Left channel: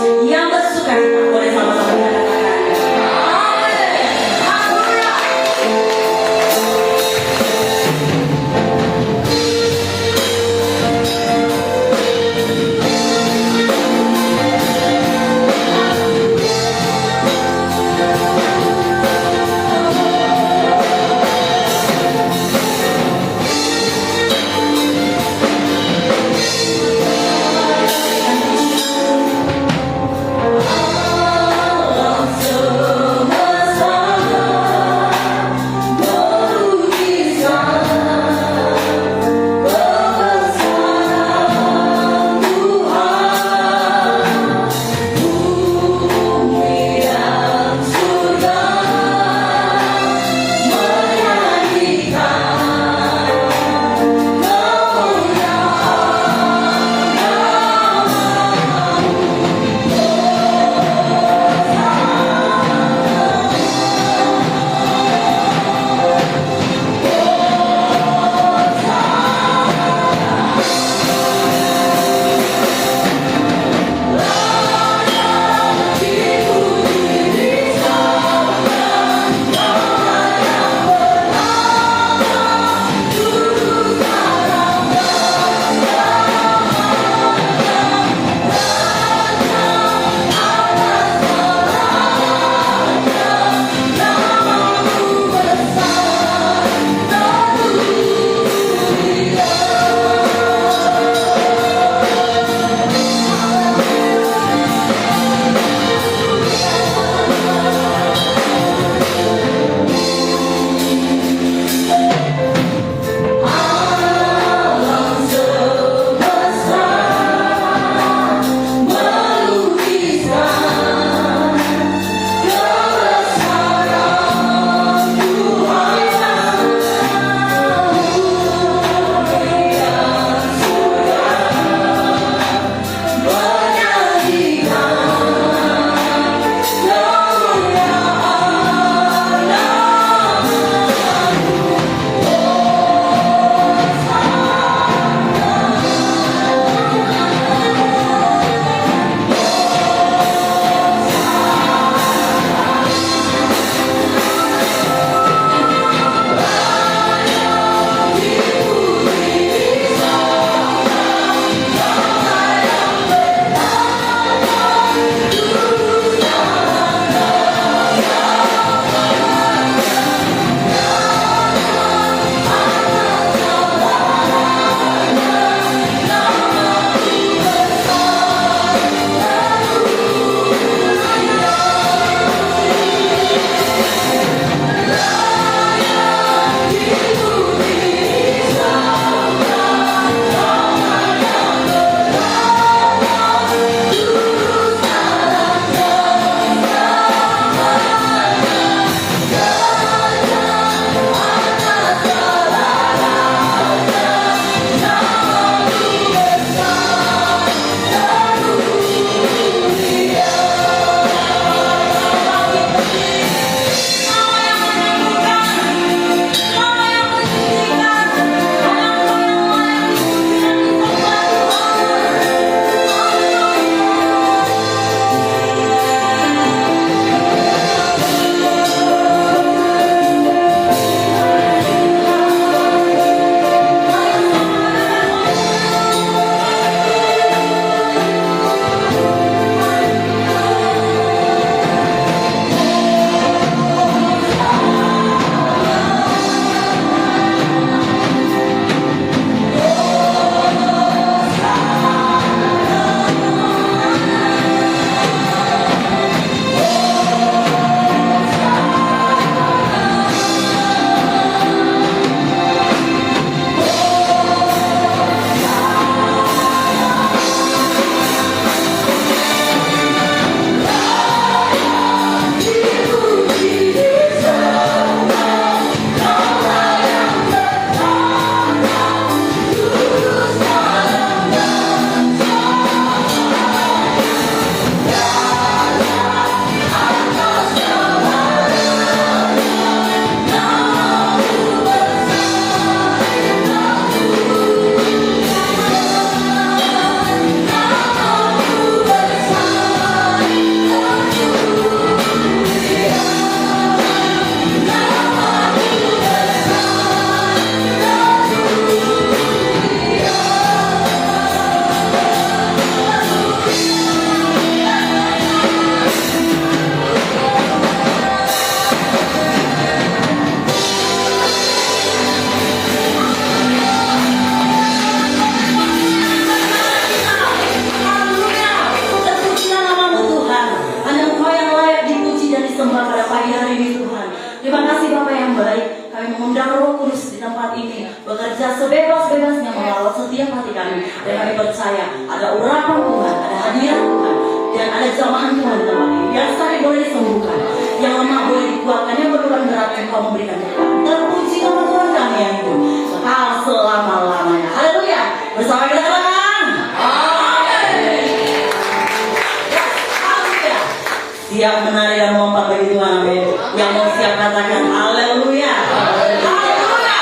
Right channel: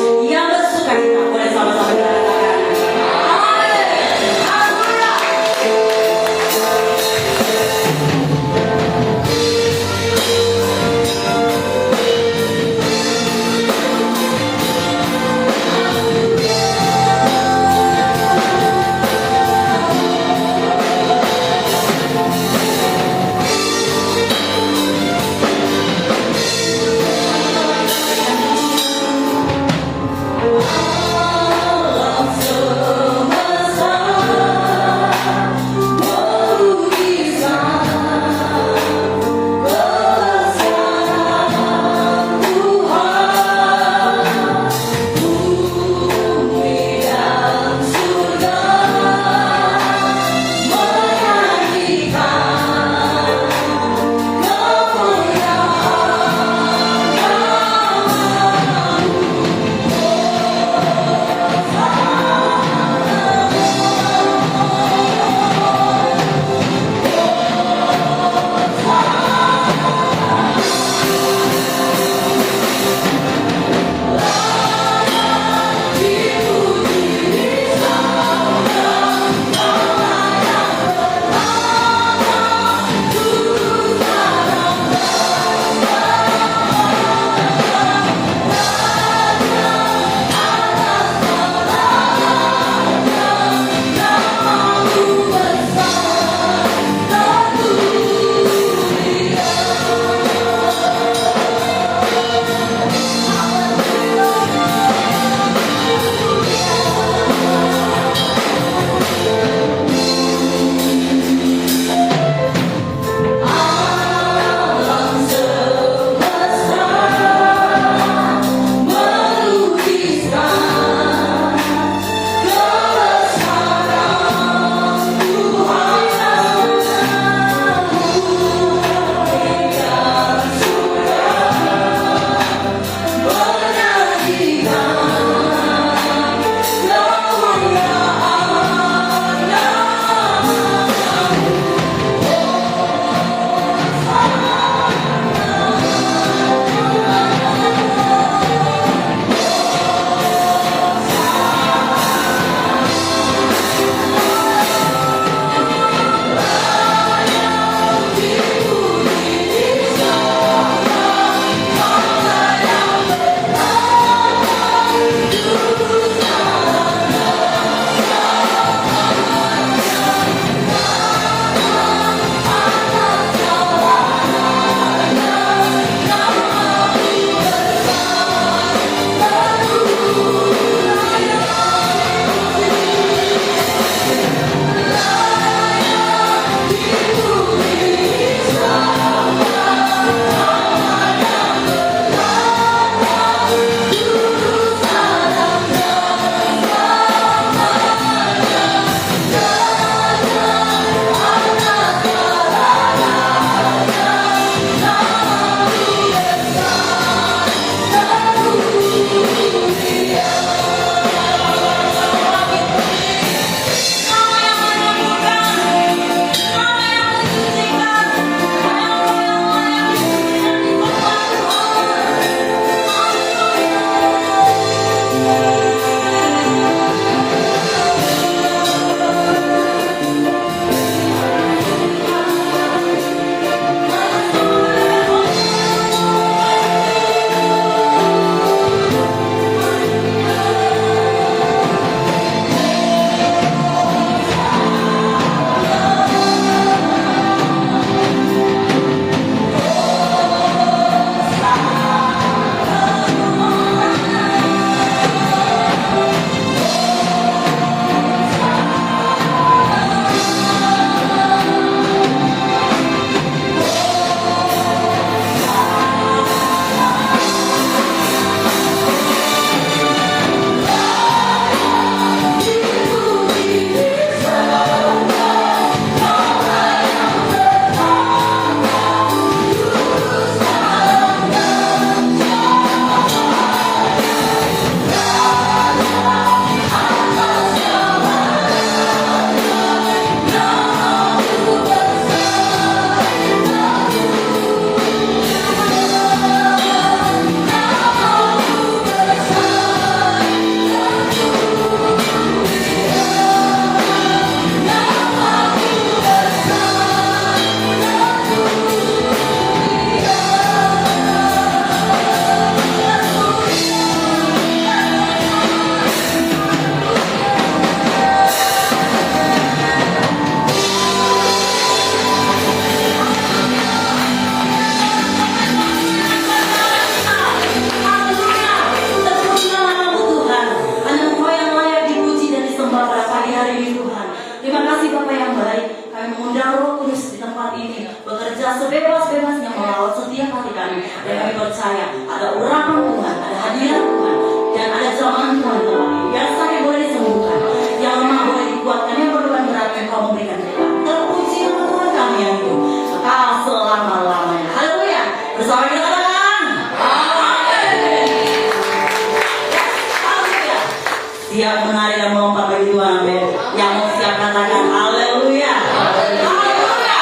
Yang bersuka cita boleh sama-sama mengatakan. siap menari dan melompat bagi Tuhan, amin. Yang mau siap katakan haleluya. Haleluya.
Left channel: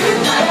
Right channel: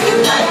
Kita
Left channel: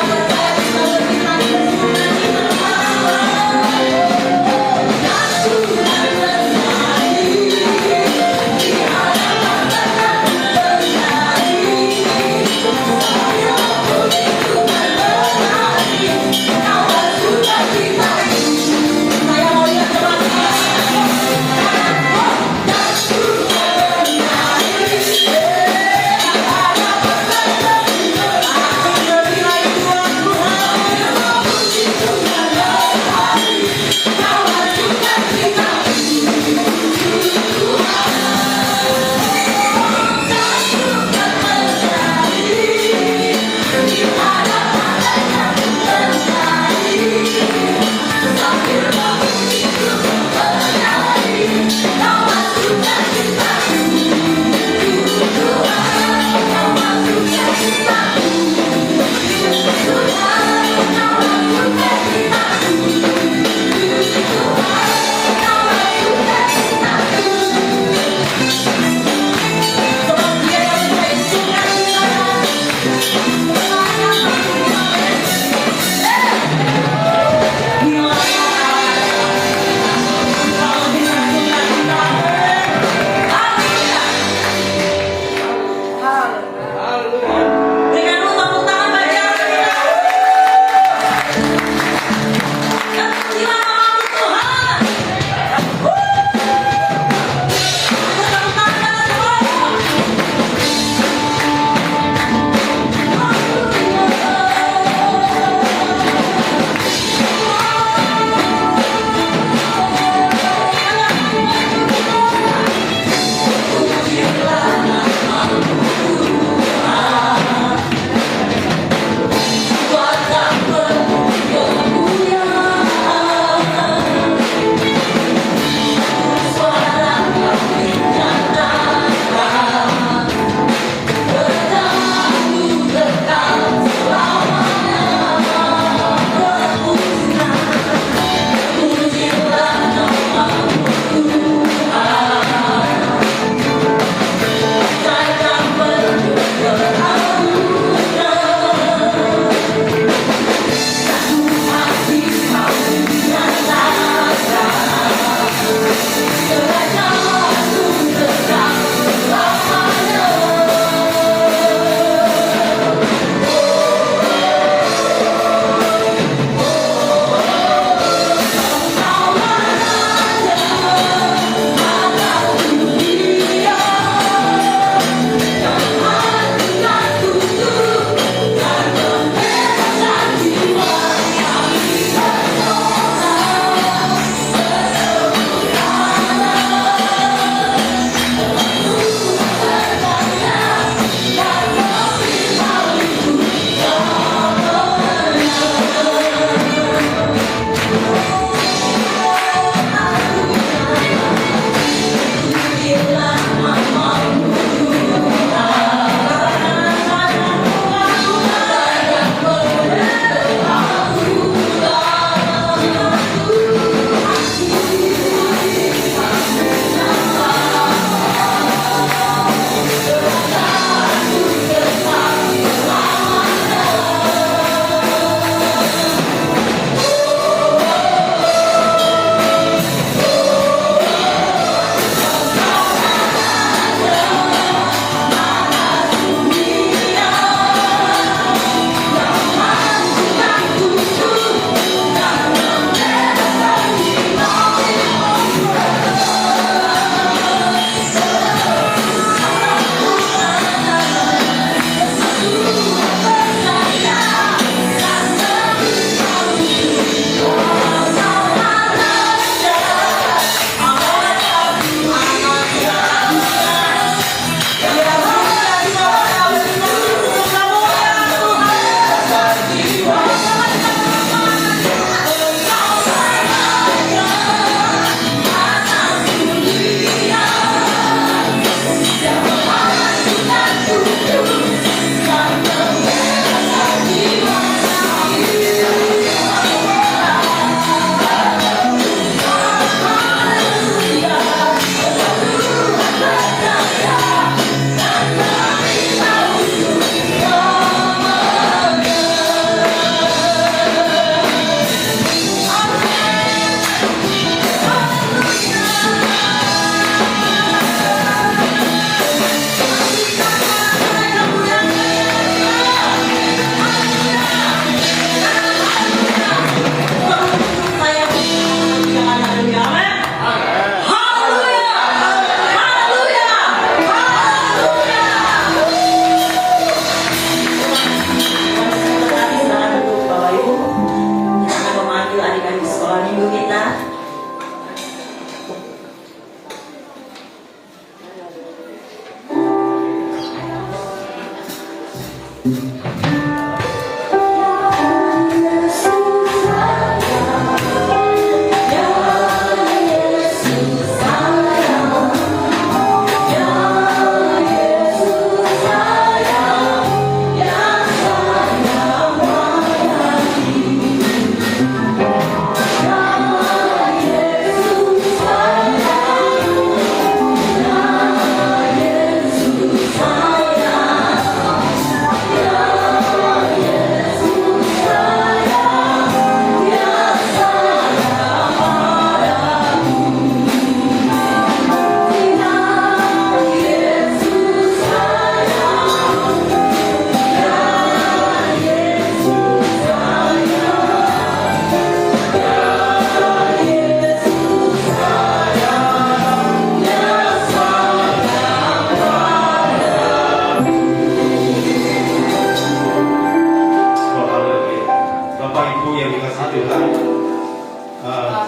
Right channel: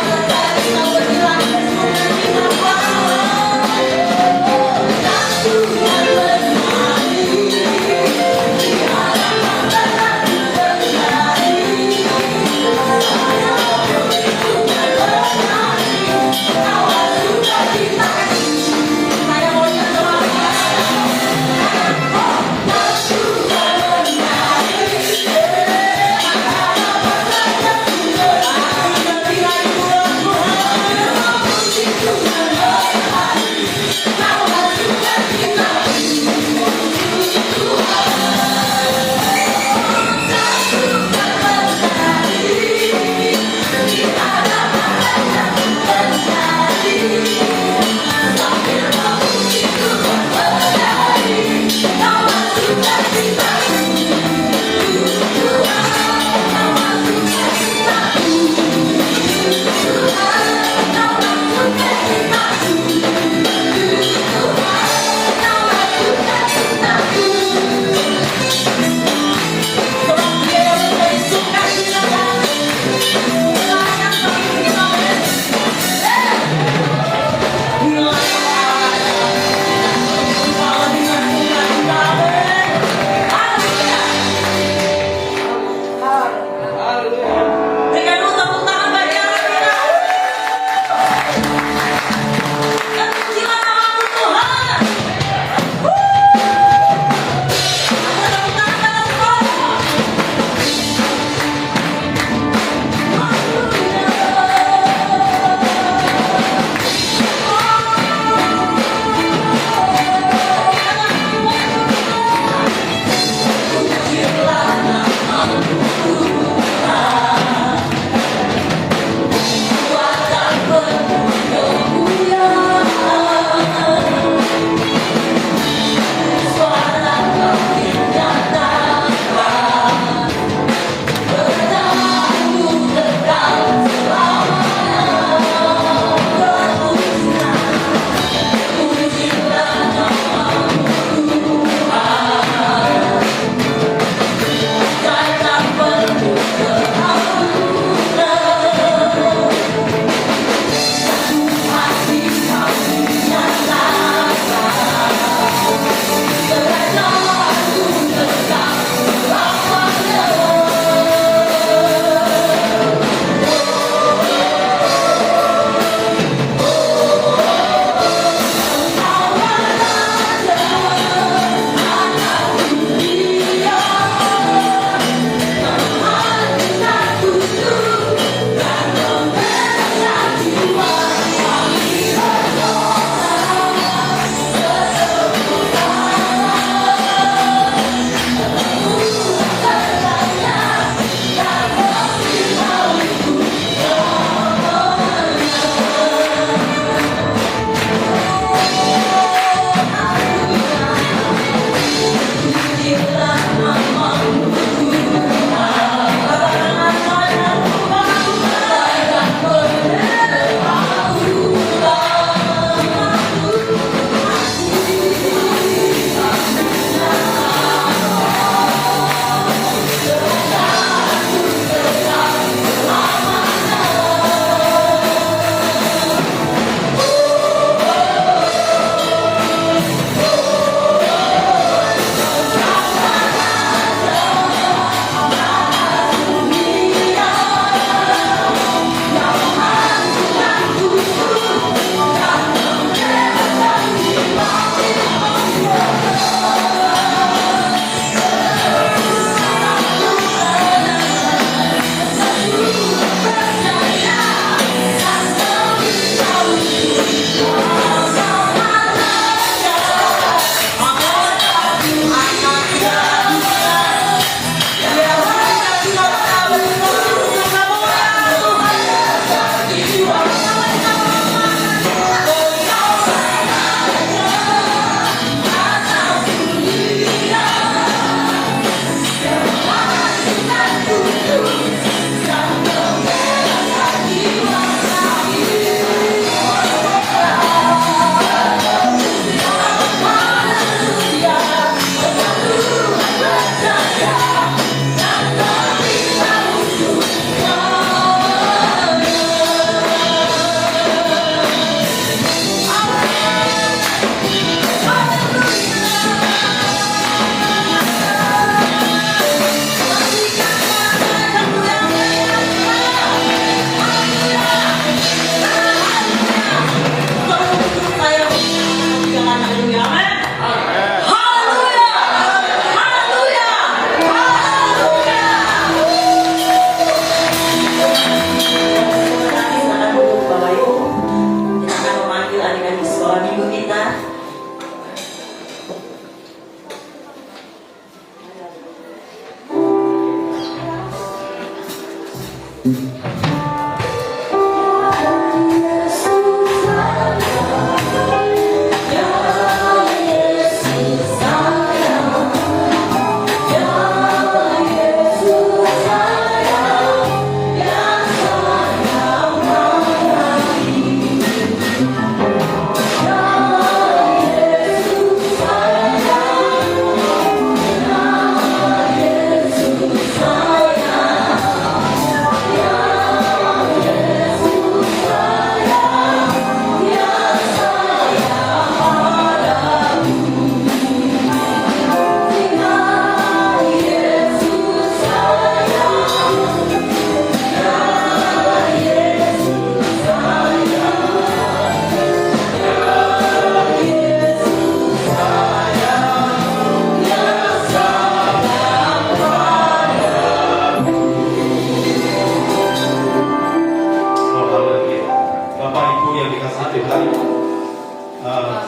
nanti hari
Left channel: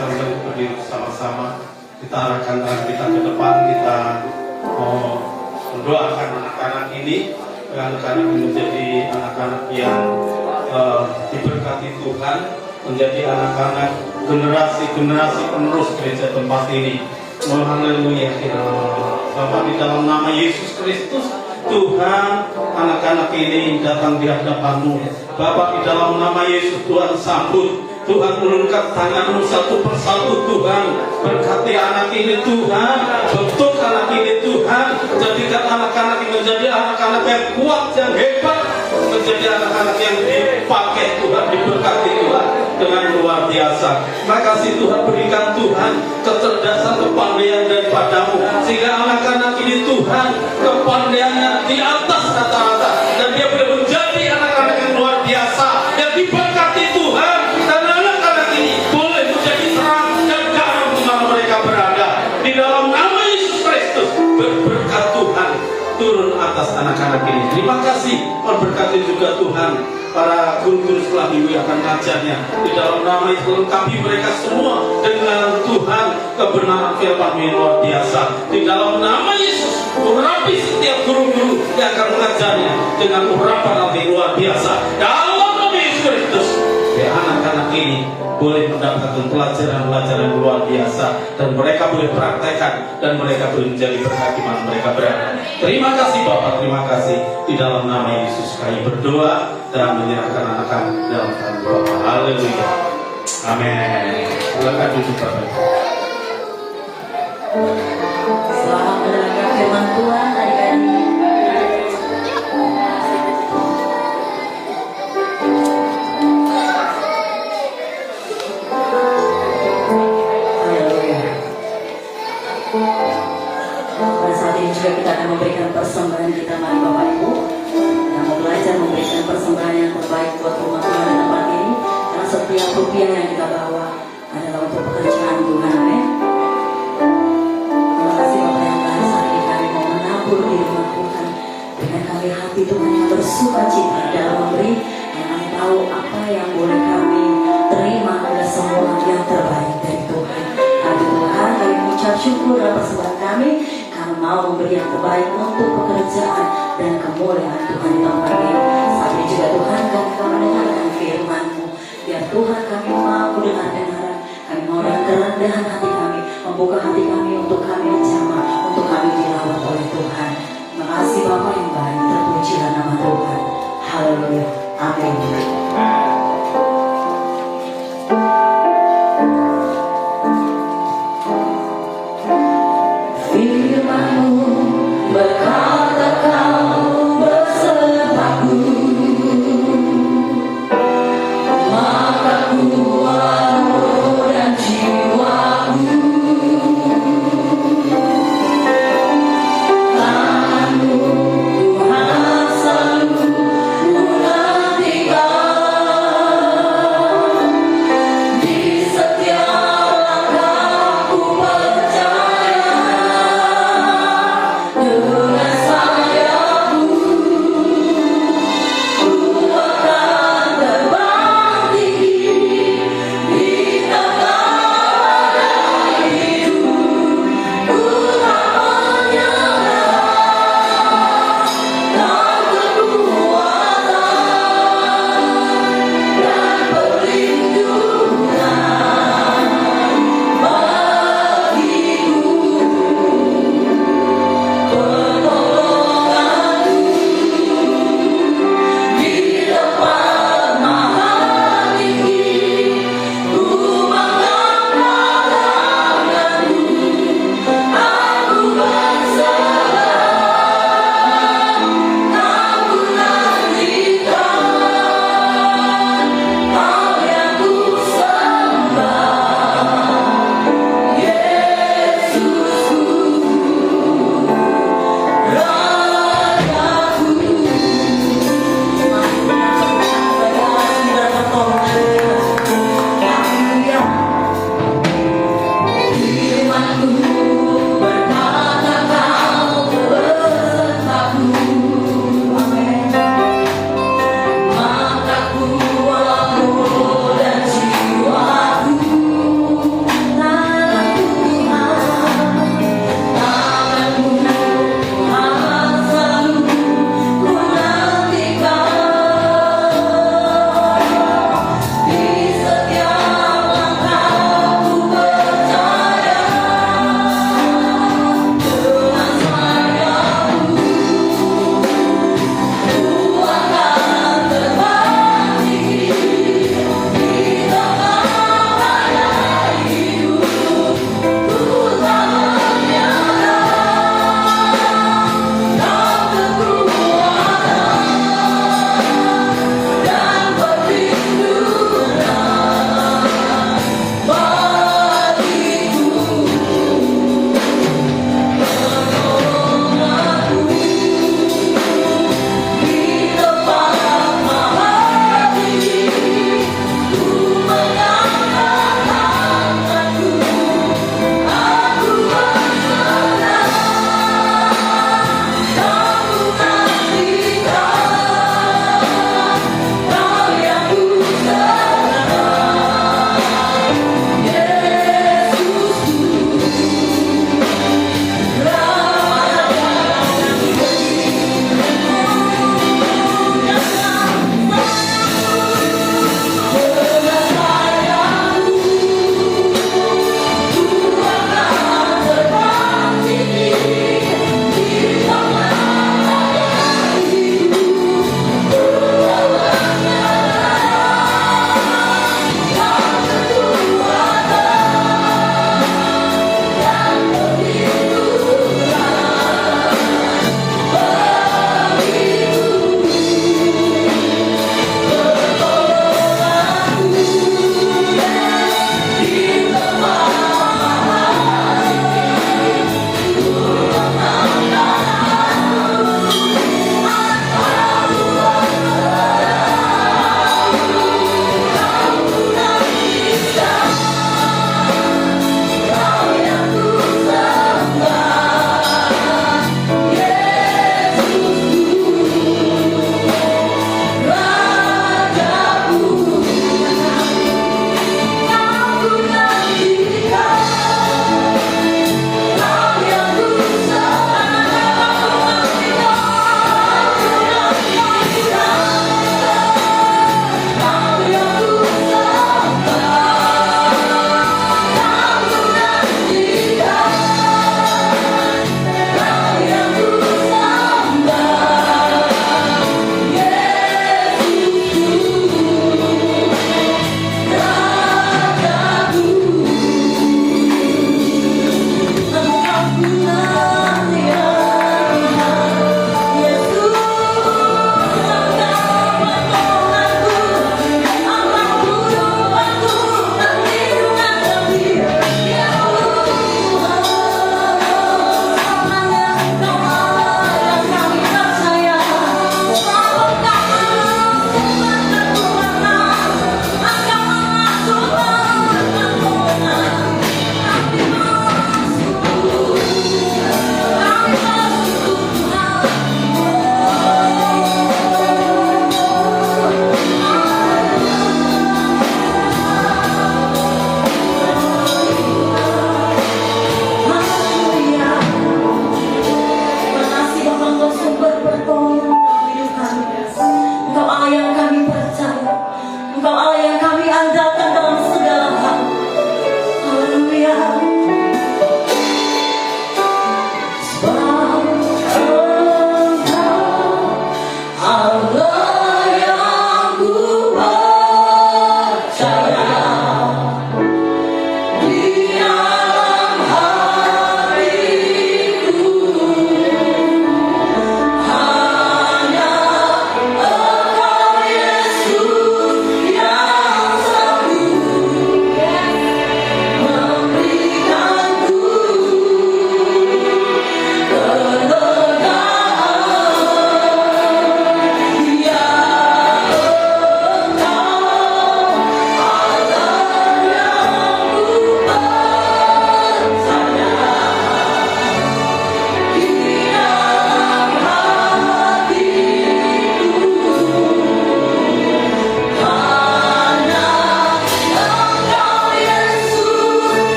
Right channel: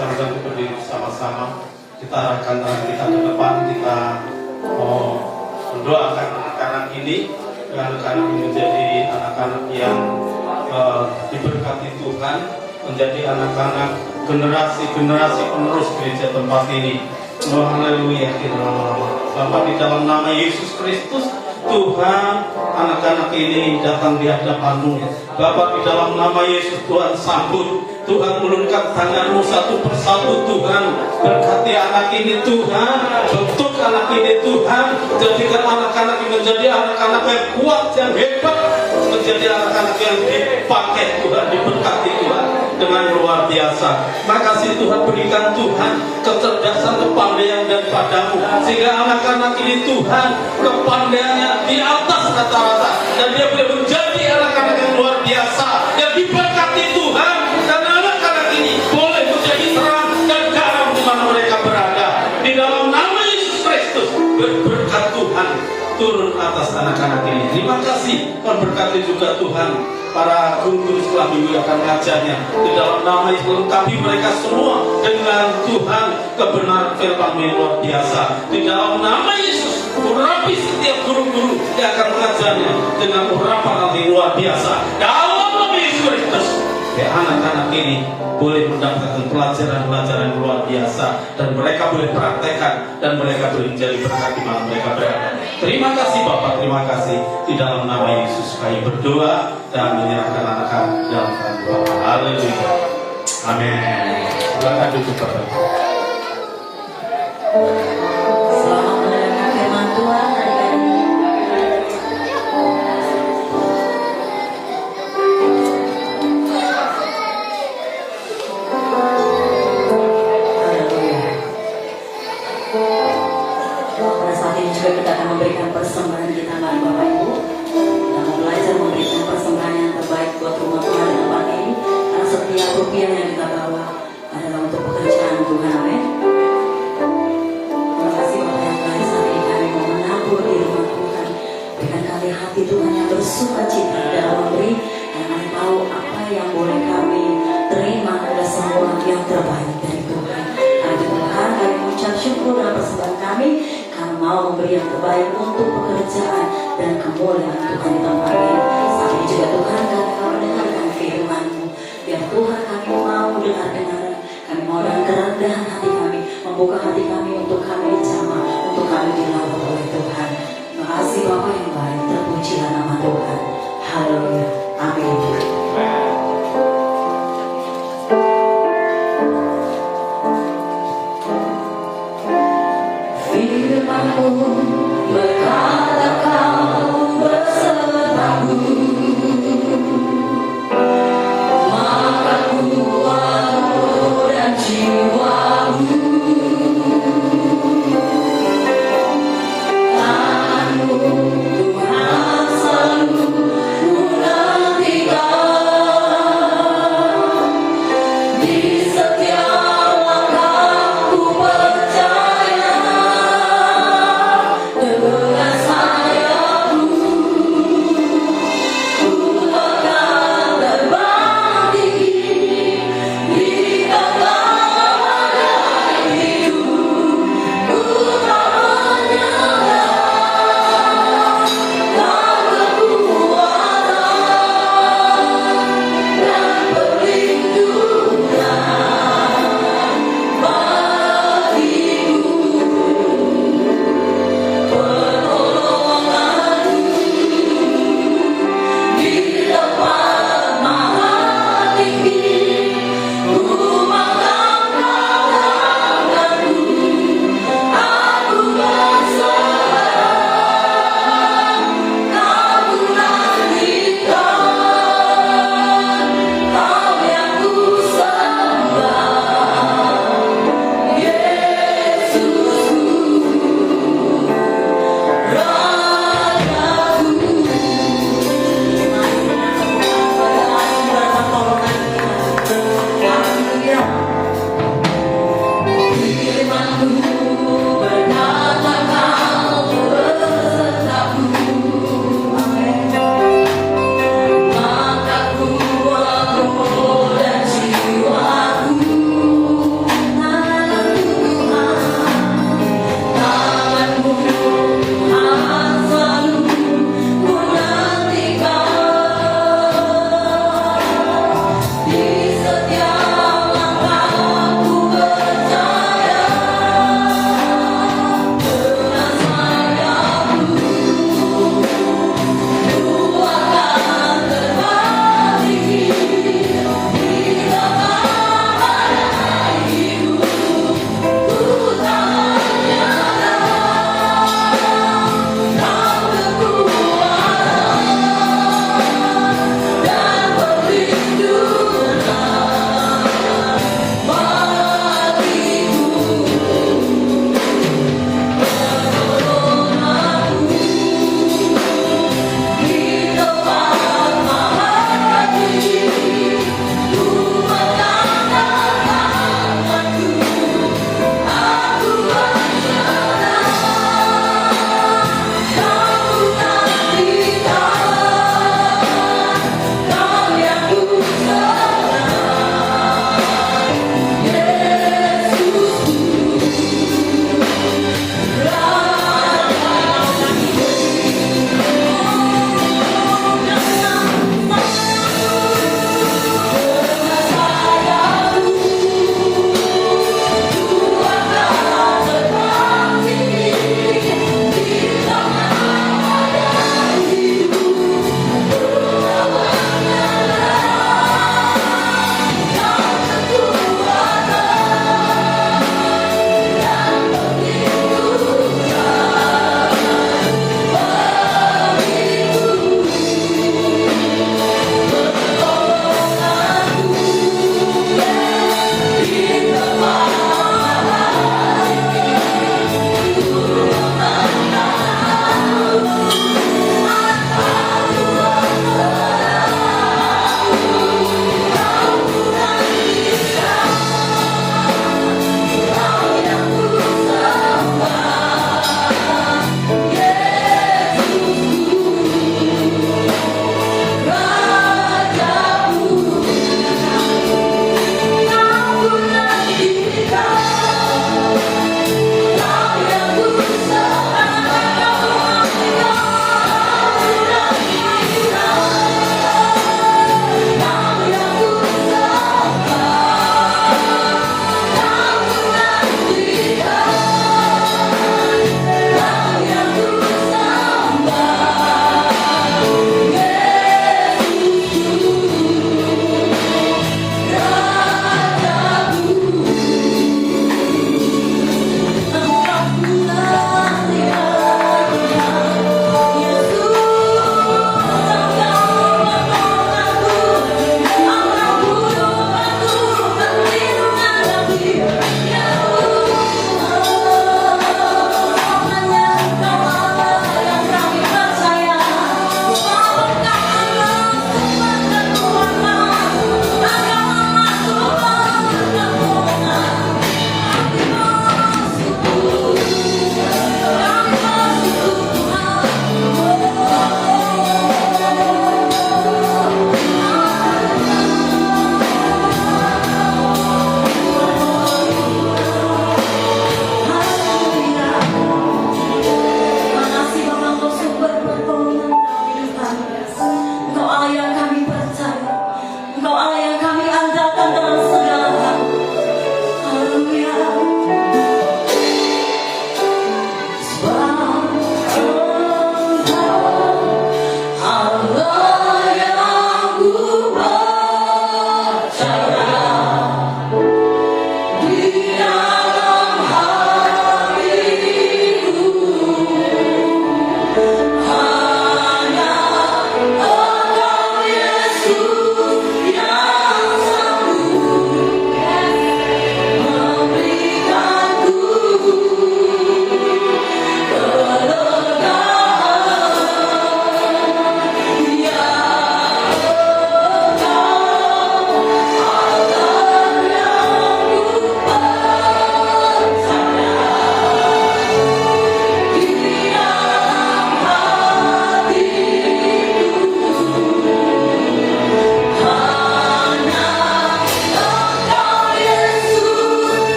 sama-sama berdiri sama-sama, kita arahkan tangan kita ke depan, kita mau mendoakan anak-anak ini, anak-anak menjadi anak-anak yang diberkati Tuhan, menjadi anak-anak generasi-generasi penerus gereja tempat ini. Oh, haleluya. Bapak, di dalam nama Yesus Kristus, Tuhan, anak-anak ini datang di hadapan-Mu. Bapak, di dalam nama Yesus, Tuhan sambut. Tuhan, ulurkan tangan-Mu satu persatu, Tuhan. Berkati anak ini, Tuhan. Bentuk anak ini, Tuhan. Jadikan anak-anak ini menjadi anak-anak yang kuat, yang hebat. Menjadi anak-anak yang dipakai Tuhan, diberkati Tuhan dengan luar biasa. Makasih Tuhan, berikan Tuhan kecerdasan, kepandaian daripada-Mu, sehingga anak-anak ini Tuhan kepandaiannya di atas rata-rata, dan dia boleh menjadi anak-anak yang luar biasa yang diberkati Tuhan. Dan anak-anak ini boleh menjadi terang dan garam di mana mereka berada. Di dalam nama Yesus Kristus, berkat Tuhan turun atas anak-anak ini. Terima kasih, memberkati juga Tuhan para guru-guru sekolah minggu yang akan mengajarnya. Di dalam nama Yesus, lengkapi mereka semua dengan Tuhan kebenaran firman yang luar biasa. Di dalam nama Yesus, urapi setiap guru-guru yang akan mengajarnya dengan urapan yang luar biasa. Dalam nama Yesus Kristus, anak-anak ini boleh mendapatkan pelajaran-pelajaran luar biasa, dan mereka boleh praktekkan, dan mereka boleh menjadi berkat di mana mereka berada. Terima kasih Bapak, terima kasih. Di dalam nama Yesus kami berdoa dan menyerahkan anak-anak dalam tangan Bapak. Haleluya. Amin. Silakan duduk Bapak. Selamat mendengarkan firman Tuhan dari kami. Pada saat ini juga kita akan memberikan persembahan kita, mari Bapak Ibu, dan mau belajar memberikan persembahan yang terbaik buat rumah Tuhan di tempat ini. Karena setiap rupiah yang kita bawa adalah untuk pekerjaan Tuhan. Amin. Terima kasih Bapak yang baik, saat ini kami mau menabur di rumah Tuhan. Berikan kami hati Tuhan yang bersuka cita dalam memberi, dan kami tahu apa yang boleh kami terima adalah semua yang terbaik dari Tuhan. Hari Tuhan, kami mengucap syukur dalam persembahan kami. Kami mau memberi yang terbaik untuk pekerjaan dan kemuliaan Tuhan di tempat ini. Saat ini juga Tuhan, kami akan mendengarkan firman-Mu. Biar Tuhan, kami mau mendengar kebenaran, kami mau dengan kerendahan hati kami, membuka hati kami untuk kami dijamah, untuk kami dilawat oleh Tuhan. Terima kasih Bapak yang baik, terpujilah nama Tuhan. Haleluya. Amin. Maka kuat dan jiwamu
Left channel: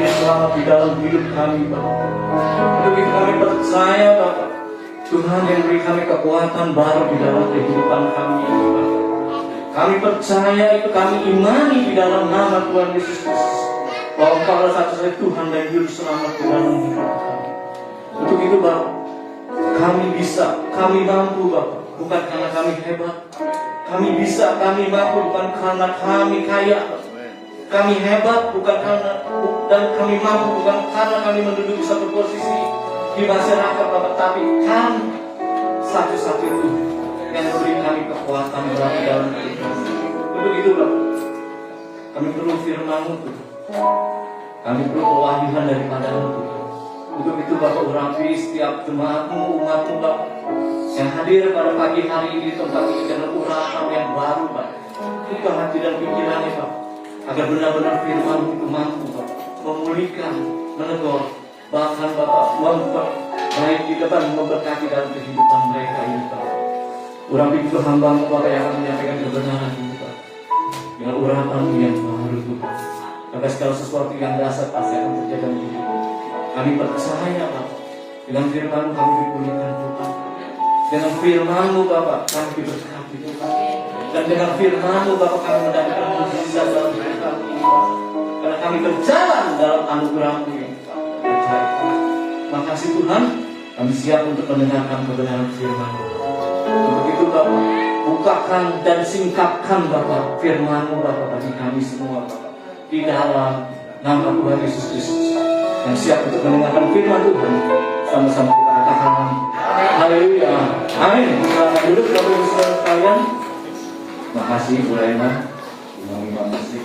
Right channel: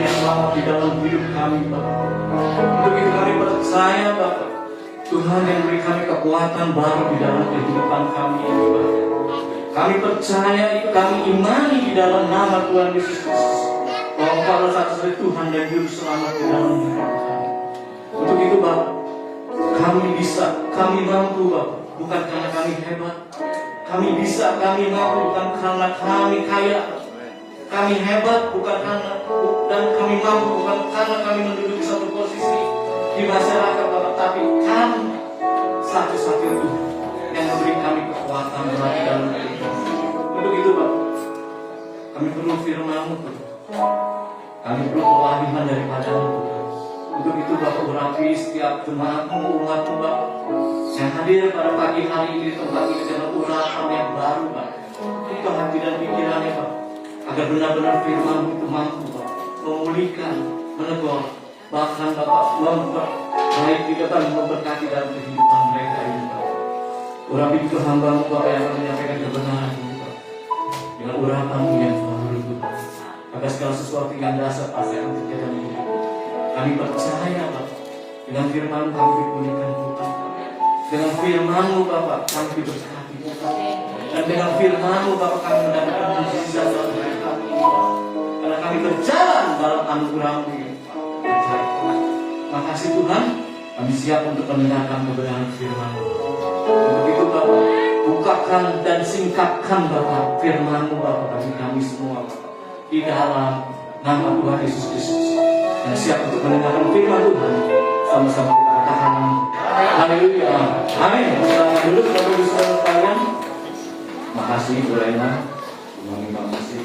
menjadi selamat di dalam hidup kami, Bapak. Untuk itu kami percaya, Bapak, Tuhan yang beri kami kekuatan baru di dalam kehidupan kami ini, Bapak. Kami percaya itu, kami imani di dalam nama Tuhan Yesus Kristus, bahwa pada satu-satunya Tuhan dan Juru Selamat di dalam hidup kami. Untuk itu, Bapak, kami bisa, kami mampu, Bapak, bukan karena kami hebat. Kami bisa, kami mampu bukan karena kami kaya. Kami hebat bukan karena, dan kami mampu bukan karena kami menduduki satu posisi di masyarakat, Bapak, tapi kami satu-satunya Tuhan yang memberi kami kekuatan dalam hidup kami. Untuk itu, Bapak, kami perlu firman-Mu, kami perlu pewahyuan daripada-Mu. Untuk itu, Bapak, urapi setiap jemaat-Mu, umat-Mu, Bapak, yang hadir pada pagi hari ini tempat ini dengan urapan yang baru, Bapak. Ini hati dan pikirannya, Bapak, agar benar-benar firman-Mu itu mampu, Bapak, memulihkan, menegur, bahkan, Bapak, memperbaiki dan memberkati dalam kehidupan mereka ini, Bapak. Urapi itu hamba-Mu, Bapak, yang akan menyampaikan kebenaran ini, Bapak, dengan urapan-Mu yang baru, Bapak. Agar segala sesuatu yang dasar pasti akan terjadi dalam hidup kami. Percaya, Bapak, dengan firman-Mu kami dipulihkan, Bapak. Dengan firman-Mu, Bapak, kami diberkati, Bapak. Dan dengan firman-Mu, Bapak, kami mendapatkan mujizat dalam hidup kami, Bapak. Karena kami berjalan dalam anugerah-Mu yang berharga. Makasih Tuhan, kami siap untuk mendengarkan kebenaran firman-Mu. Untuk itu, Bapak, bukakan dan singkapkan, Bapak, firman-Mu, Bapak, bagi kami semua, Bapak, di dalam nama Tuhan Yesus Kristus. Yang siap untuk mendengarkan firman Tuhan, sama-sama kita katakan haleluya, amin. Selamat duduk Bapak Ibu Saudara sekalian. Makasih Bu Raina, terima kasih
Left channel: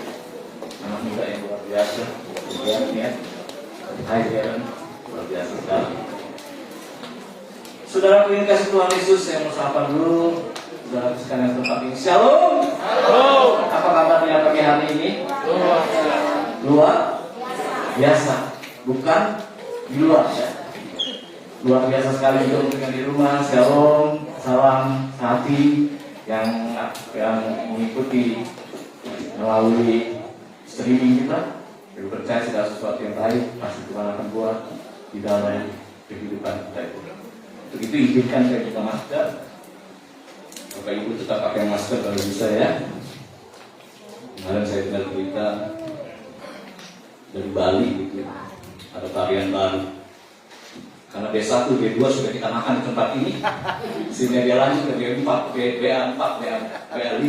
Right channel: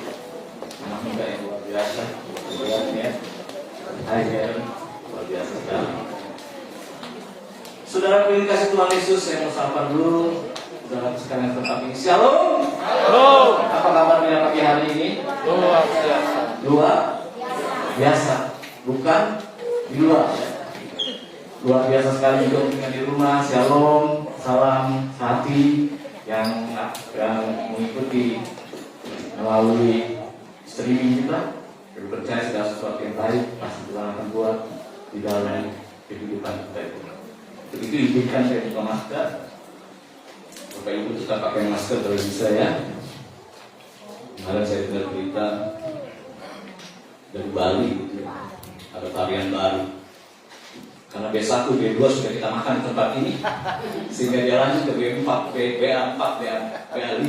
anak muda yang luar biasa, ya. Hai Jaren, luar biasa sekali. Saudara yang kasih Tuhan Yesus, saya mau sapa dulu saudara sekalian yang tempat ini. Shalom. Halo. Apa kabar dengan pagi hari ini? Luar biasa. Bukan di luar, ya. Luar biasa sekali juga untuk yang di rumah. Shalom, salam hati yang mengikuti melalui streaming kita. Kami percaya segala sesuatu yang baik pasti Tuhan akan buat di dalam kehidupan kita itu. Untuk itu izinkan saya buka masker. Bapak Ibu tetap pakai masker kalau bisa, ya. Kemarin saya dengar berita dari Bali gitu, ada varian baru. Karena B1, B2 sudah kita makan di tempat ini, sehingga dia lanjut ke B4, BA4, BA5.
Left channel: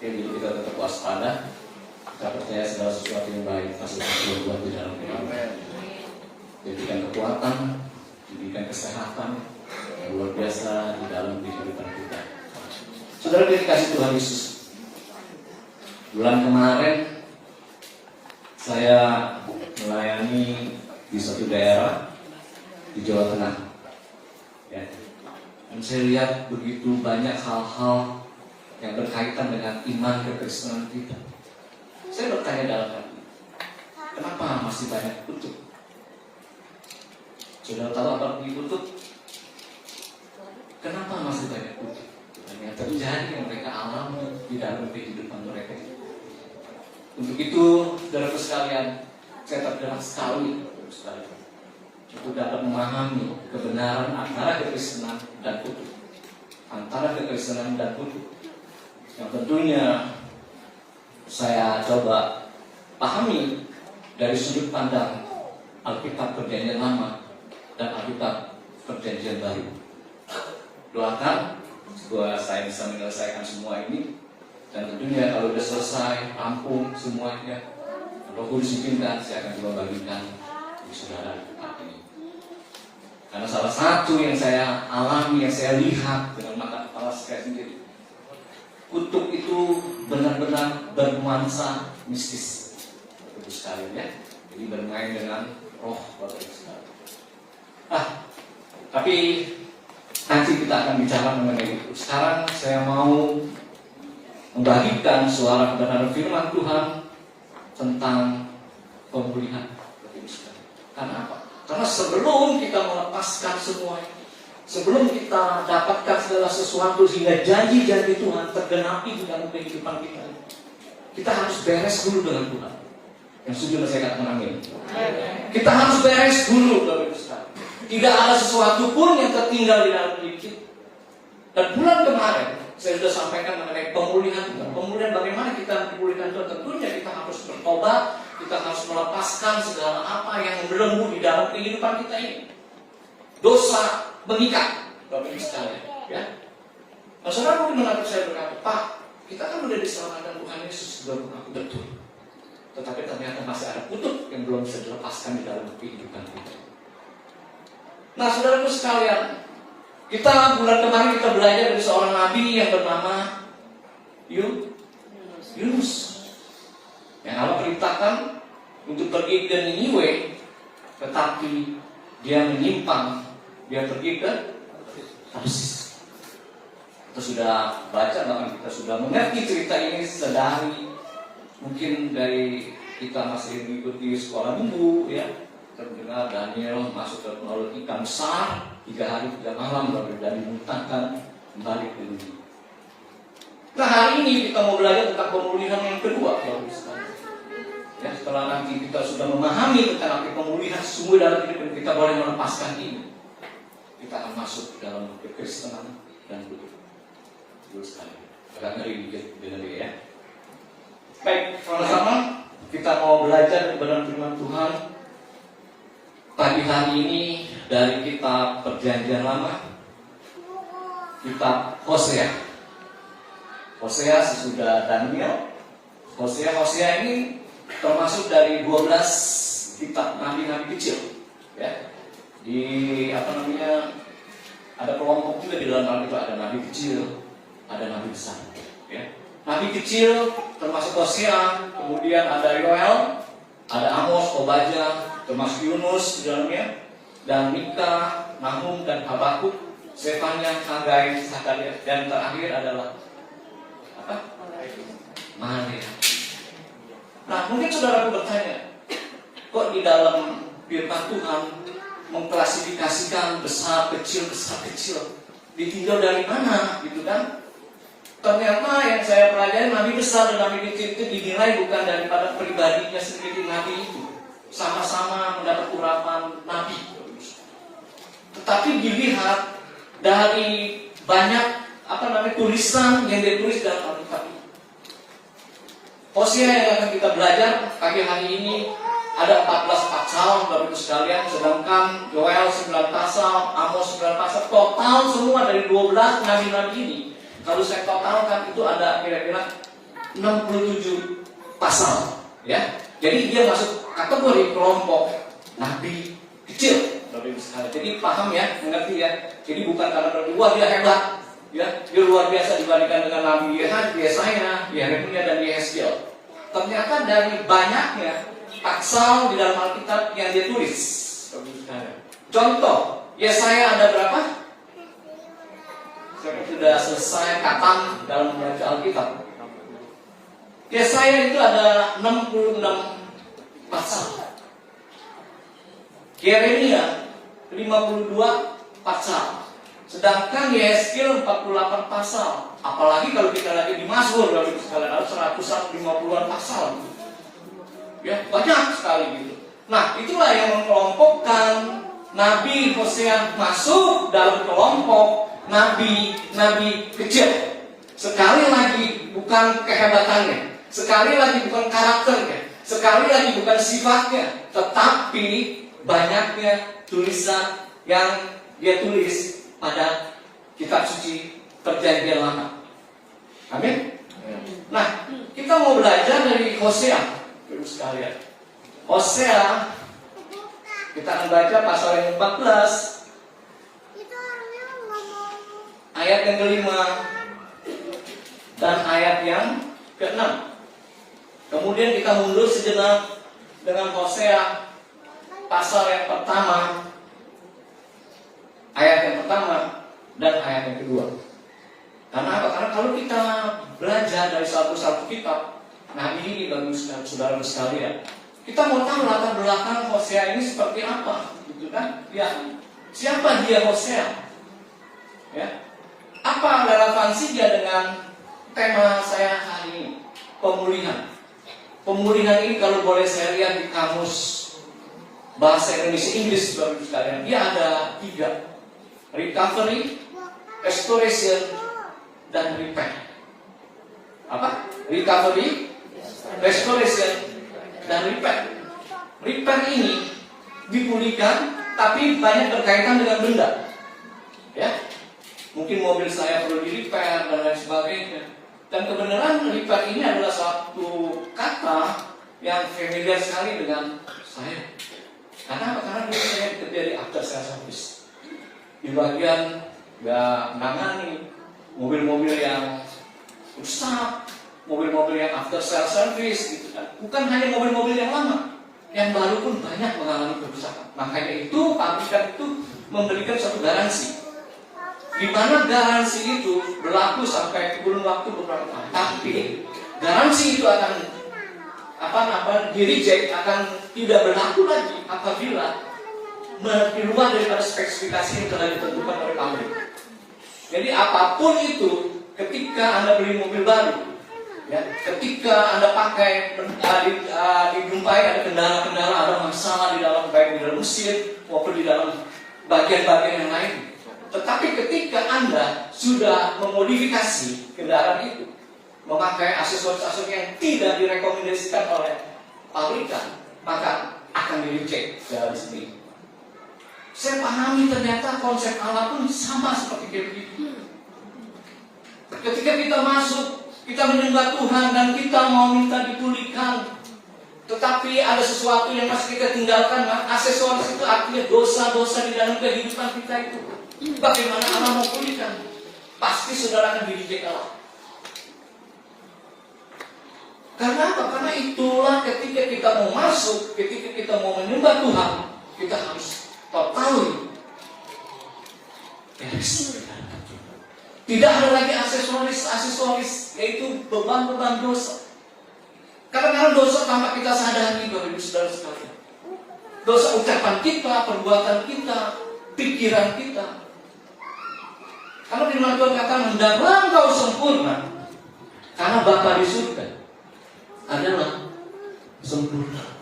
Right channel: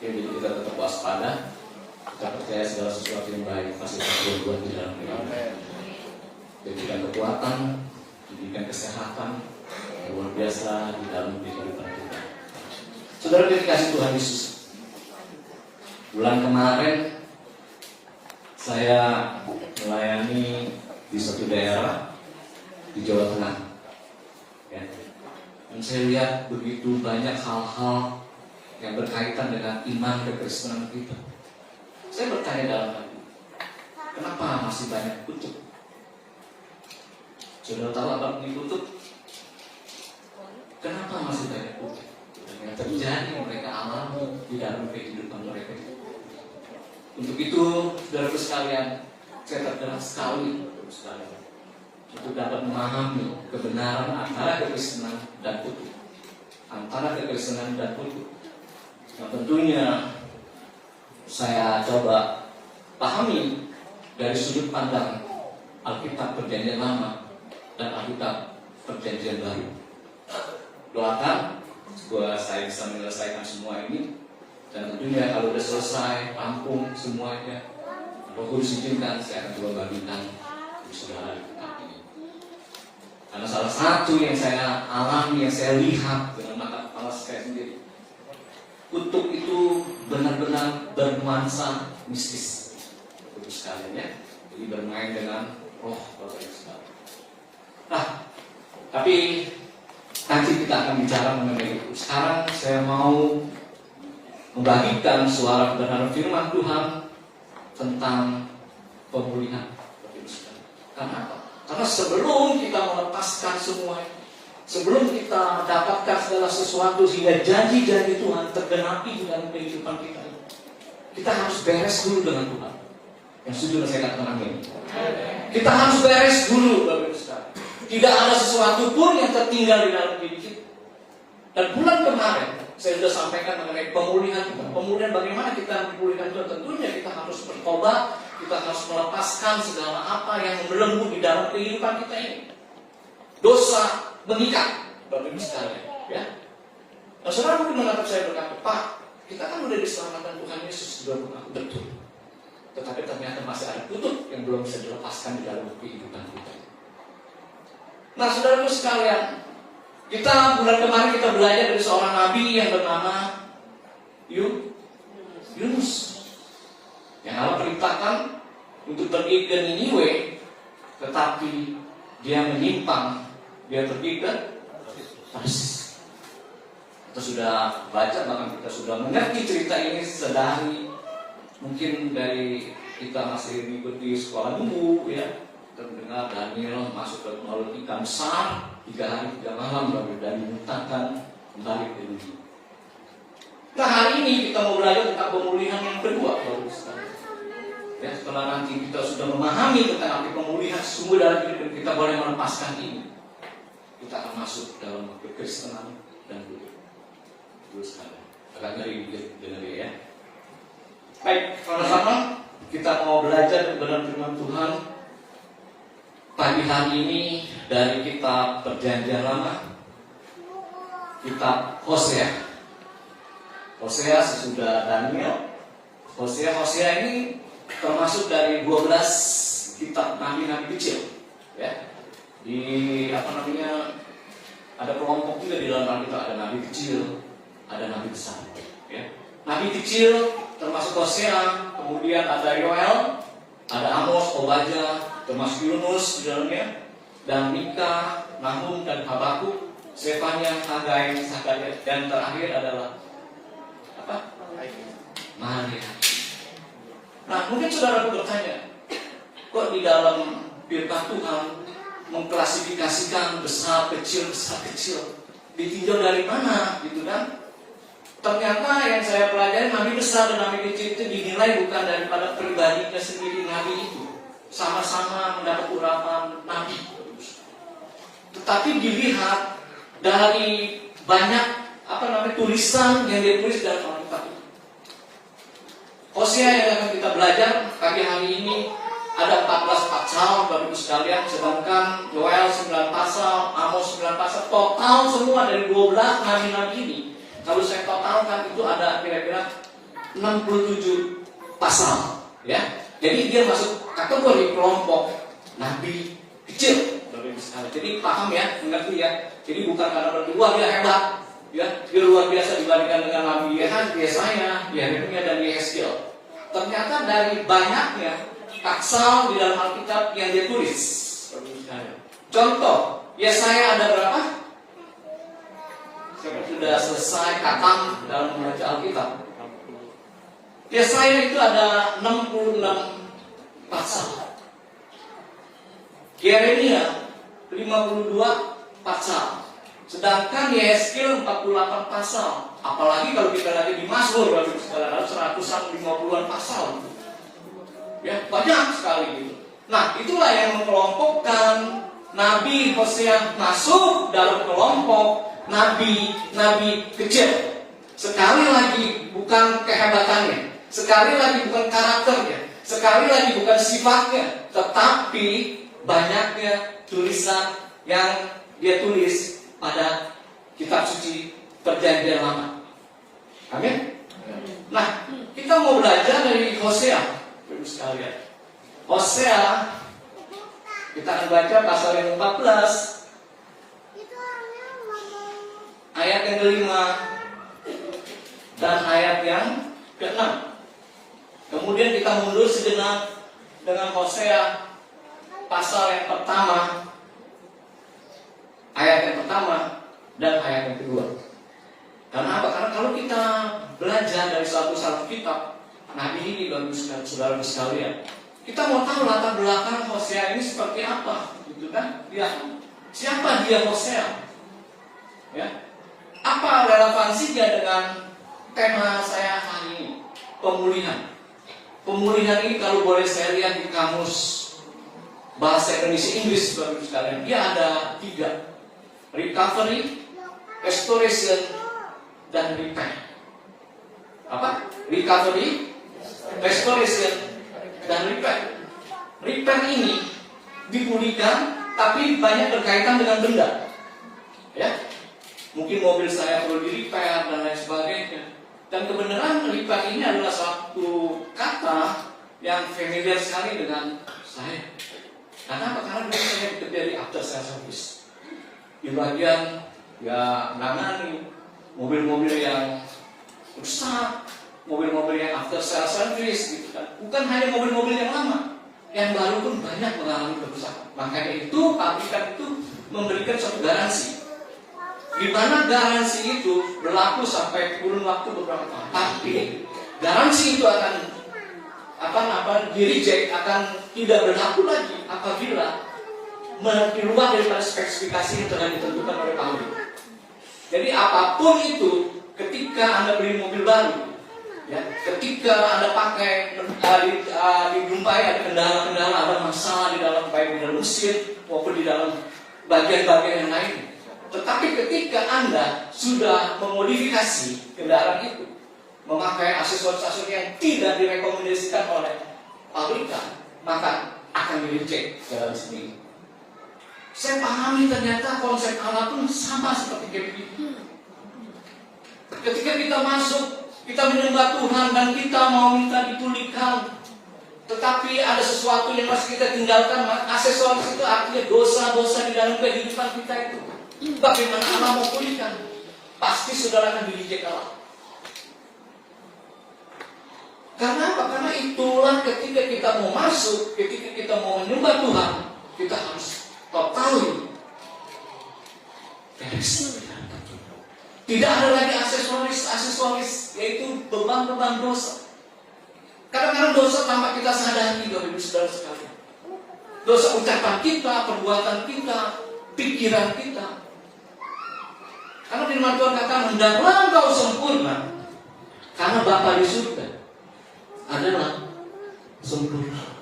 Jadi kita tetap waspada. Kita percaya segala sesuatu yang baik pasti akan berbuat di dalam hidup. Berikan kekuatan, berikan kesehatan yang luar biasa di dalam kehidupan kita. Saudara dikasih Tuhan Yesus, bulan kemarin saya melayani di satu daerah di Jawa Tengah, ya. Dan saya lihat begitu banyak hal-hal yang berkaitan dengan iman kekristenan kita. Saya bertanya dalam hati, kenapa masih banyak kutuk? Saudara tahu apa dikutuk? Kenapa masih banyak kutuk? Yang terjadi yang mereka alami di dalam kehidupan mereka. Untuk itu, saudara sekalian, saya tergerak sekali untuk dapat memahami kebenaran antara kekristenan dan kutuk, antara kekristenan dan kutuk. Yang tentunya saya coba pahami dari sudut pandang Alkitab Perjanjian Lama dan Alkitab Perjanjian Baru. Doakan supaya saya bisa menyelesaikan semua ini, dan tentunya kalau sudah selesai, rampung semuanya, Roh Kudus izinkan, saya akan coba bagikan di saudara ini. Karena salah satu yang saya alami, yang saya lihat dengan mata kepala saya sendiri, kutuk itu benar-benar bernuansa mistis, Bapak sekalian, ya. Jadi bermain dengan roh Bapak Ibu sekalian. Tapi nanti kita akan bicara mengenai itu. Sekarang saya mau membagikan suara kebenaran firman Tuhan tentang pemulihan. Karena apa? Karena sebelum kita melepaskan semua, sebelum kita dapatkan segala sesuatu sehingga janji-janji Tuhan tergenapi di dalam kehidupan kita, kita harus beres dulu dengan Tuhan. Yang setuju saya katakan amin. Kita harus beres dulu, Bapak Ibu sekalian. Tidak ada sesuatu pun yang tertinggal di dalam hidup kita. Dan bulan kemarin saya sudah sampaikan mengenai pemulihan Tuhan. Pemulihan bagaimana kita dipulihkan Tuhan? Tentunya kita harus bertobat, kita harus melepaskan segala apa yang membelenggu di dalam kehidupan kita ini. Dosa mengikat, Bapak Ibu sekalian, ya. Nah, saudara mungkin menurut saya berkata, Pak, kita kan udah diselamatkan Tuhan Yesus sudah mengaku betul. Tetapi ternyata masih ada kutub yang belum bisa dilepaskan di dalam kehidupan kita. Nah, saudaraku sekalian, kita bulan kemarin kita belajar dari seorang nabi yang bernama Yunus, yang Allah perintahkan untuk pergi ke Niniwe, tetapi dia menyimpang, dia pergi ke Tarsis. Kita sudah baca, bahkan kita sudah mengerti cerita ini sedari mungkin dari kita masih mengikuti sekolah minggu, ya. Kita mendengar Daniel masuk ke laut ikan besar 3 hari 3 malam baru dan dimuntahkan kembali ke dunia. Nah, hari ini kita mau belajar tentang pemulihan yang kedua, Bapak sekalian. Ya, setelah nanti kita sudah memahami tentang arti pemulihan sungguh dalam hidup kita boleh melepaskan ini, kita akan masuk dalam kekristenan dan hidup. Bapak sekalian, agak ngeri dengan dia, ya. Baik, sama-sama kita mau belajar dalam firman Tuhan pagi hari ini dari kitab Perjanjian Lama, kitab Hosea. Hosea sesudah Daniel. Hosea ini termasuk dari 12 kitab nabi-nabi kecil, ya. Di ada kelompok juga di dalam Alkitab, ada nabi kecil, ada nabi besar, ya. Nabi kecil termasuk Hosea, kemudian ada Yoel, ada Amos, Obadya, termasuk Yunus di dalamnya, dan Mika, Nahum, dan Habakuk, Sefanya, Hagai, Zakaria, dan terakhir adalah apa? Malaikat. Nah, mungkin saudaraku bertanya, kok di dalam firman Tuhan mengklasifikasikan besar kecil, ditinjau dari mana, gitu kan? Ternyata yang saya pelajari, nabi besar dan nabi kecil itu dinilai bukan daripada pribadinya sendiri nabi itu, sama-sama mendapat urapan nabi, tetapi dilihat dari banyak tulisan yang ditulis dalam Alkitab. Hosea yang akan kita belajar pagi hari ini ada 14 pasal, Bapak Ibu sekalian, sedangkan Yoel 9 pasal, Amos 9 pasal, total semua dari 12 nabi-nabi ini. Kalau saya totalkan itu ada kira-kira 67 pasal, ya. Jadi dia masuk kategori kelompok nabi kecil, Bapak Ibu sekalian. Jadi paham ya, mengerti ya. Jadi bukan karena berdua dia hebat, ya. Dia luar biasa dibandingkan dengan nabi Yesaya, Yeremia dan Yehezkiel. Ternyata dari banyaknya pasal di dalam Alkitab yang dia tulis, Bapak Ibu sekalian. Contoh, Yesaya ada berapa? Sudah selesai katam dalam membaca Alkitab. Yesaya itu ada 66 pasal. Yeremia 52 pasal. Sedangkan Yehezkiel 48 pasal. Apalagi kalau kita lagi di Mazmur, Bapak Ibu sekalian, ada 150-an pasal. Ya, banyak sekali gitu. Nah, itulah yang mengelompokkan Nabi Hosea masuk dalam kelompok nabi kecil. Sekali lagi bukan kehebatannya, sekali lagi bukan karakternya, sekali lagi bukan sifatnya, tetapi banyaknya tulisan yang dia tulis pada kitab suci Perjanjian Lama. Amin. Nah, kita mau belajar dari Hosea, Ibu sekalian. Hosea, kita akan baca pasal yang 14. Ayat yang kelima dan ayat yang ke-6. Kemudian kita mundur sejenak dengan Hosea pasal yang pertama, ayat yang pertama dan ayat yang kedua. Karena apa? Karena kalau kita belajar dari satu kitab nabi ini, bagi saudara sekalian, kita mau tahu latar belakang Hosea ini seperti apa, gitu kan? Ya, siapa dia Hosea? Ya. Apa relevansinya dengan tema saya hari ini? Pemulihan. pemulihan ini kalau boleh saya lihat di kamus bahasa Indonesia Inggris, Bapak Ibu sekalian, dia ada 3: recovery, restoration, dan repair. Apa? Recovery, restoration, dan repair. Repair ini dipulihkan, tapi banyak berkaitan dengan benda. Ya, mungkin mobil saya perlu di repair dan lain sebagainya. Dan kebenaran repair ini adalah satu kata yang familiar sekali dengan saya. Karena apa? Karena dulu saya bekerja di after sales service. Di bagian menangani mobil-mobil yang rusak, mobil-mobil yang after sales service gitu kan. Bukan hanya mobil-mobil yang lama, yang baru pun banyak mengalami kerusakan. Makanya itu pabrikan itu memberikan satu garansi, di mana garansi itu berlaku sampai kurun waktu beberapa tahun. Tapi garansi itu akan di-reject, akan tidak berlaku lagi apabila di luar daripada spesifikasi yang telah ditentukan oleh pabrik. Jadi apapun itu, ketika Anda beli mobil baru, ya, ketika Anda pakai dijumpai ada kendala-kendala, ada masalah di dalam, baik di dalam mesin maupun di dalam bagian-bagian yang lain. Tetapi ketika Anda sudah memodifikasi kendaraan itu, memakai aksesoris-aksesoris yang tidak direkomendasikan oleh pabrikan, maka akan di-reject dalam sini. Saya pahami ternyata konsep Allah pun sama seperti begitu. Ketika kita masuk, kita menyembah Tuhan dan kita mau minta dipulihkan, tetapi ada sesuatu yang masih kita tinggalkan. Aksesoris itu artinya dosa-dosa di dalam kehidupan kita itu. Bagaimana Allah mau pulihkan? Pasti saudara akan di-reject Allah. Karena apa? Karena itulah ketika kita mau masuk, ketika kita mau menyembah Tuhan, kita harus tahu tidak ada lagi aksesoris, yaitu beban-beban dosa. Kadang-kadang dosa tanpa kita sadari, Bapak Ibu Saudara sekalian. Dosa ucapan kita, perbuatan kita, pikiran kita. Karena firman Tuhan kata, hendaklah engkau sempurna, karena Bapa di surga adalah sempurna.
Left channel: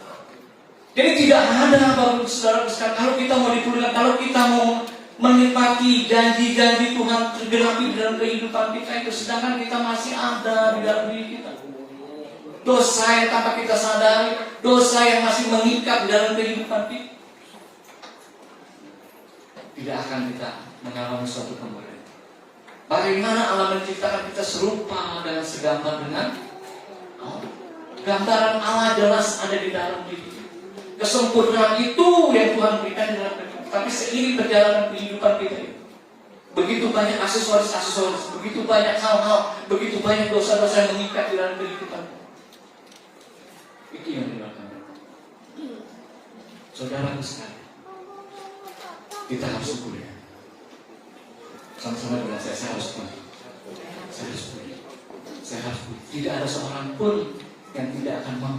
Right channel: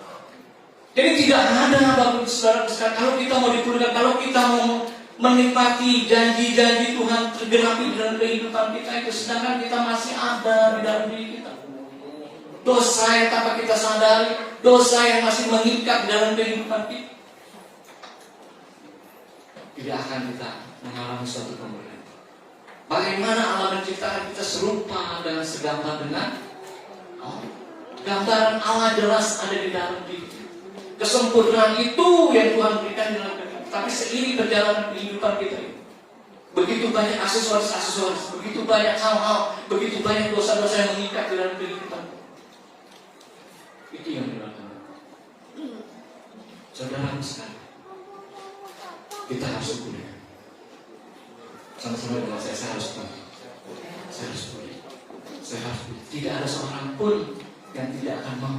Jadi tidak ada, Bapak Ibu Saudara sekalian, kalau kita mau dipulihkan, kalau kita mau menikmati janji-janji Tuhan tergenapi dalam kehidupan kita itu, sedangkan kita masih ada di dalam diri kita dosa yang tanpa kita sadari, dosa yang masih mengikat dalam kehidupan kita, tidak akan kita mengalami suatu kemuliaan. Bagaimana Allah menciptakan kita serupa dan segambar dengan gambaran Allah jelas ada di dalam diri. Kesempurnaan itu yang Tuhan berikan dalam kehidupan. Tapi seiring perjalanan kehidupan kita ini, begitu banyak aksesoris, begitu banyak hal-hal, begitu banyak dosa-dosa yang mengikat di dalam kehidupan. Itu yang dilakukan. Saudara sekalian, kita harus pulih. Sama-sama dengan saya harus pulih. Saya harus pulih. Tidak ada seorang pun yang tidak akan mau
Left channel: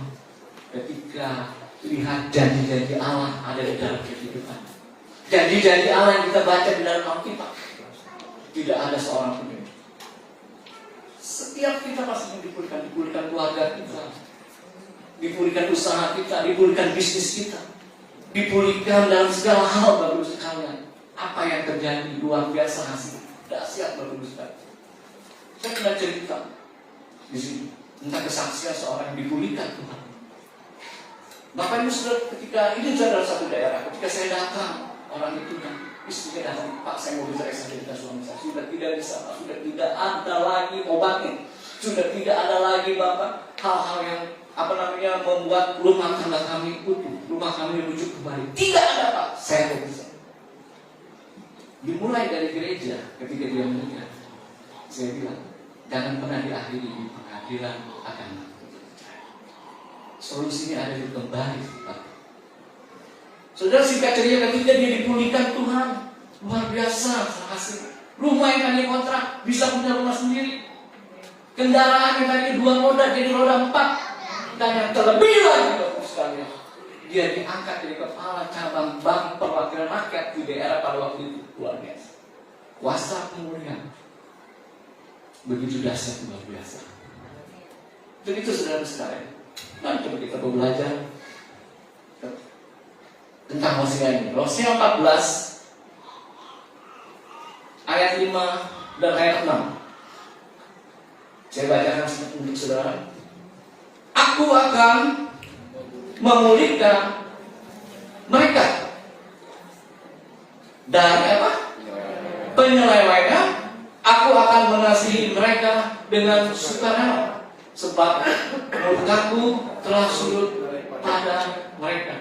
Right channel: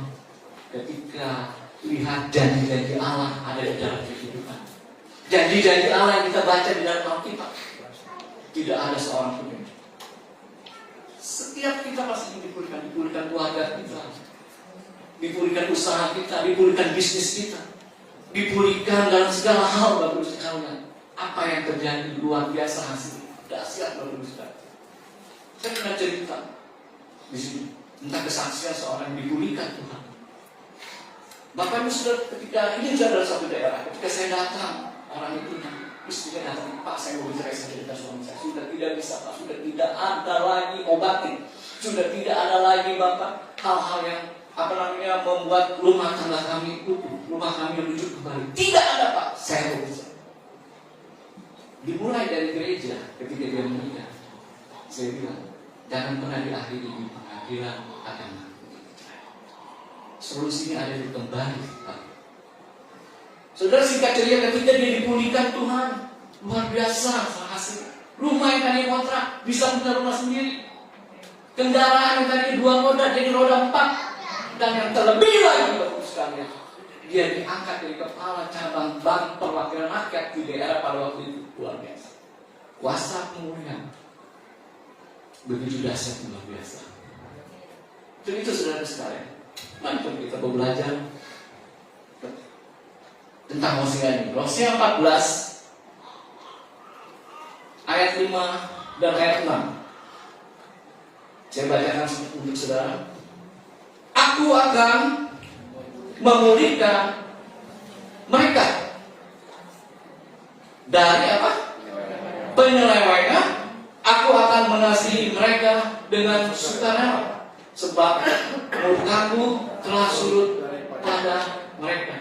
ketika lihat janji-janji Allah ada di dalam kehidupan. Janji-janji Allah yang kita baca di dalam Alkitab, tidak ada seorang pun. Setiap kita pasti dipulihkan keluarga kita, dipulihkan usaha kita, dipulihkan bisnis kita, dipulihkan dalam segala hal, Bapak Ibu sekalian. Apa yang terjadi luar biasa, hasil dahsyat, Bapak Ibu sekalian. Saya pernah cerita di sini tentang kesaksian seorang yang dipulihkan Tuhan. Bapak Ibu Saudara, ketika ini adalah satu daerah, ketika saya datang, orang itu istrinya datang, Pak, saya mau bicara saja dengan suami saya, sudah tidak bisa, Pak, sudah tidak ada lagi obatnya, sudah tidak ada lagi, Bapak, hal-hal yang membuat rumah tangga kami utuh, rumah kami rujuk kembali. Tidak ada, Pak, saya mau bicara. Dimulai dari gereja, ketika dia menikah, saya bilang, jangan pernah diakhiri di pengadilan agama. Solusinya ada di kembali, Pak. Saudara, singkat cerita, ketika dia dipulihkan Tuhan, luar biasa hasil. Rumah yang tadi kontrak bisa punya rumah sendiri. Kendaraan yang tadi 2 roda jadi roda 4. Dan yang terlebih lagi, Bapak sekalian, dia diangkat dari kepala cabang bank perwakilan rakyat di daerah pada waktu itu. Luar biasa. Kuasa pemulihan begitu dahsyat, luar biasa. Dan itu saudara sekalian, Mari kita belajar tentang Hosea ini. Hosea 14 ayat 5 dan ayat 6. Saya bacakan untuk saudara. Aku akan memulihkan mereka dari apa? Penyelewengan. Aku akan mengasihi mereka dengan sukarela, sebab murkaku telah surut pada mereka.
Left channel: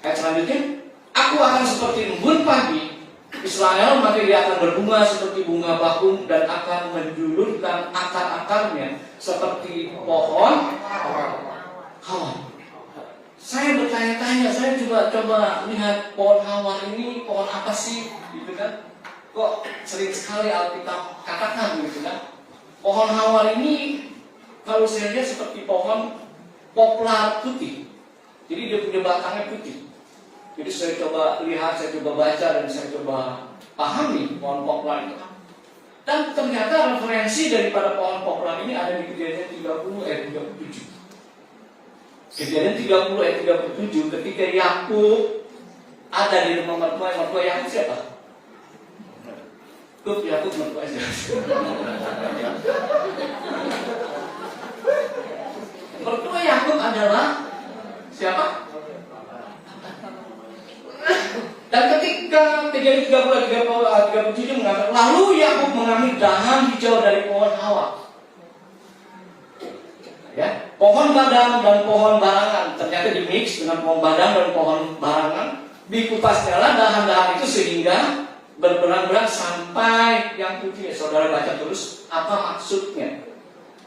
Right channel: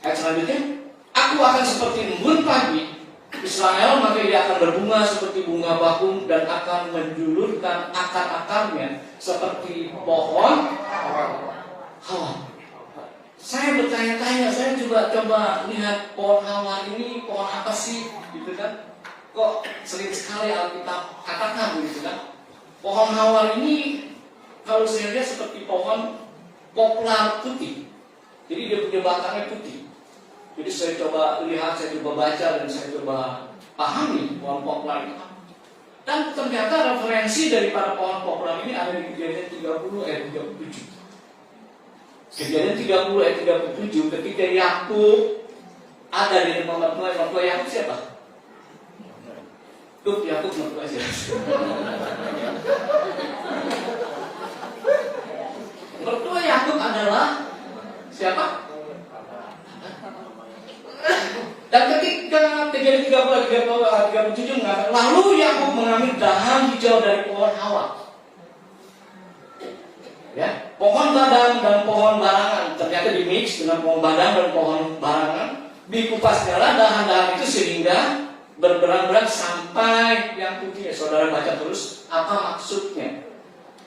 Ayat selanjutnya, aku akan seperti embun pagi Israel, maka dia akan berbunga seperti bunga bakung dan akan menjulurkan akar-akarnya seperti pohon hawa. Saya bertanya-tanya, saya coba lihat pohon hawa ini pohon apa sih, gitu kan? Kok sering sekali Alkitab katakan, gitu kan? Pohon hawa ini kalau saya lihat seperti pohon poplar putih. Jadi dia punya batangnya putih. Jadi saya coba lihat, saya coba baca dan saya coba pahami pohon poplar itu. Dan ternyata referensi daripada pohon poplar ini ada di Kejadian 30 ayat 37. Kejadian 30 ayat 37 ketika Yakub ada di rumah mertua Yakub siapa? Yakub mertua aja. Mertua Yakub adalah siapa? Dan ketika Kejadian 30 ayat 37 mengatakan, lalu Yakub mengambil dahan hijau dari pohon hawa. Ya, pohon badang dan pohon barangan ternyata di mix dengan pohon badang dan pohon barangan, dikupas nyala dahan-dahan itu sehingga berberang-berang sampai yang putih. Saudara baca terus apa maksudnya.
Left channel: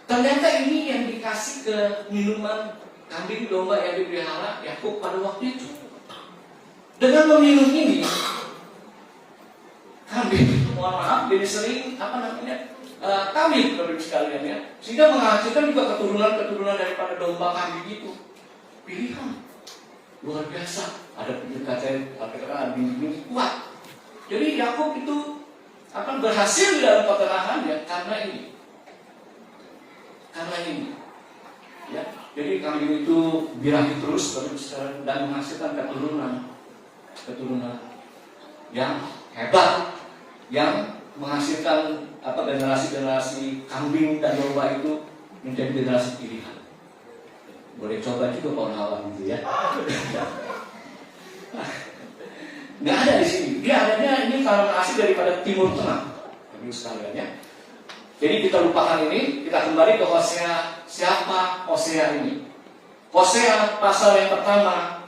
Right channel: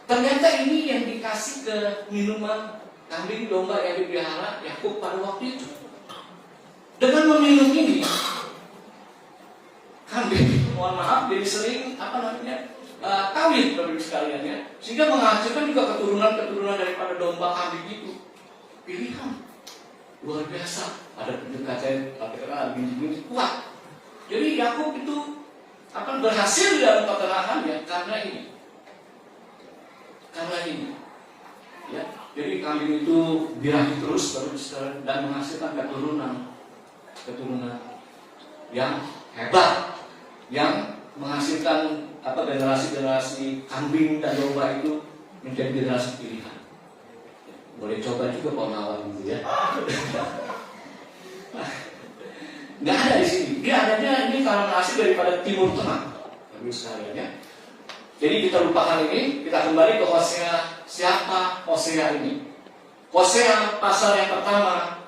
Ternyata ini yang dikasih ke minuman kambing domba yang dipelihara Yakub pada waktu itu. Dengan meminum ini, kambing, mohon maaf, jadi sering kawin Bapak Ibu sekalian ya, sehingga menghasilkan juga keturunan daripada domba kambing itu. Pilihan luar biasa, ada pendekatan, ada biji-biji kuat. Jadi Yakub itu akan berhasil di dalam peternakannya karena ini. Ya, jadi kambing itu birahi terus Bapak Ibu sekalian dan menghasilkan keturunan yang hebat, yang menghasilkan generasi kambing dan domba itu menjadi generasi pilihan. Boleh coba juga pohon hawa gitu ya. Nggak ada di sini. Dia adanya ini karena asli daripada Timur Tengah, Bapak sekalian ya. Jadi kita lupakan ini, kita kembali ke Hosea. Siapa Hosea ini? Hosea pasal yang pertama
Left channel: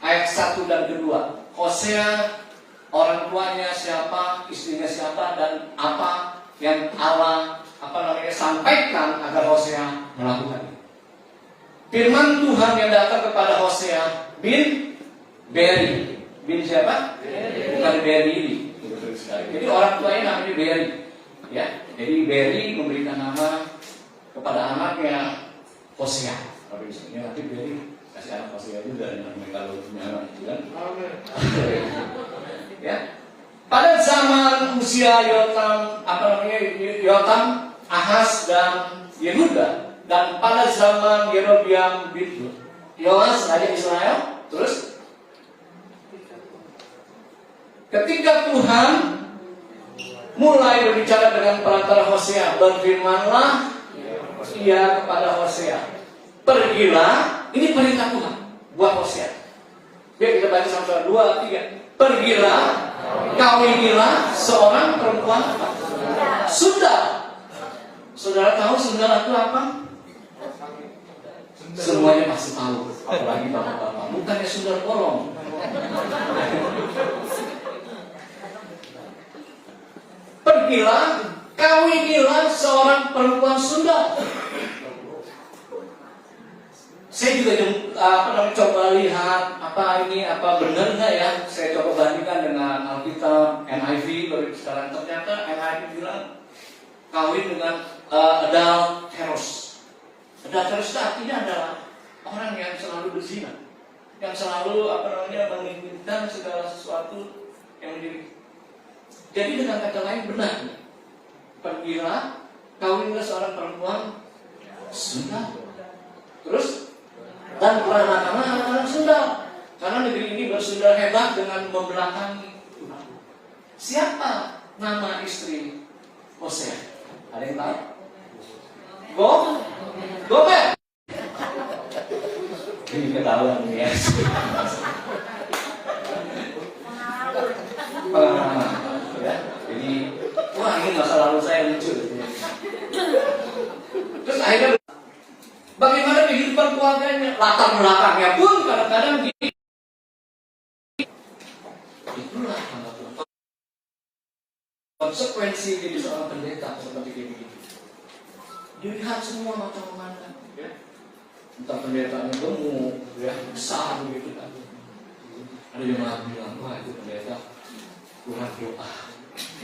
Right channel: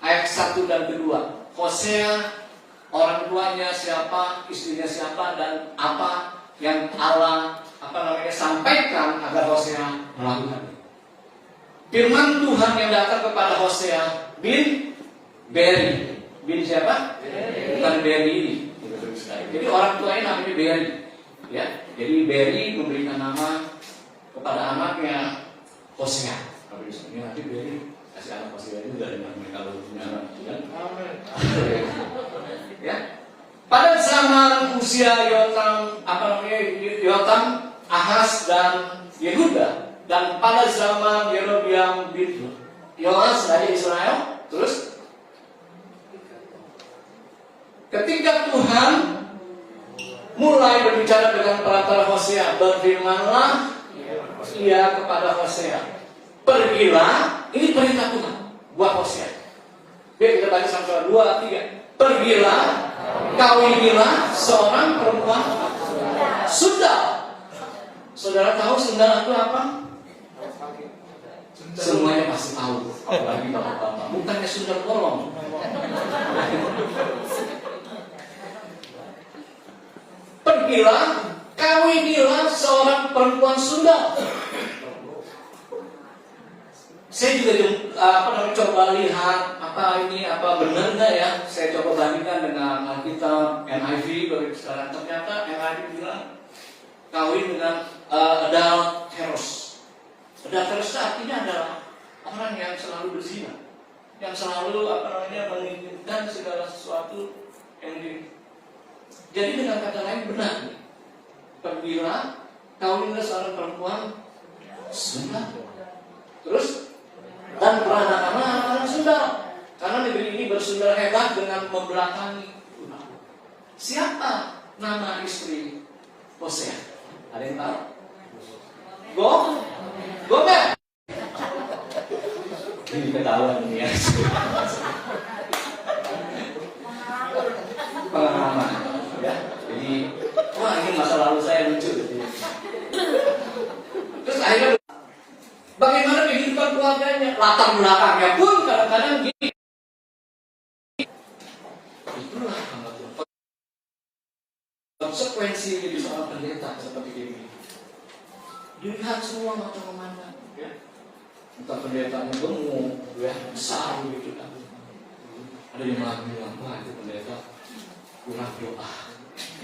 ayat 1 dan kedua. Hosea, orang tuanya siapa, istrinya siapa, dan apa yang Allah sampaikan agar Hosea melakukan. Firman Tuhan yang datang kepada Hosea bin Beri. Bin siapa? Bukan Beri ini. Jadi orang tuanya namanya Beri. Ya, jadi Beri memberikan nama kepada anaknya Hosea. Kalau ini nanti Beri kasih anak Hosea juga kalau punya anak itu kan. Ya. Pada zaman usia Yotam, Ahaz dan Yehuda, dan pada zaman Yerobiam bin Yoas dari Israel, terus ketika Tuhan mulai berbicara dengan perantara Hosea, berfirmanlah ia kepada Hosea, pergilah, ini perintah Tuhan buat Hosea. Biar kita baca sama-sama, 2, 3. Pergilah, kawinilah seorang perempuan sundal. Saudara tahu sundal itu apa? Semuanya pasti tahu, apalagi bapak-bapak. Bukannya sundal bolong. Pergilah, kawinilah seorang perempuan sundal. Saya juga coba lihat apa benar nggak ya. Saya coba bandingkan dengan Alkitab NIV. Sekarang ternyata NIV bilang kawin dengan adulteros. Adulteros itu artinya adalah orang yang selalu berzina, yang selalu menginginkan segala sesuatu yang jadi dengan kata lain benar. Pergilah kawinlah seorang perempuan sundal. Terus dan anak-anak sundal. Karena negeri ini bersundal hebat dengan membelakangi Tuhan. Siapa nama istri Hosea? Ada yang tahu? Gomer. Ini ketahuan ya. Pengalaman, ya. Jadi, wah ini masa lalu saya lucu. Terus akhirnya, bagaimana kehidupan keluarganya, latar belakangnya pun kadang-kadang gini. Itulah konsekuensi jadi seorang pendeta seperti ini. Dilihat semua mata memandang, ya. Entah pendetanya gemuk, ya, besar gitu kan. Ada yang bilang, wah itu pendeta kurang doa,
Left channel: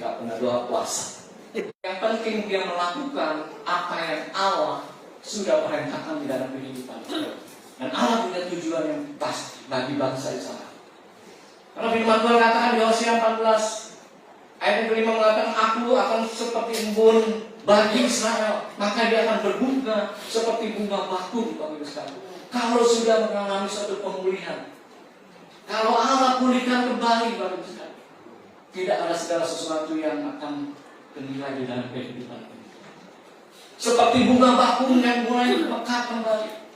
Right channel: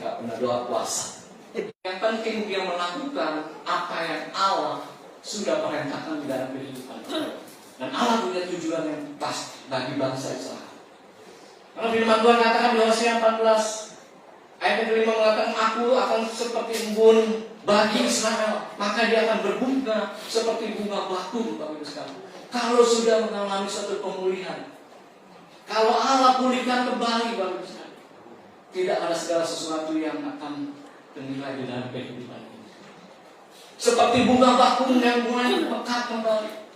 nggak pernah doa puasa. Yang penting dia melakukan apa yang Allah sudah perintahkan di dalam kehidupan. Dan Allah punya tujuan yang pas bagi bangsa Israel. Karena firman Tuhan katakan di Hosea 14 ayat yang kelima mengatakan, aku akan seperti embun bagi Israel, maka dia akan berbunga seperti bunga batu bagi Israel. Kalau sudah mengalami suatu pemulihan, kalau Allah pulihkan kembali bagi Israel, tidak ada segala sesuatu yang akan ternilai di dalam kehidupan ini. Seperti bunga bakung yang bunganya mekar kembali.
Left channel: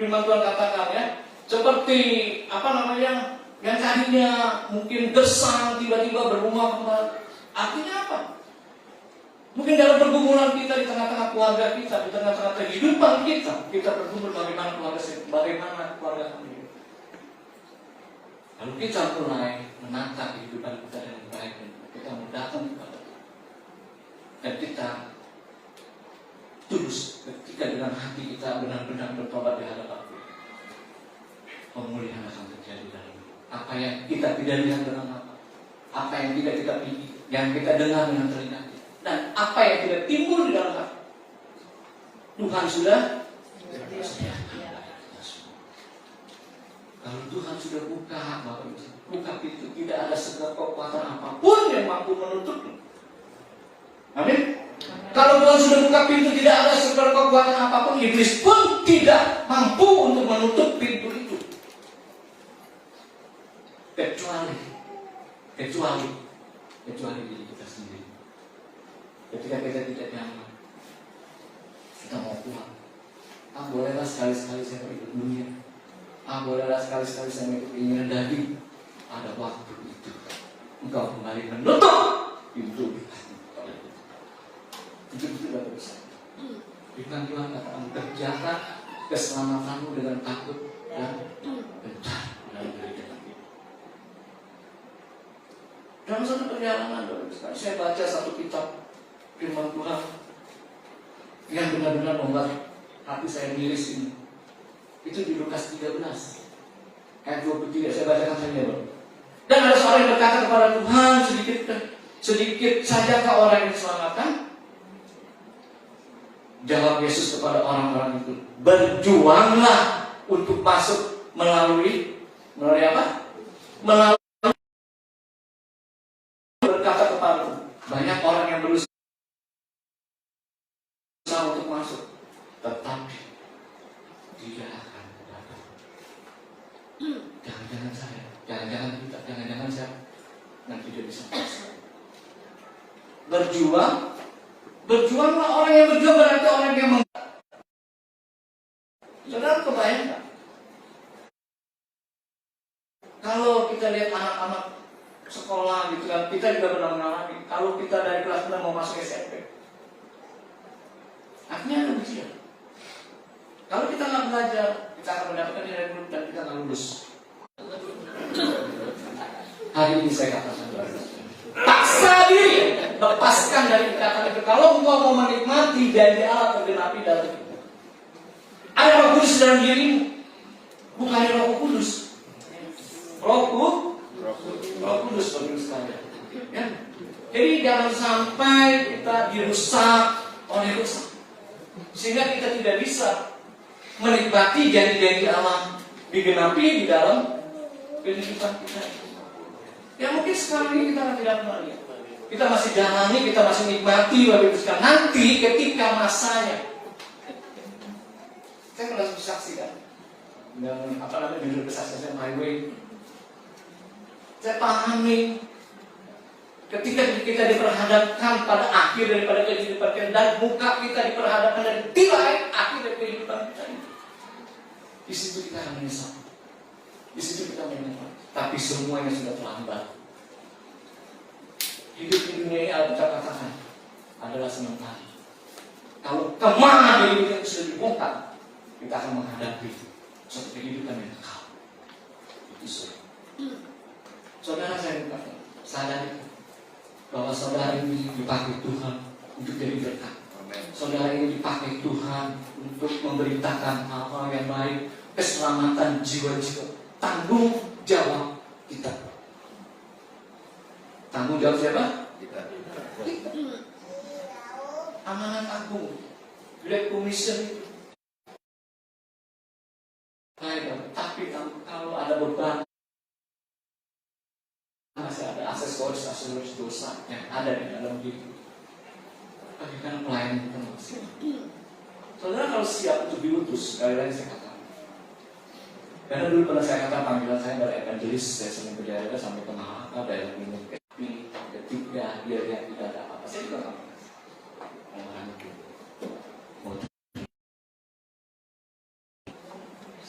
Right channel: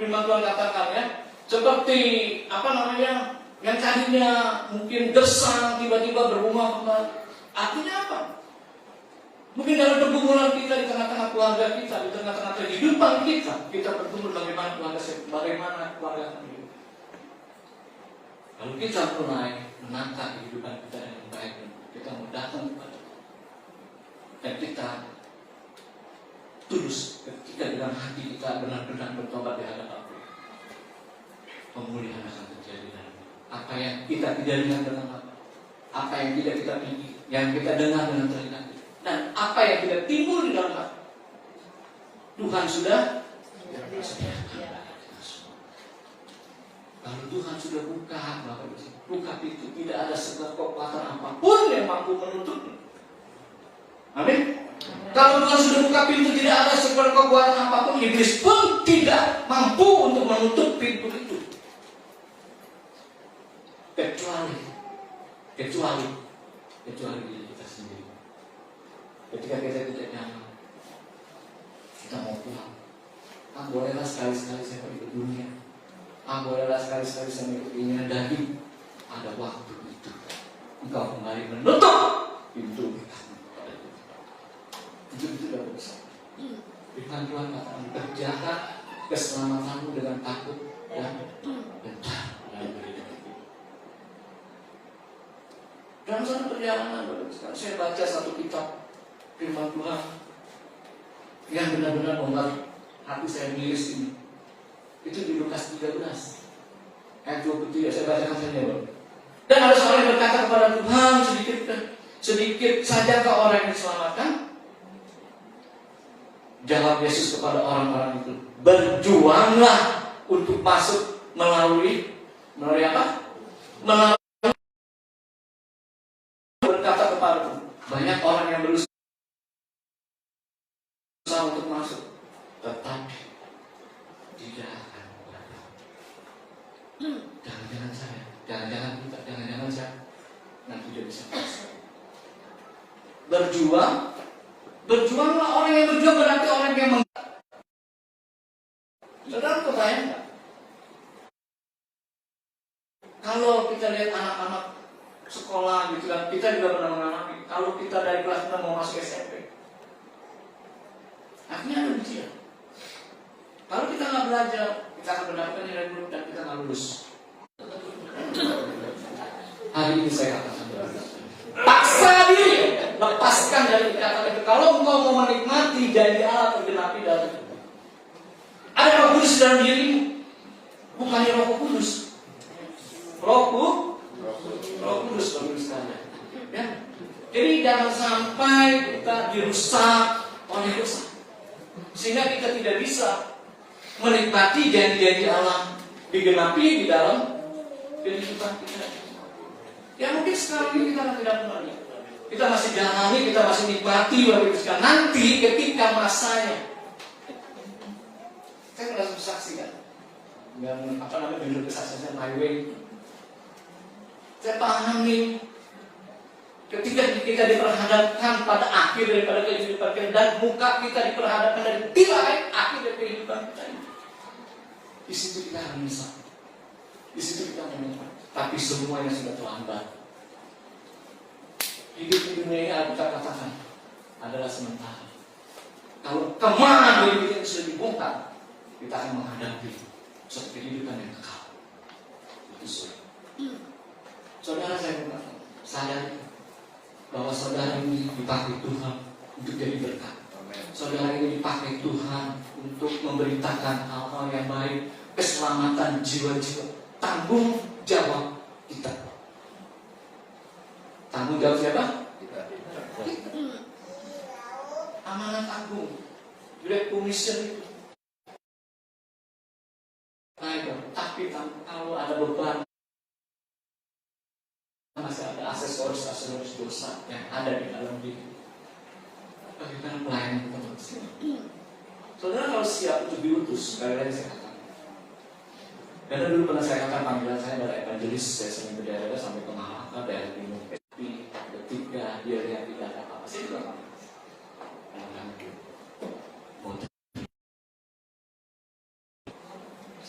Firman Tuhan katakan, ya, seperti yang tadinya mungkin gersang tiba-tiba berbunga kembali. Artinya apa? Mungkin dalam pergumulan kita, di tengah-tengah keluarga kita, di tengah-tengah kehidupan kita bergumul bagaimana keluarga kami. Lalu kita mulai menangkap kehidupan kita dengan baik, dan kita mau datang kepada Tuhan. Dan kita tulus ketika dengan hati kita benar-benar bertobat di hadapan Tuhan. Pemulihan akan terjadi dalam apa yang kita tidak lihat dalam apa yang tidak kita pilih, yang kita dengar dengan telinga, dan apa yang tidak timbul di dalam hati. Tuhan sudah kalau Tuhan sudah buka pintu, tidak ada segala kekuatan apapun yang mampu menutupnya. Amin. Kalau Tuhan sudah buka pintu, tidak ada segala kekuatan apapun, iblis pun tidak mampu untuk menutup pintu itu. Kecuali diri kita sendiri. Ketika kita tidak nyaman, kita mau pulang. Bolehlah sekali-sekali saya pergi ke dunia. Bolehlah sekali-sekali saya mengikuti keinginan daging. Ada waktu itu engkau kembali menutup pintu. Itu tidak bisa. Firman Tuhan katakan, kerjakan keselamatanmu dengan takut dan gentar dalam diri kita. Dalam satu perjalanan, saya baca satu kitab firman Tuhan yang benar-benar membuat hati saya miris ini. Itu di Lukas 13 ayat 23, saya bacakan saja. Dan ada seorang yang berkata kepada Tuhan, sedikit sajakah orang yang diselamatkan? Jawab Yesus kepada orang-orang itu, berjuanglah untuk masuk melalui apa? Melalui, berkata kepadaku, banyak orang yang berusaha untuk masuk, tetapi tidak akan dapat. Jangan-jangan saya, jangan-jangan saya nanti tidak bisa masuk. Berjuanglah, orang yang berjuang berarti orang yang saudara kebayang. Kalau kita lihat anak-anak sekolah gitu kan, kita juga pernah mengalami. Kalau kita dari kelas 6 mau masuk SMP, akhirnya ujian. Kalau kita nggak belajar, kita akan mendapatkan nilai buruk dan kita nggak lulus. Hari ini saya katakan, paksa diri, lepaskan dari ikatan itu. Kalau engkau mau menikmati janji Allah tergenapi dalam hidup. Ada Roh Kudus dalam dirimu, bukannya Roh Kudus. Roh Kudus bagi sekalian. Ya. Jadi jangan sampai kita dirusak oleh dosa, sehingga kita tidak bisa menikmati janji-janji Allah digenapi di dalam kehidupan kita. Ya mungkin sekarang ini kita tidak pernah lihat. Kita masih jalani, kita masih nikmati waktu itu. Nanti ketika masanya Saya pernah saksikan dan judul kesaksian My Way. Saya pahami ketika kita diperhadapkan pada akhir daripada kehidupan kita dan muka kita diperhadapkan dari akhir dari kehidupan kita ini. Di situ kita akan menyesal. Di situ kita menyesal. Tapi semuanya sudah terlambat. Hidup di dunia ini Alkitab katakan adalah sementara. Kalau kemana diri kita sudah dibongkar, kita akan menghadapi suatu kehidupan yang kekal. Itu saudara. Saudara saya berkata, sadar bahwa saudara ini dipakai Tuhan untuk jadi berkat. Saudara ini dipakai Tuhan untuk memberitakan hal-hal yang baik, keselamatan jiwa-jiwa. Tanggung jawab kita. Tanggung jawab siapa? Kita. Amanat agung, Great Commission itu. Tapi kalau ada beban, masih ada aksesoris dosa yang ada di dalam diri. Bagaimana pelayanan kita manusia? Saudara kalau siap untuk diutus, sekali lagi saya katakan. Karena dulu pernah saya katakan panggilan saya dari evangelis, saya sering ke daerah sampai ke Mahaka, daerah Gunung Epi, ada 3, dia tidak ada apa-apa. Saya juga nggak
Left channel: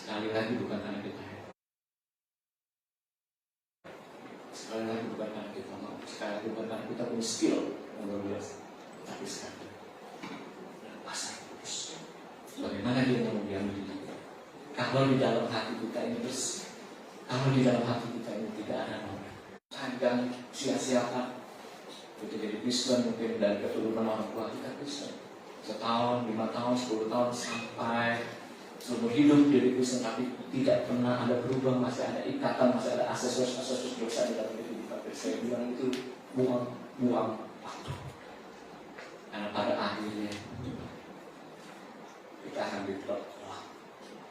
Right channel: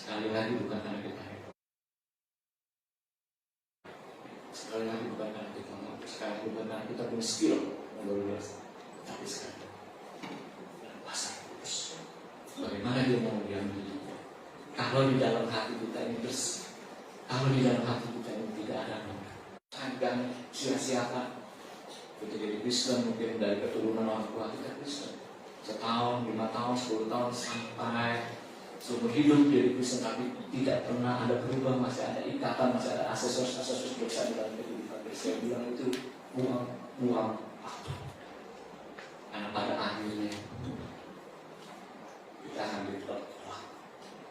sekali lagi bukan karena kita hebat. Sekali lagi bukan karena kita mau. Sekali lagi bukan karena kita punya skill yang luar biasa. Tapi sekali dalam bahasa Kudus. Bagaimana dia mau diambil? Kalau di dalam hati kita ini bersih, kalau di dalam hati kita ini tidak ada noda, dan sia-siakan. Kita jadi Kristen mungkin dari keturunan orang tua kita Kristen. Setahun, 5 tahun, 10 tahun sampai seumur hidup jadi Kristen, tapi tidak pernah ada berubah, masih ada ikatan, masih ada aksesoris dosa di dalam kehidupan. Saya bilang itu buang waktu. Karena pada akhirnya kita akan ditolak,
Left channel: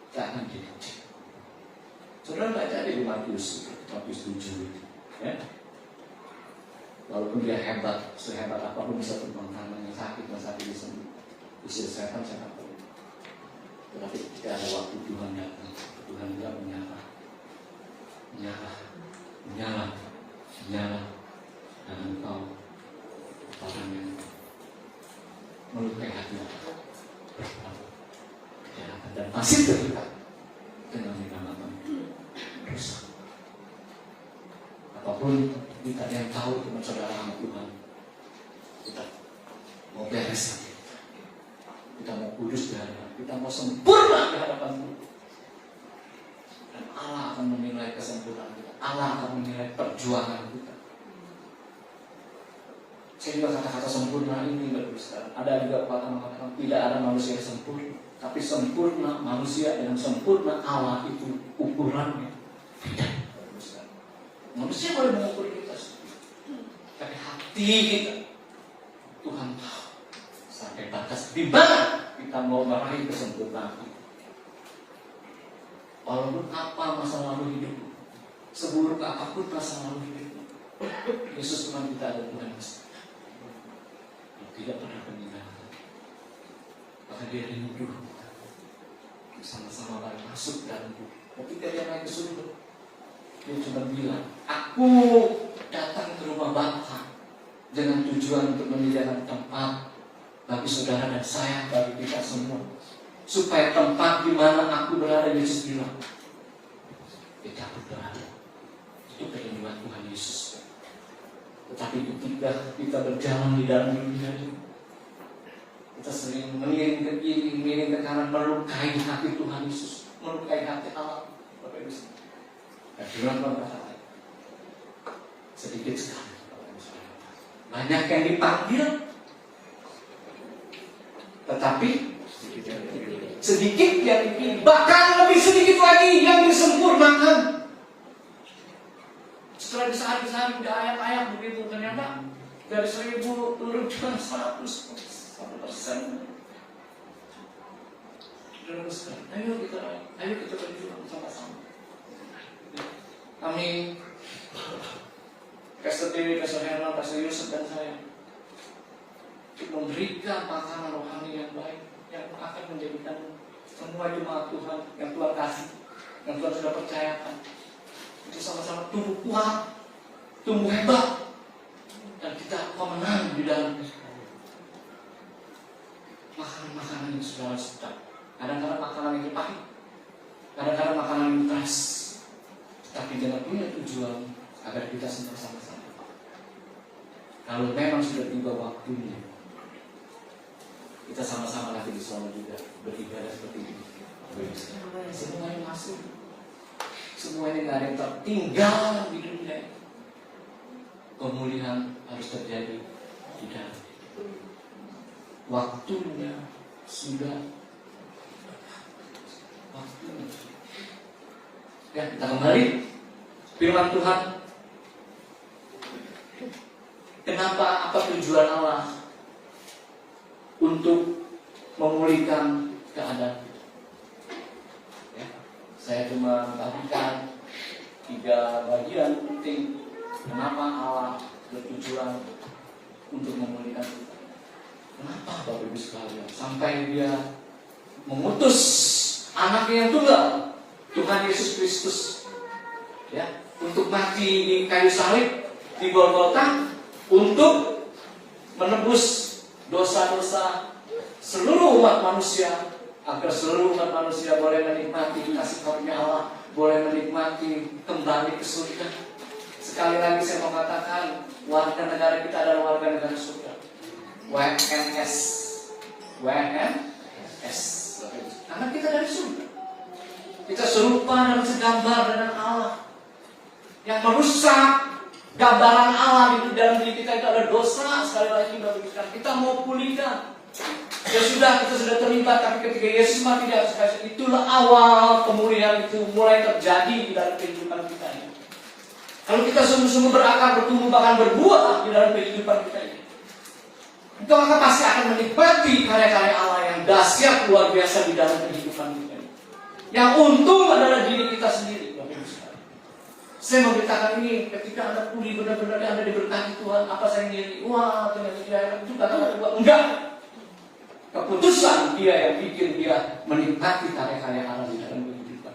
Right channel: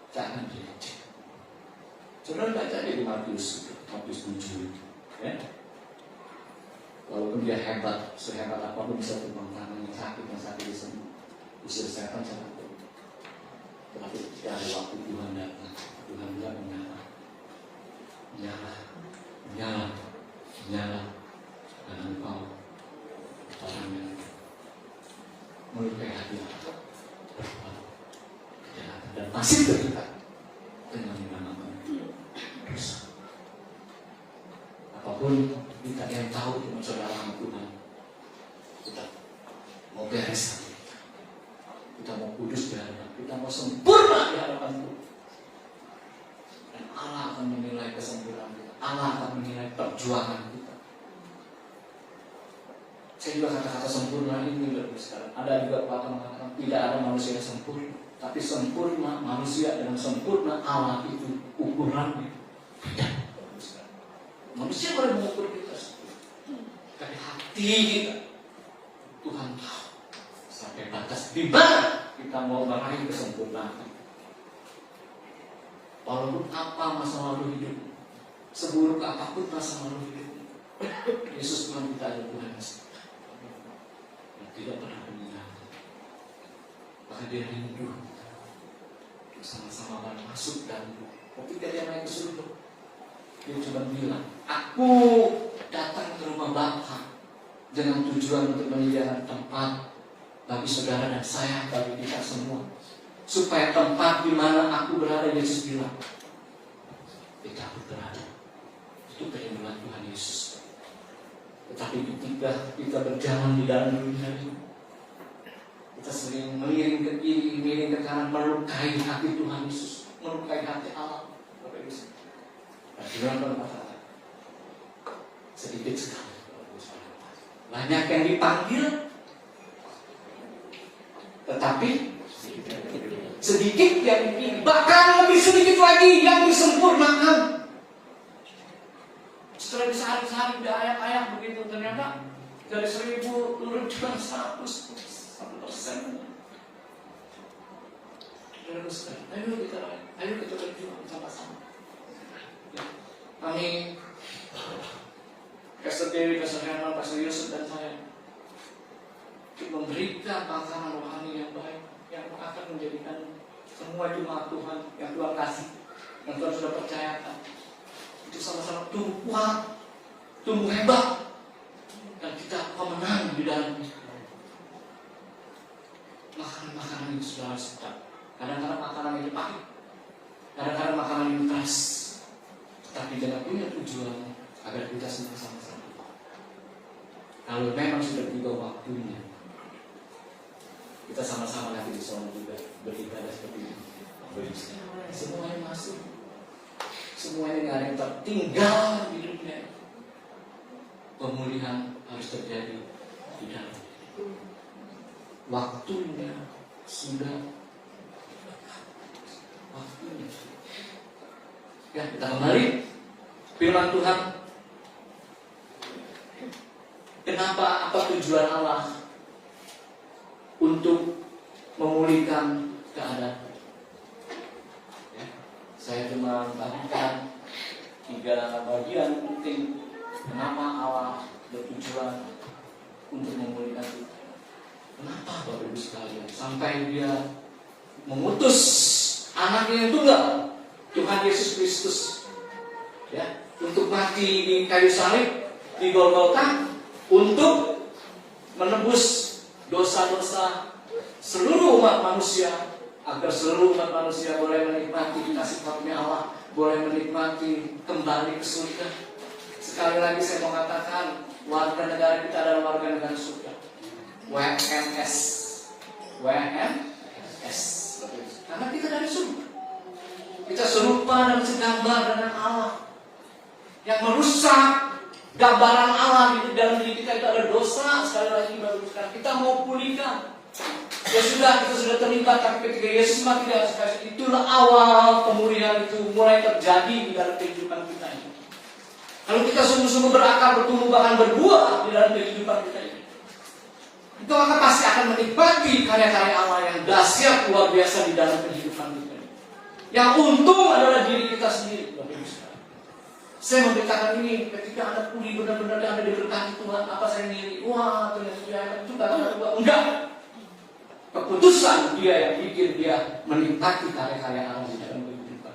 kita akan dicek. Saudara baca di Matius 7 itu, ya. Walaupun dia hebat, sehebat apapun bisa tumpang tangan yang sakit disembuh, bisa kesehatan sangat baik. Tetapi ketika ada waktu Tuhan datang, Tuhan juga menyala, dan engkau orang yang melukai hati dan masih terikat dengan nama dosa. Apapun kita yang tahu cuma saudara sama Tuhan, kita mau beres hati kita mau kudus di hadapan, kita mau sempurna di hadapan Tuhan. Dan Allah akan menilai kesempurnaan kita, Allah akan menilai perjuangan kita. Saya juga kata-kata sempurna ini berbeda. Ada juga kata-kata tidak ada manusia yang sempurna, tapi sempurna manusia dan sempurna Allah itu ukurannya tidak. Manusia boleh mengukur kita, tapi hati kita Tuhan tahu sampai batas di mana kita mau meraih kesempurnaan. Walaupun apa masa lalu hidup, seburuk apapun masa lalu hidup, Yesus Tuhan kita ada Tuhan yang tidak pernah meninggalkan. Maka dia rindu sama-sama masuk dalam. Ketika dia naik ke surga, dia cuma bilang, aku datang ke rumah Bapa dengan tujuan untuk menyediakan tempat bagi saudara dan saya, bagi kita semua, supaya tempat di mana aku berada, Yesus bilang, tidak aku berada. Itu kerinduan Tuhan Yesus. Tetapi ketika kita berjalan di dalam dunia ini, kita sering miring ke kiri, miring ke kanan, melukai hati Tuhan Yesus, melukai hati Allah. Bapak Ibu, dan firman Tuhan kata, sedikit sekali. Banyak yang dipanggil, tetapi sedikit yang dipilih. Bahkan lebih sedikit lagi yang disempurnakan. Setelah disehari-hari ayam-ayam begitu, ternyata dari 1000 turun cuma 1%. Ayo kita berjuang sama-sama. Kami Pastor Dewi, Pastor Herman, Pastor Yusuf dan saya untuk memberikan makanan rohani yang baik yang akan menjadikan Semua cuma Tuhan yang Tuhan kasih, yang Tuhan sudah percayakan. Itu sama-sama tumbuh kuat, tumbuh hebat, dan kita pemenang di dalam makanan-makanan yang sudah sedap. Kadang-kadang makanan yang pahit, kadang-kadang makanan yang keras, tapi jangan punya tujuan agar kita semua sama-sama. Kalau memang sudah tiba waktunya, kita sama-sama nanti di sana juga beribadah seperti ini. Semuanya masuk, semuanya nggak ada yang tertinggal di dunia. Pemulihan harus terjadi di dalam. Waktunya sudah. Waktunya. Ya, kita kembali firman Tuhan. Kenapa, apa tujuan Allah untuk memulihkan keadaan? Ya, saya cuma bagikan 3 bagian penting. Kenapa Allah bertujuan untuk memulihkan kita? Kenapa Bapak Ibu sekalian? Sampai dia mengutus anaknya yang tunggal, Tuhan Yesus Kristus, ya, untuk mati di kayu salib di Golgota, untuk menebus dosa-dosa seluruh umat manusia, agar seluruh umat manusia boleh menikmati kasih karunia Allah, boleh menikmati kembali ke surga. Sekali lagi saya mau katakan, warga negara kita adalah warga negara surga. WNS, WNS, karena kita dari surga. Kita serupa dan segambar dengan Allah. Yang merusak gambaran Allah di dalam diri kita itu ada dosa. Sekali lagi kita mau pulihkan. Ya sudah, kita sudah terlibat, tapi ketika Yesus mati di atas kayu, itulah awal pemulihan itu mulai terjadi di dalam kehidupan kita ini. Kalau kita sungguh-sungguh berakar, bertumbuh, bahkan berbuah di dalam kehidupan kita ini, itu maka pasti akan menikmati karya-karya Allah yang dahsyat luar biasa di dalam kehidupan kita ini. Yang untung adalah diri kita sendiri. Saya memberitakan ini ketika Anda pulih benar-benar Anda diberkati Tuhan, apa saya ngiri? Wah, ternyata itu kata Tuhan. Enggak. Keputusan dia yang bikin dia menikmati karya-karya Allah di dalam kehidupan.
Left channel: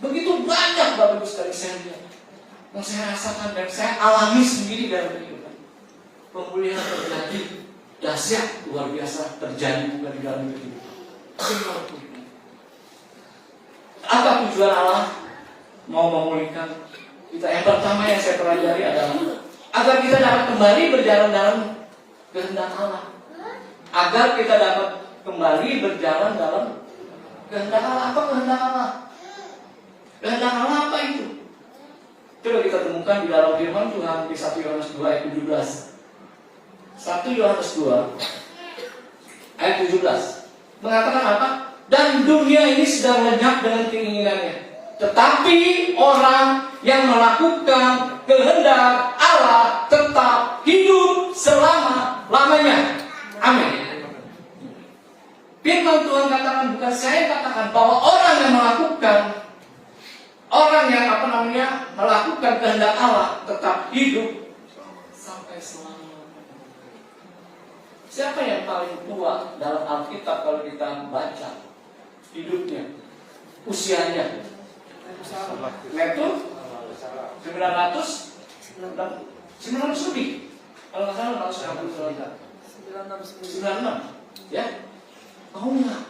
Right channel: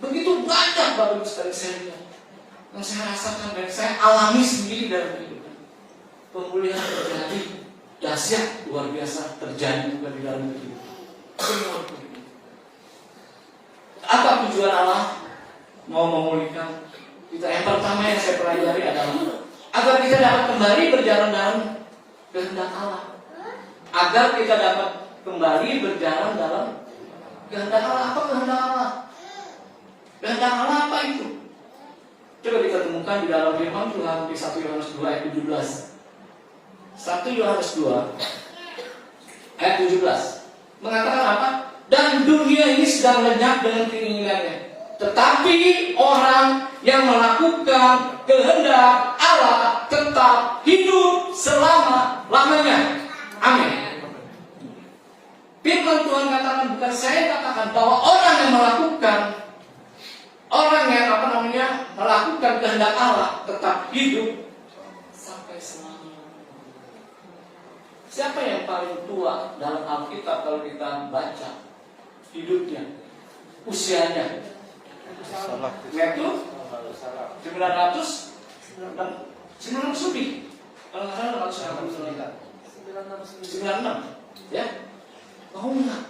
Begitu banyak Bapak Ibu sekali saya lihat, yang saya rasakan dan saya alami sendiri dalam kehidupan. Pemulihan terjadi dahsyat luar biasa terjadi juga di dalam kehidupan. Apa tujuan Allah mau memulihkan kita? Yang pertama yang saya pelajari adalah agar kita dapat kembali berjalan dalam kehendak Allah. Agar kita dapat kembali berjalan dalam kehendak Allah. Apa kehendak Allah? Kehendak Allah apa itu? Coba kita temukan di dalam firman Tuhan di 1 Yohanes 2 ayat 17. 1 Yohanes 2 ayat 17 mengatakan apa? Dan dunia ini sedang lenyap dengan keinginannya, tetapi orang yang melakukan kehendak Allah tetap hidup selama-lamanya. Amin. Firman Tuhan katakan, bukan saya katakan, bahwa orang yang melakukan, orang yang melakukan kehendak Allah tetap hidup sampai selama-lamanya. Siapa yang paling tua dalam Alkitab kalau kita baca hidupnya, usianya? Metode 900 lebih. Kalau nggak salah 96, ya? Oh enggak.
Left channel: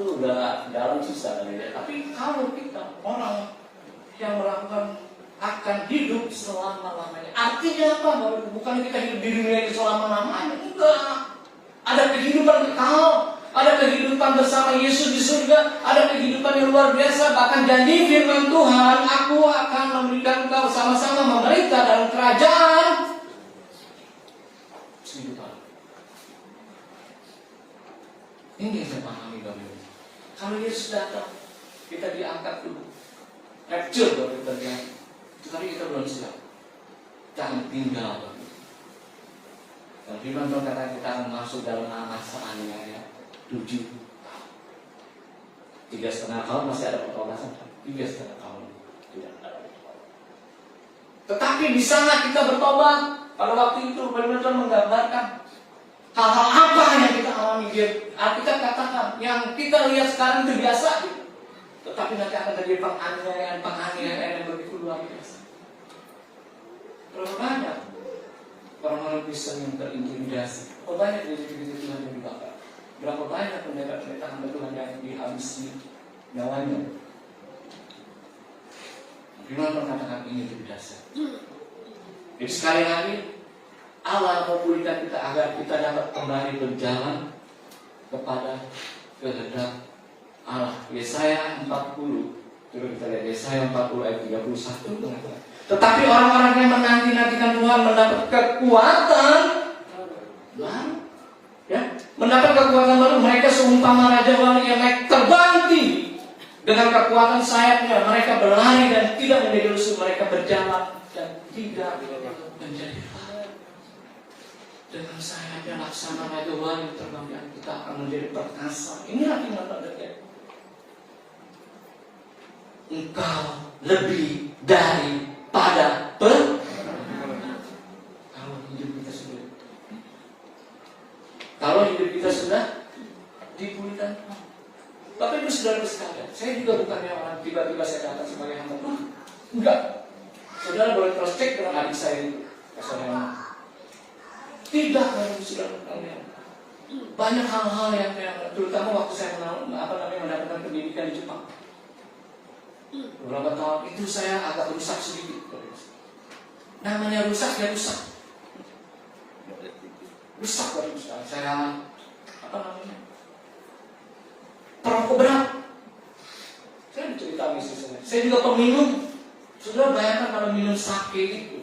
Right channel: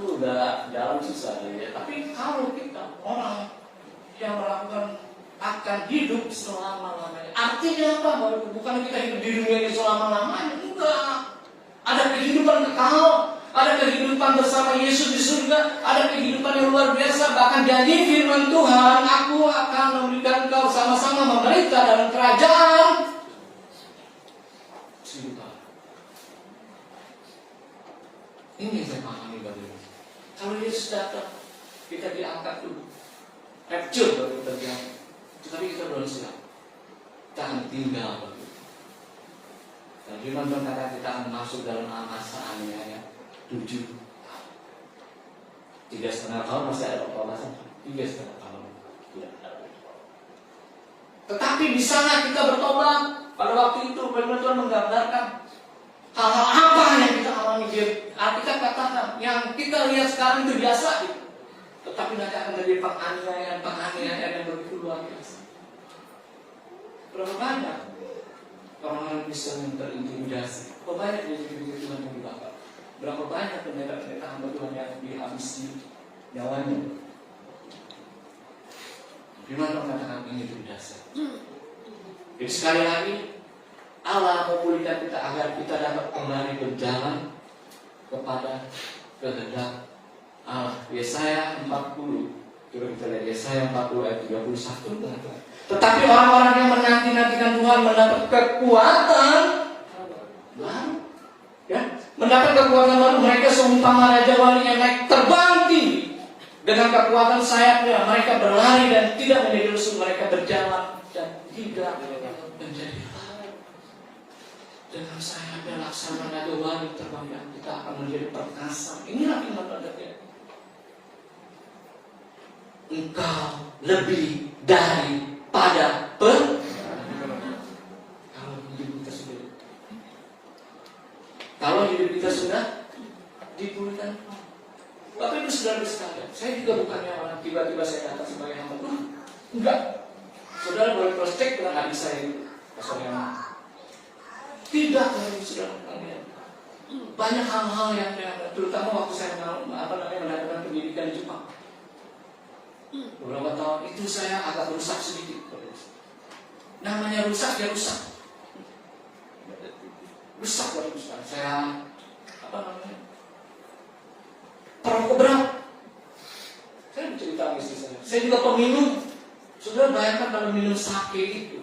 Udah dalam susah ya. Tapi kalau kita orang yang melakukan akan hidup selama-lamanya, artinya apa? Bukan kita hidup di dunia ini selama-lamanya, enggak. Ada kehidupan kekal, ada kehidupan bersama Yesus di surga, ada kehidupan yang luar biasa. Bahkan janji firman Tuhan, aku akan memberikan engkau sama-sama memerintah dalam kerajaan 1000 tahun. Ini yang saya pahami Bapak Ibu. Kalau Yesus datang, kita diangkat dulu, rapture baru kita diangkat. Tapi kita belum siap. Kita akan tinggal Bapak Ibu. Dan firman Tuhan kata kita akan masuk dalam amasaannya ya. 7 3,5 tahun masih ada pertobatan. 3,5 tahun tidak ada. Tetapi di sana kita bertobat. Pada waktu itu benar-benar menggambarkan Hal-hal apa yang kita alami dia? Alkitab katakan yang kita lihat sekarang itu biasa gitu. Tetapi nanti akan terjadi penganiayaan yang begitu luar biasa. Berapa banyak orang-orang Kristen yang terintimidasi? Berapa banyak gereja-gereja Tuhan yang dibakar? Berapa banyak pendeta-pendeta hamba Tuhan yang dihabisi nyawanya? Firman mengatakan ini berdasar. Jadi sekali lagi Allah memulihkan kita agar kita dapat kembali berjalan kepada kehendak Allah. Yesaya 40. Coba kita lihat Yesaya 40 ayat 31 mengatakan, tetapi orang-orang yang menanti-nantikan Tuhan mendapat kekuatan baru. Ya, mendapat kekuatan baru. Mereka seumpama raja wali yang naik terbang tinggi. Dengan kekuatan sayapnya mereka berlari dan tidak menjadi lesu. Mereka berjalan dan tidak menjadi lelah. Dengan sayapnya laksana raja wali terbang dan kita akan menjadi perkasa. Inilah firman Allah. Engkau lebih daripada kalau hidup kita sudah dipulihkan. Bapak Ibu Saudara sekalian, saya juga bukannya orang tiba-tiba saya datang sebagai hamba Tuhan. Enggak. Saudara boleh cross check dengan adik saya itu. Tidak, Bapak Ibu Saudara sekalian. Banyak hal-hal yang terutama waktu saya mendapatkan pendidikan di Jepang. Beberapa tahun itu saya agak rusak sedikit. Namanya rusak, ya rusak. Rusak Bapak Ibu Saudara. Saya perokok berat. Saya bercerita istri saya juga peminum. Sudah bayangkan kalau minum sake itu,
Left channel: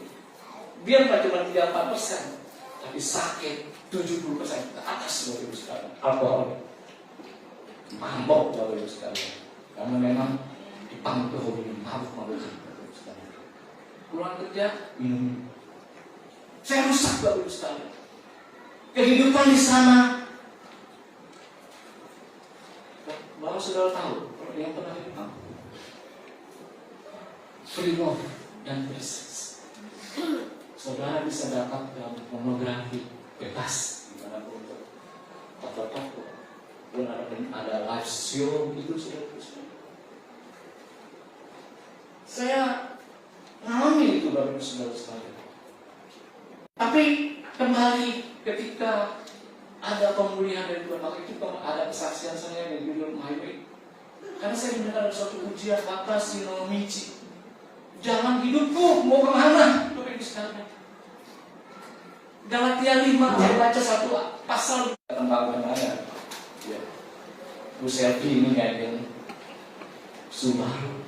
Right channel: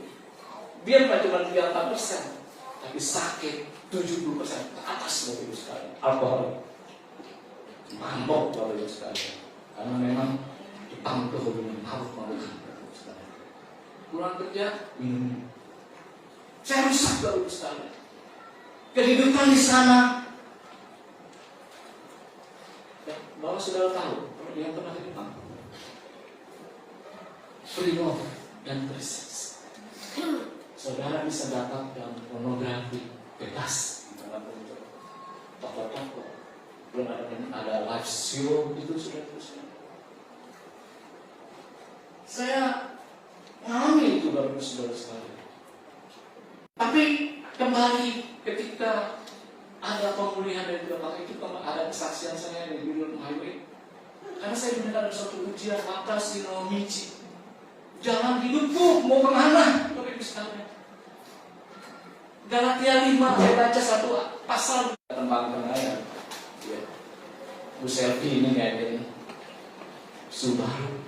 dia bukan cuma 34%, tapi sake 70% ke atas Bapak Ibu sekalian. Alkohol, mabok Bapak Ibu sekalian. Karena memang dipangku minum mabuk-mabukan Bapak Ibu sekalian. Pulang kerja minum. Saya rusak Bapak Ibu sekalian. Kehidupan di sana. Bahwa saudara tahu yang pernah kita freedom dan berseks. Saudara bisa dapat yang pornografi bebas di dalam untuk toko-toko. Belum ada live show itu sudah terus. Saya mengalami itu baru saudara sekalian. Tapi kembali ketika ada pemulihan dari Tuhan, maka itu ada kesaksian saya dari Junior Highway. Karena saya mendengar suatu ujian mata si Michi. Jangan hidupku mau kemana? Itu sekalian. Galatia 5 saya baca satu pasal tentang ayat. Ya. Bu Selfie ini kayak Subaru.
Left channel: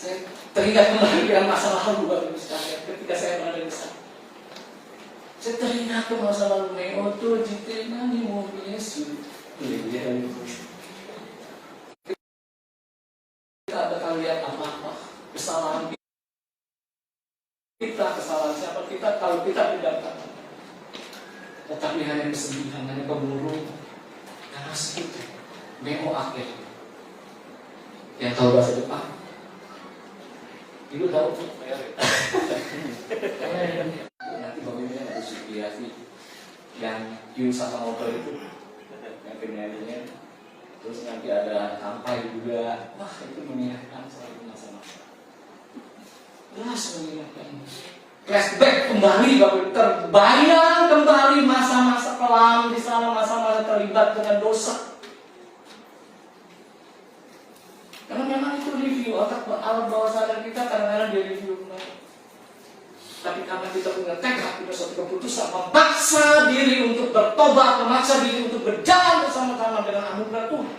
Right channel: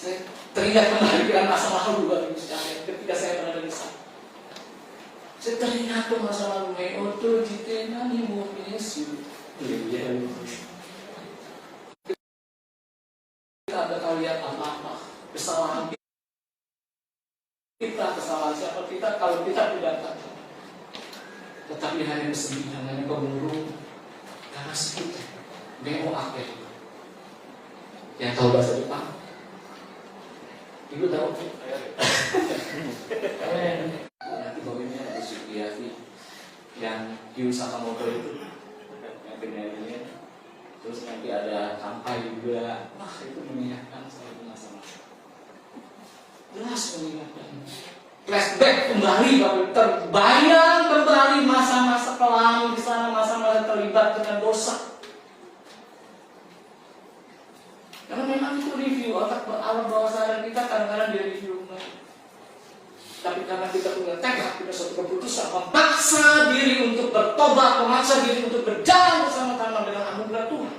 Saya teringat kembali dengan masa lalu Bapak sekalian ketika saya berada di sana. Saya teringat ke masa lalu Meoto Jitena ni mobil Yesus. Kita bakal lihat apa kesalahan kita, kesalahan siapa kita kalau kita tidak kata. Tetapi hanya kesedihan, hanya kemurung, karena sedikit Meo akhir. Yang tahu bahasa Jepang, Ibu tahu? Nanti bagaimana ada Sukiyaki yang Q Sakamoto itu yang penyanyinya, terus nanti ada Kampai juga. Wah, itu mengingatkan saya masa-masa. Jelas mengingatkan. Flashback kembali, Bapak, terbayang kembali masa-masa kelam di sana, masa-masa terlibat dengan dosa. Karena memang itu review otak alam bawah sadar kita kadang-kadang dia review. Tapi karena kita punya tekad, punya suatu keputusan, memaksa diri untuk bertobat, memaksa diri untuk berjalan bersama-sama dengan anugerah Tuhan.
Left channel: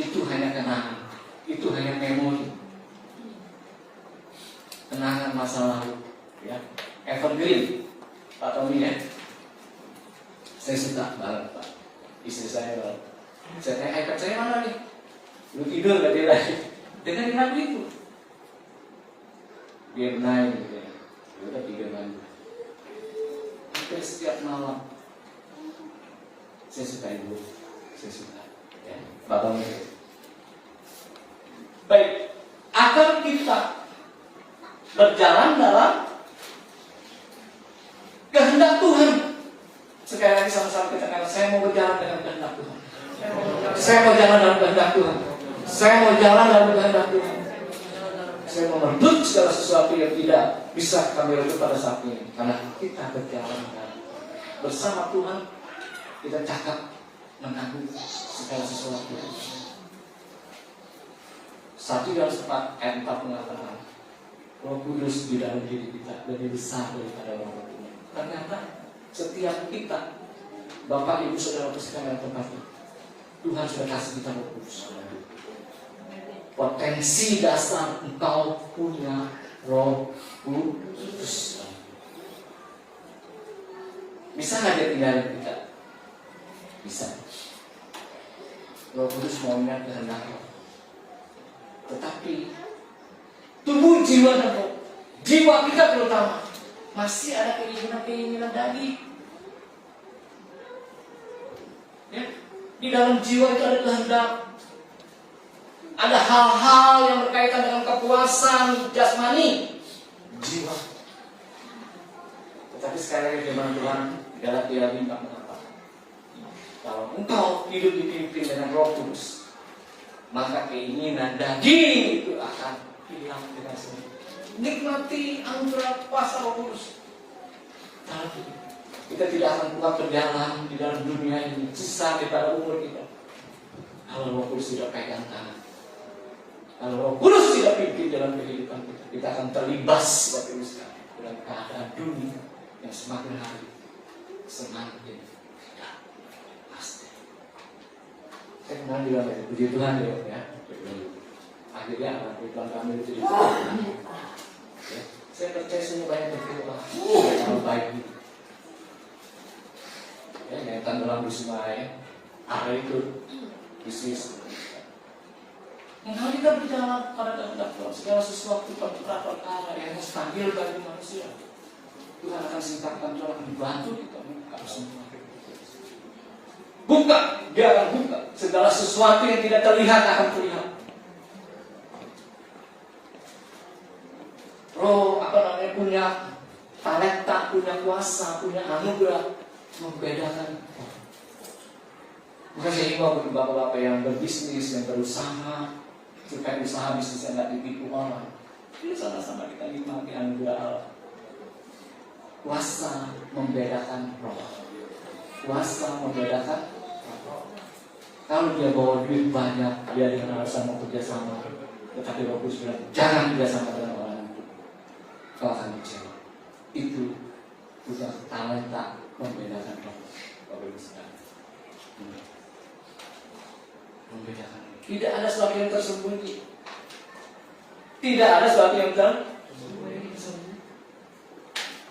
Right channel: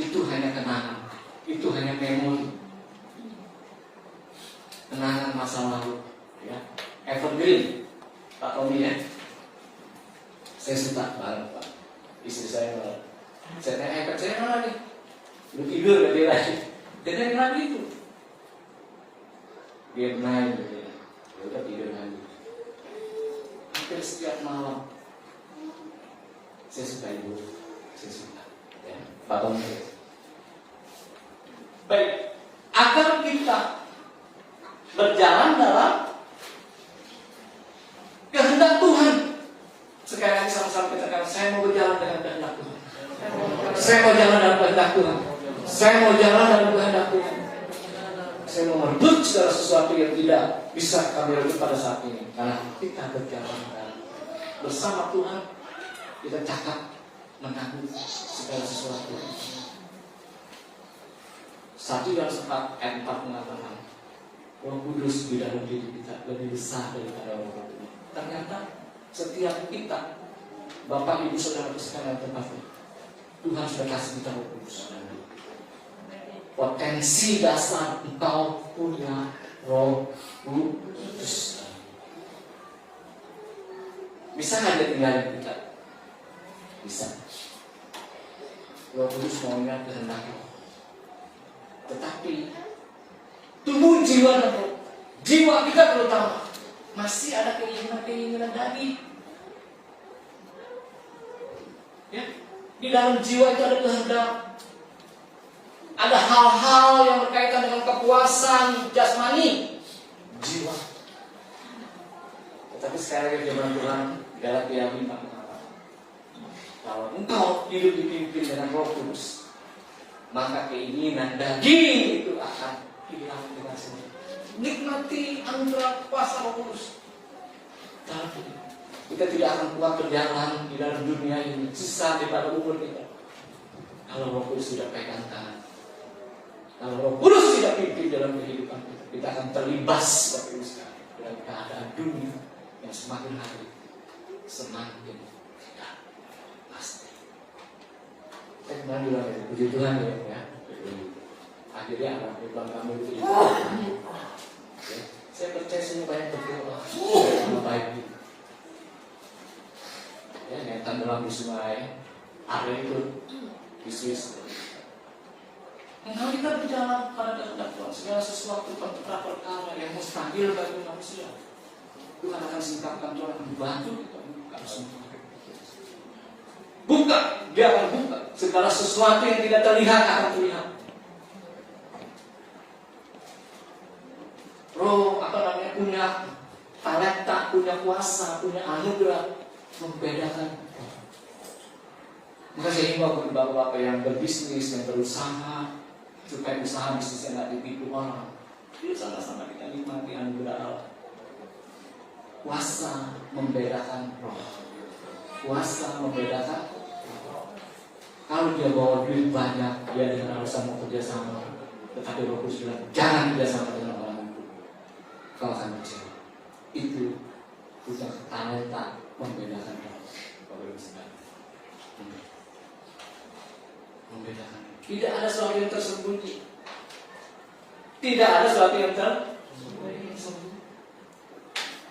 Itu hanya kenangan, itu hanya memori, kenangan masa lalu, ya. Evergreen, Pak Tommy ya. Saya suka banget Pak, istri saya banget. Saya tanya iPad saya mana nih? Lu tidur gak dia lagi? Dengerin lagu itu. Dia main gitu ya. Ya udah tidur lagi. Hampir setiap malam saya suka ibu, saya suka ya. Bapak murid. Baik, agar kita berjalan dalam kehendak Tuhan Saya mau jalan dalam kehendak Tuhan. Saya mau jalan dalam kehendak Tuhan. Saya mau merebut segala sesuatu yang tidak bisa kami rebut pada saat ini. Karena kita berjalan bersama Tuhan, kita cakap menanggung segala sesuatu. 1 Yohanes 4 ayat 4 mengatakan, Roh Kudus di dalam diri kita lebih besar daripada Bapak Tuhan. Ternyata setiap kita, Bapak Ibu Saudara sekalian terkasih, Tuhan sudah kasih kita Roh Kudus. Potensi dasar engkau punya Roh Kudus. Bisa nggak dia tinggalin kita? Bisa. Roh Kudus maunya kehendaknya. Tetapi tubuh, jiwa dan roh, jiwa kita terutama masih ada keinginan daging. Ya? Di dalam jiwa itu ada kehendak. Ada hal-hal yang berkaitan dengan kepuasan jasmani jiwa. Tetapi sekali lagi firman Tuhan Galatia 5 mengatakan, kalau engkau hidup dipimpin dengan Roh Kudus, maka keinginan daging itu akan hilang dengan sendiri. Nikmati anugerah kuasa Roh Kudus. Tapi kita tidak akan kuat berjalan di dalam dunia ini sisa daripada umur kita. Kalau Roh Kudus sudah pegang tangan, kalau Roh Kudus tidak pimpin dalam kehidupan kita, kita akan terlibas dalam keadaan dunia yang semakin hari semakin tidak pasti. Saya kemarin bilang ya, puji Tuhan ya. Akhirnya anak Tuhan kami itu ditolak. Saya percaya semua banyak berdoa. Kamu baik. Ya, nyaitan dalam sungai, area itu bisnis. Kalau kita berjalan pada kehendak Tuhan, segala sesuatu perkara yang mustahil bagi manusia, Tuhan akan singkapkan, Tuhan akan membantu kita buka semua. Buka, dia akan buka. Segala sesuatu yang tidak terlihat akan terlihat. Roh punya talenta, punya kuasa, punya anugerah membedakan. Bukan saya himbau bagi bapak-bapak yang berbisnis, yang berusaha, supaya usaha bisnisnya tidak ditipu orang. Jadi sama-sama kita nikmati anugerah Allah. Kuasa membedakan roh. Kuasa membedakan roh. Kalau dia bawa duit banyak, dia dengan alasan mau kerjasama, tetapi Roh Kudus bilang jangan kerjasama dengan orang itu, kau akan kecewa. Itu bukan talenta membedakan roh. Bapak Ibu sekalian, membedakan. Tidak ada sesuatu yang tersembunyi. Tidak ada sesuatu yang tersembunyi.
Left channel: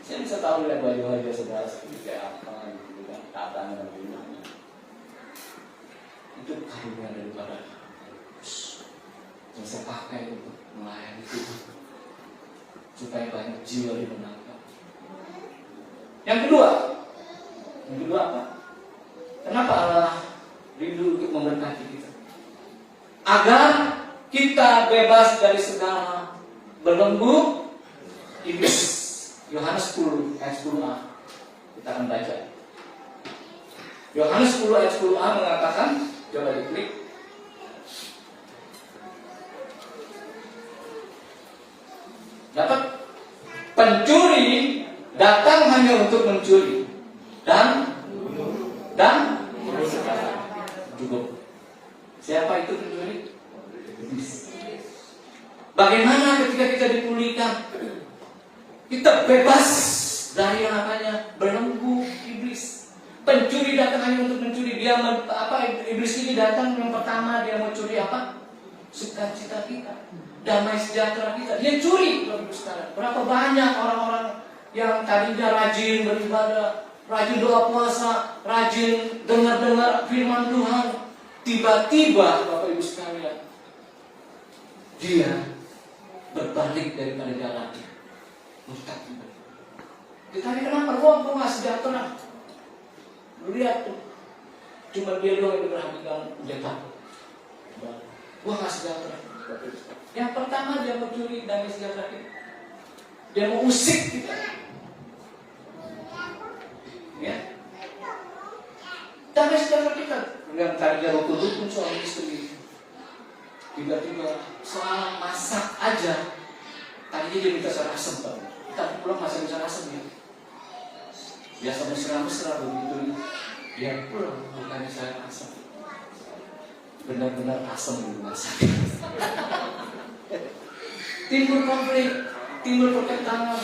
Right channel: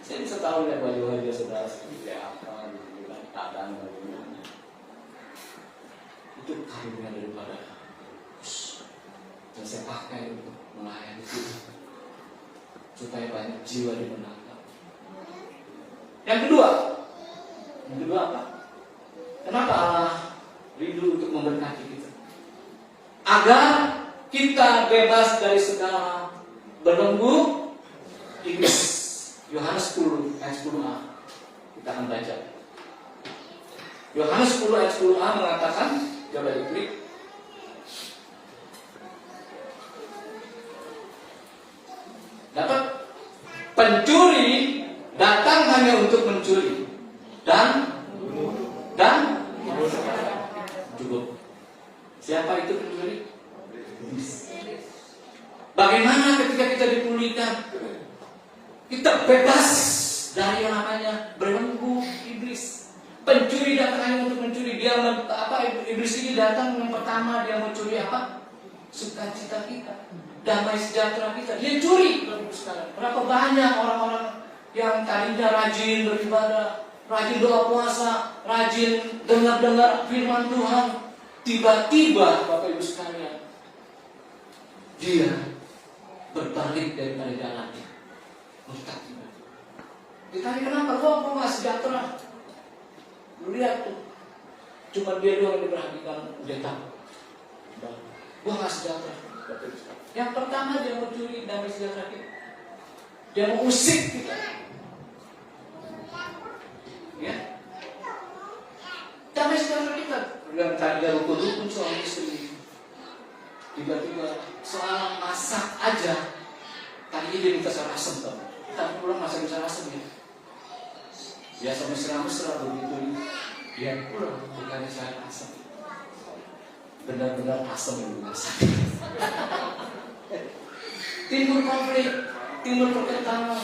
Saya bisa tahu lihat baju wajah saudara seperti apa, bukan tatan bagaimana. Itu karunia daripada yang saya pakai untuk melayani itu, supaya banyak jiwa dimenangkan. Yang kedua apa? Kenapa Allah rindu untuk memberkati kita? Agar kita bebas dari segala belenggu iblis. Yohanes 10 ayat 10a. Kita akan baca. Yohanes 10 ayat 10a mengatakan, coba diklik. Dapat pencuri datang hanya untuk mencuri dan cukup. Siapa itu pencuri? Bagaimana ketika kita dipulihkan? Kita bebas dari yang namanya belenggu iblis. Pencuri datang hanya untuk mencuri. Iblis ini datang yang pertama dia mau curi apa? Sukacita kita, damai sejahtera kita. Dia curi. Berapa banyak orang-orang yang tadinya rajin beribadah, rajin doa puasa, rajin dengar firman Tuhan, tiba-tiba Bapak Ibu sekalian, dia berbalik daripada jalannya. Ditanya kenapa? Gua gak sejahtera. Lu lihat tuh, cuma dia doang yang memperhatikan pendeta. Gua gak sejahtera. Yang pertama dia mencuri damai sejahtera kita. Dia mau usik kita. Ya. Damai sejahtera kita. Dengan tanya rukun-rukun suami istri. Tiba-tiba soal masak aja. Tadi dia minta sayur asem, Pak. Tadi pulang masak sayur asem ya. Ya sampai mesra-mesra begitu. Dia pulang bukannya sayur asem. Benar-benar asem di masak. Timbul konflik, timbul pertentangan.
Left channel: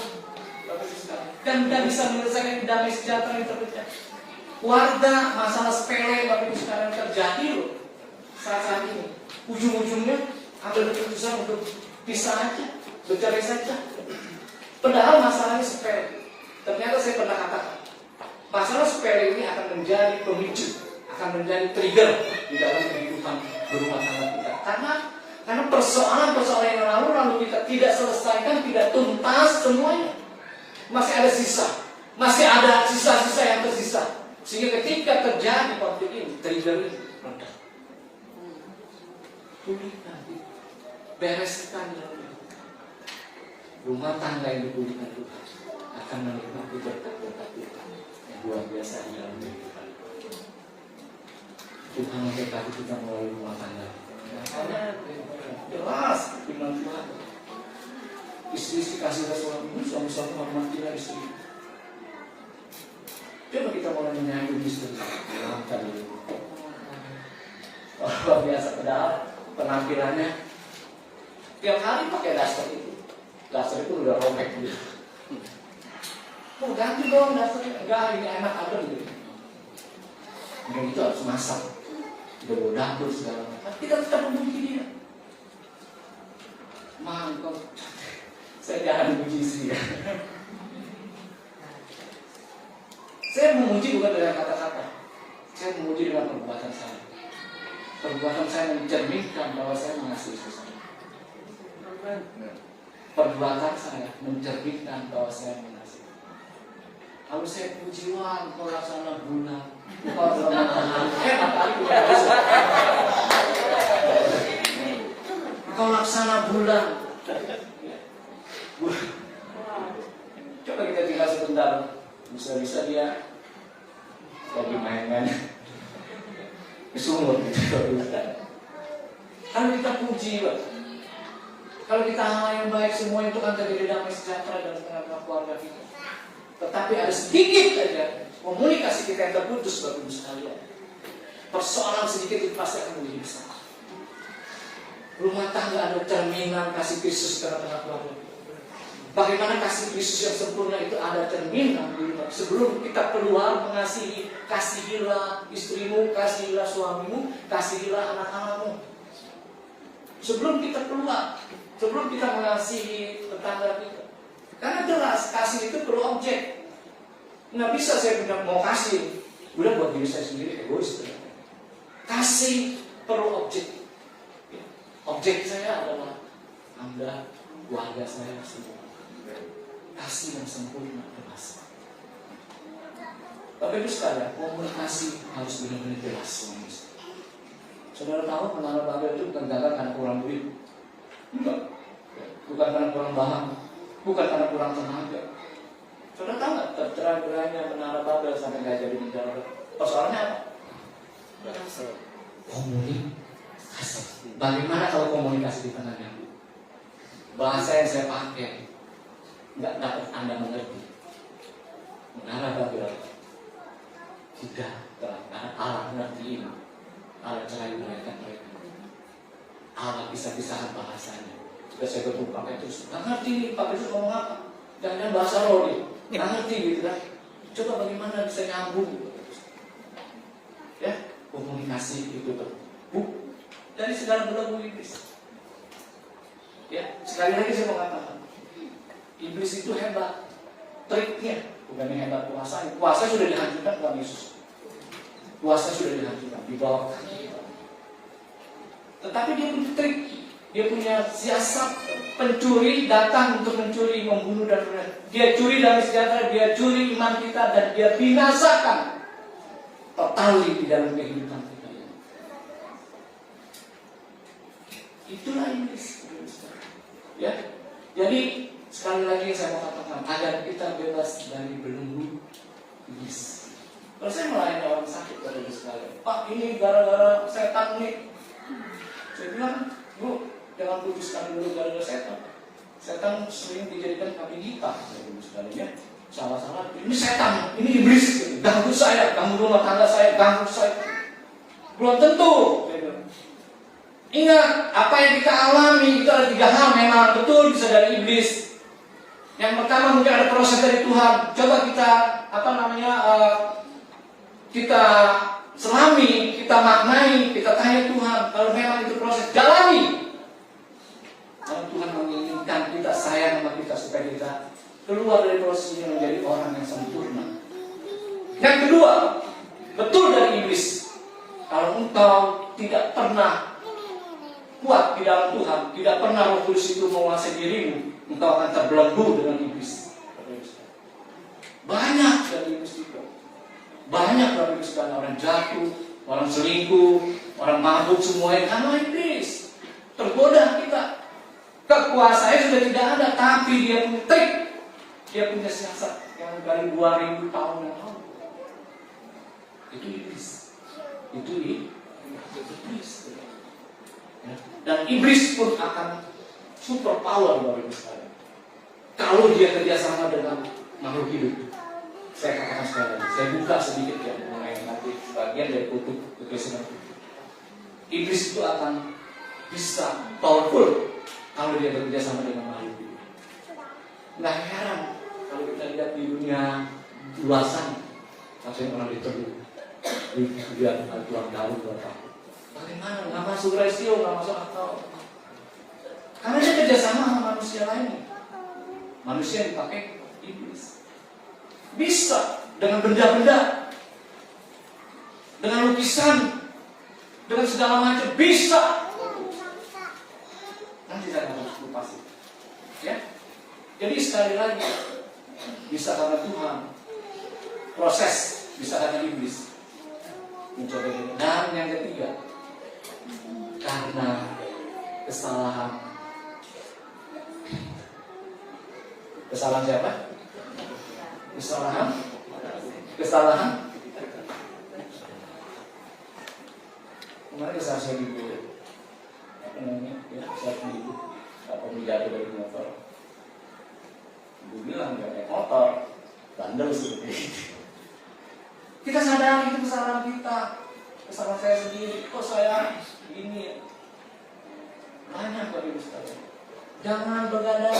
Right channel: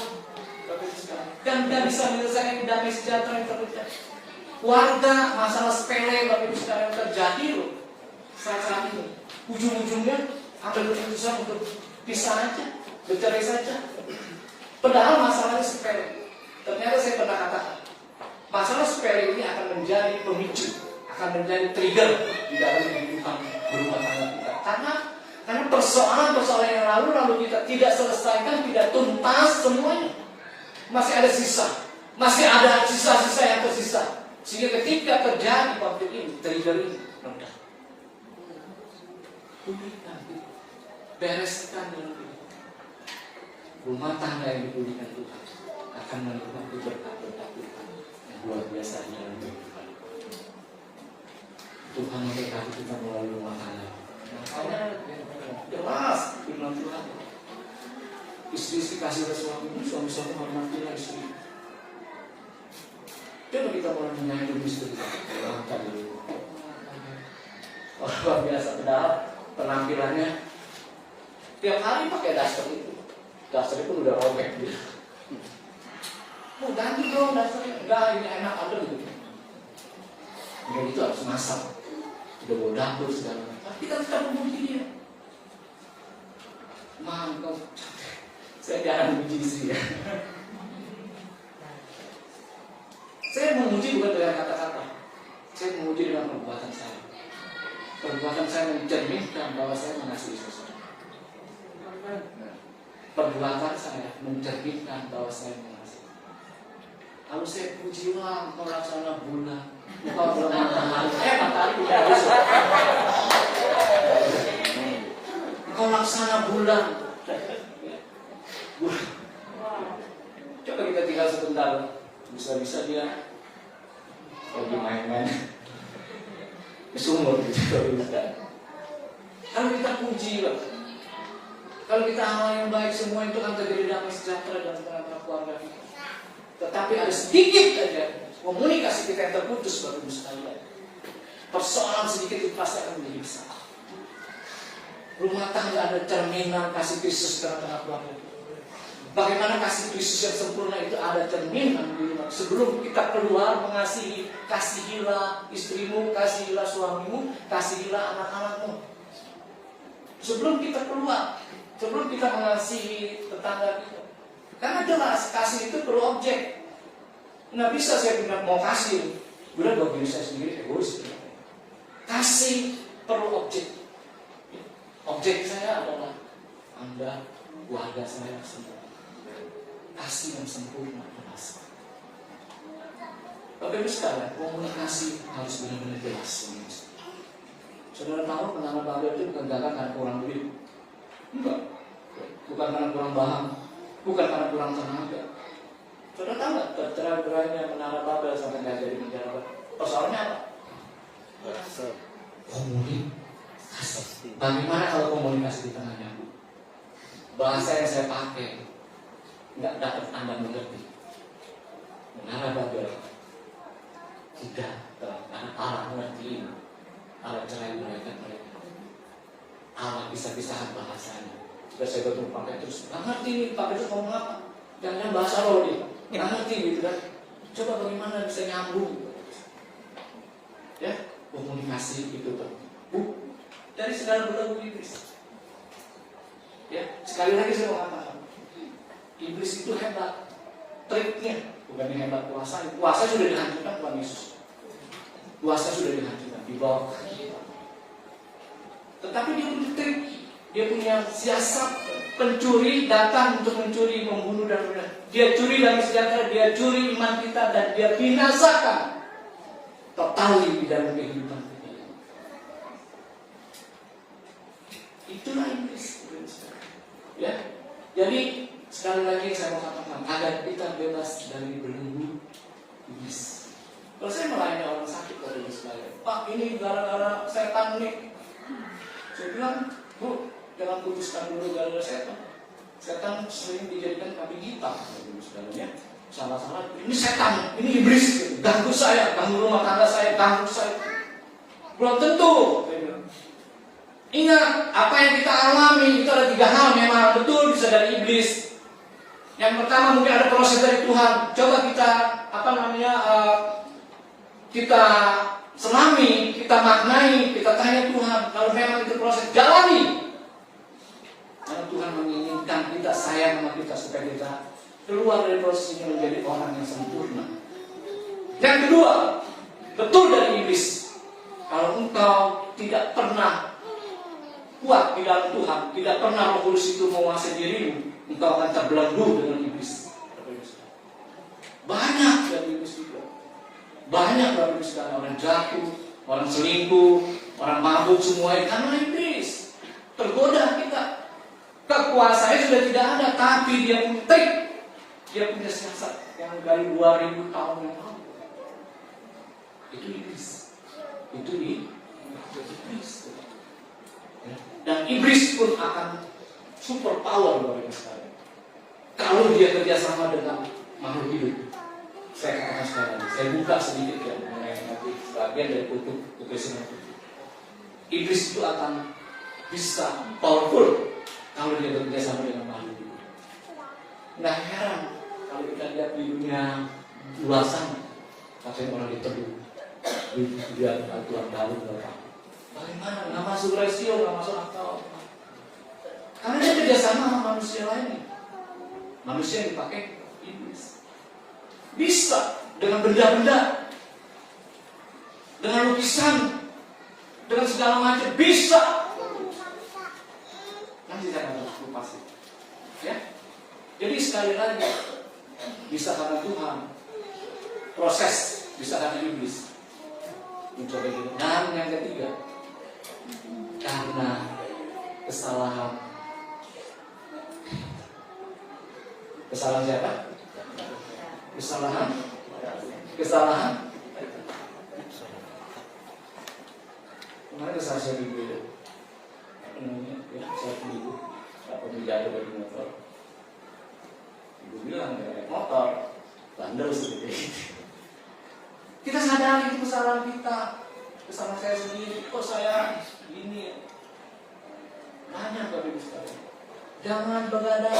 Dan tidak bisa menyelesaikan damai sejahtera yang terjadi. Warga masalah sepele Bapak Ibu sekarang terjadi loh saat ini. Ujung-ujungnya ambil keputusan untuk pisah aja, bercerai saja. Padahal masalahnya sepele. Ternyata saya pernah katakan, masalah sepele ini akan menjadi pemicu, akan menjadi trigger di dalam kehidupan berumah tangga kita. Karena persoalan-persoalan yang lalu kita tidak selesaikan, tidak tuntas semuanya. Masih ada sisa, masih ada sisa-sisa yang tersisa. Sehingga ketika terjadi konflik ini, trigger ini meledak. Pulihkan, bereskan rumah tangga yang dipulihkan itu akan menikmati berkat-berkat Tuhan yang luar biasa di dalam kehidupan. Tuhan memberkati kita melalui rumah tangga. Makanya jelas firman Tuhan. Istri-istri kasih suami, suami-suami hormatilah istri. Coba kita mulai menyayangi istri. Luar biasa pedal penampilannya. Tiap hari pakai daster itu. Daster itu udah robek gitu. Mau ganti dong dasternya. Enggak, ini enak ada gitu. Kemudian itu harus masak. Udah mau dapur segala macam. Tapi kita tetap memuji dia. Mantap. Saya jangan memuji sih ya. Saya memuji bukan dengan kata-kata. Saya memuji dengan perbuatan saya. Perbuatan saya mencerminkan bahwa saya mengasihi seseorang. Perbuatan saya mencerminkan bahwa saya mengasihi. Kalau saya puji, wah, mau laksana bulan. Kalau matahari udah habis. Kau laksana bulan. Coba kita tinggal sebentar. Bisa-bisa dia lagi main-main ke sumur gitu. Kalau kita puji, kalau kita hal yang baik, semua itu akan terjadi damai sejahtera dan tengah-tengah keluarga kita. Tetapi ada sedikit saja komunikasi kita yang terputus, Bapak Ibu sekalian. Persoalan sedikit itu pasti akan menjadi besar. Rumah tangga ada cerminan kasih Kristus tengah-tengah keluarga kita. Bagaimana kasih Kristus yang sempurna itu ada cerminan di rumah. Sebelum kita keluar mengasihi, kasihilah istrimu, kasihilah suamimu, kasihilah anak-anakmu. Sebelum kita keluar, sebelum kita mengasihi tetangga kita. Karena jelas kasih itu perlu objek. Nggak bisa saya bilang mau kasih, udah buat diri saya sendiri egois. Kasih perlu objek. Objek saya adalah Anda, keluarga saya semua. Kasih yang sempurna jelas. Bapak Ibu sekalian, komunikasi harus benar-benar jelas. Saudara tahu menara Babel itu bukan gagal karena kurang duit. Enggak. Bukan karena kurang bahan. Bukan karena kurang tenaga. Saudara tahu nggak tercerai-berainya menara Babel sampai nggak jadi menara? Persoalannya apa? Komunikasi. Bagaimana kalau komunikasi di tengahnya? Bahasa yang saya pakai nggak dapat Anda mengerti. Menara Babel tidak karena Allah mengerti ini. Allah cerai mereka. Allah pisah-pisahan bahasanya. Sudah saya ketemu pakai terus. Nggak ngerti nih pakai terus ngomong apa? Jangan bahasa lo nih. Nggak ngerti gitu kan? Coba bagaimana bisa nyambung? Ya, komunikasi itu terbuk dari segala belenggu iblis. Ya, sekali lagi saya mau katakan. Iblis itu hebat, triknya bukan hebat kuasa. Kuasa sudah dihancurkan Tuhan Yesus. Kuasa sudah dihancurkan, dibawa. Tetapi dia punya trik, dia punya siasat. Pencuri datang untuk mencuri, membunuh dan benar. Dia curi dari sejahtera, dia curi iman kita dan dia binasakan totali di dalam kehidupan kita. Itulah iblis. Ya, jadi sekali lagi saya mau katakan agar kita bebas dari belenggu iblis. Kalau saya melayani orang sakit dari sekalian, Pak ini gara-gara setan nih. Saya bilang, Bu, jangan putuskan dulu gara-gara setan. Setan sering dijadikan kambing hitam, ya. Salah-salah, ini setan, ini iblis, ganggu saya, ganggu rumah tangga saya, ganggu saya. Belum tentu. Ingat, apa yang kita alami itu ada 3 hal memang betul bisa dari iblis. Yang pertama mungkin ada proses dari Tuhan. Coba kita kita selami, kita maknai, kita tanya Tuhan. Kalau memang itu proses, jalani. Kalau Tuhan menginginkan kita sayang sama kita supaya kita keluar dari proses ini menjadi orang yang sempurna. Yang kedua, betul dari iblis. Kalau engkau tidak pernah kuat di dalam Tuhan, tidak pernah Roh Kudus itu menguasai dirimu, engkau akan terbelenggu dengan iblis. Banyak dari iblis itu. Banyak dari iblis, orang jatuh, orang selingkuh, orang mabuk, semuanya karena iblis. Tergoda kita. Kekuasaannya sudah tidak ada, tapi dia punya trik, dia punya siasat yang dari 2000 tahun yang lalu. Itu iblis. Itu iblis. Ya. Dan iblis pun akan super power bagi kita. Kalau dia kerjasama dengan makhluk hidup. Saya katakan sekali, saya buka sedikit ya mengenai nanti bagian dari kutub kekristenan. Iblis itu akan bisa powerful kalau dia bekerjasama dengan makhluk hidup. Nggak heran kalau kita lihat di dunia luar sana, katanya orang diteduh, dia aturan baru berapa? Bagaimana? Nggak masuk rasio, nggak masuk akal. Karena dia kerjasama sama manusia lain. Manusia yang dipakai iblis. Bisa dengan benda-benda, dengan lukisan, dengan segala macam bisa. Nanti saya akan pasti. Ya. Jadi sekali lagi bisa karena Tuhan, proses bisa karena iblis. Mencoba ini. Dan yang ketiga, karena kesalahan. Kesalahan siapa? Kesalahan. Kemarin kesalahan saya ibu. Apa namanya? Ya, saya ibu. Apa menjadi dari motor? Ibu bilang dia naik motor, bandel seperti itu. Kita sadari itu kesalahan kita, kesalahan saya sendiri. Kok saya gini ya? Banyak Bapak Ibu sekalian. Jangan begadang,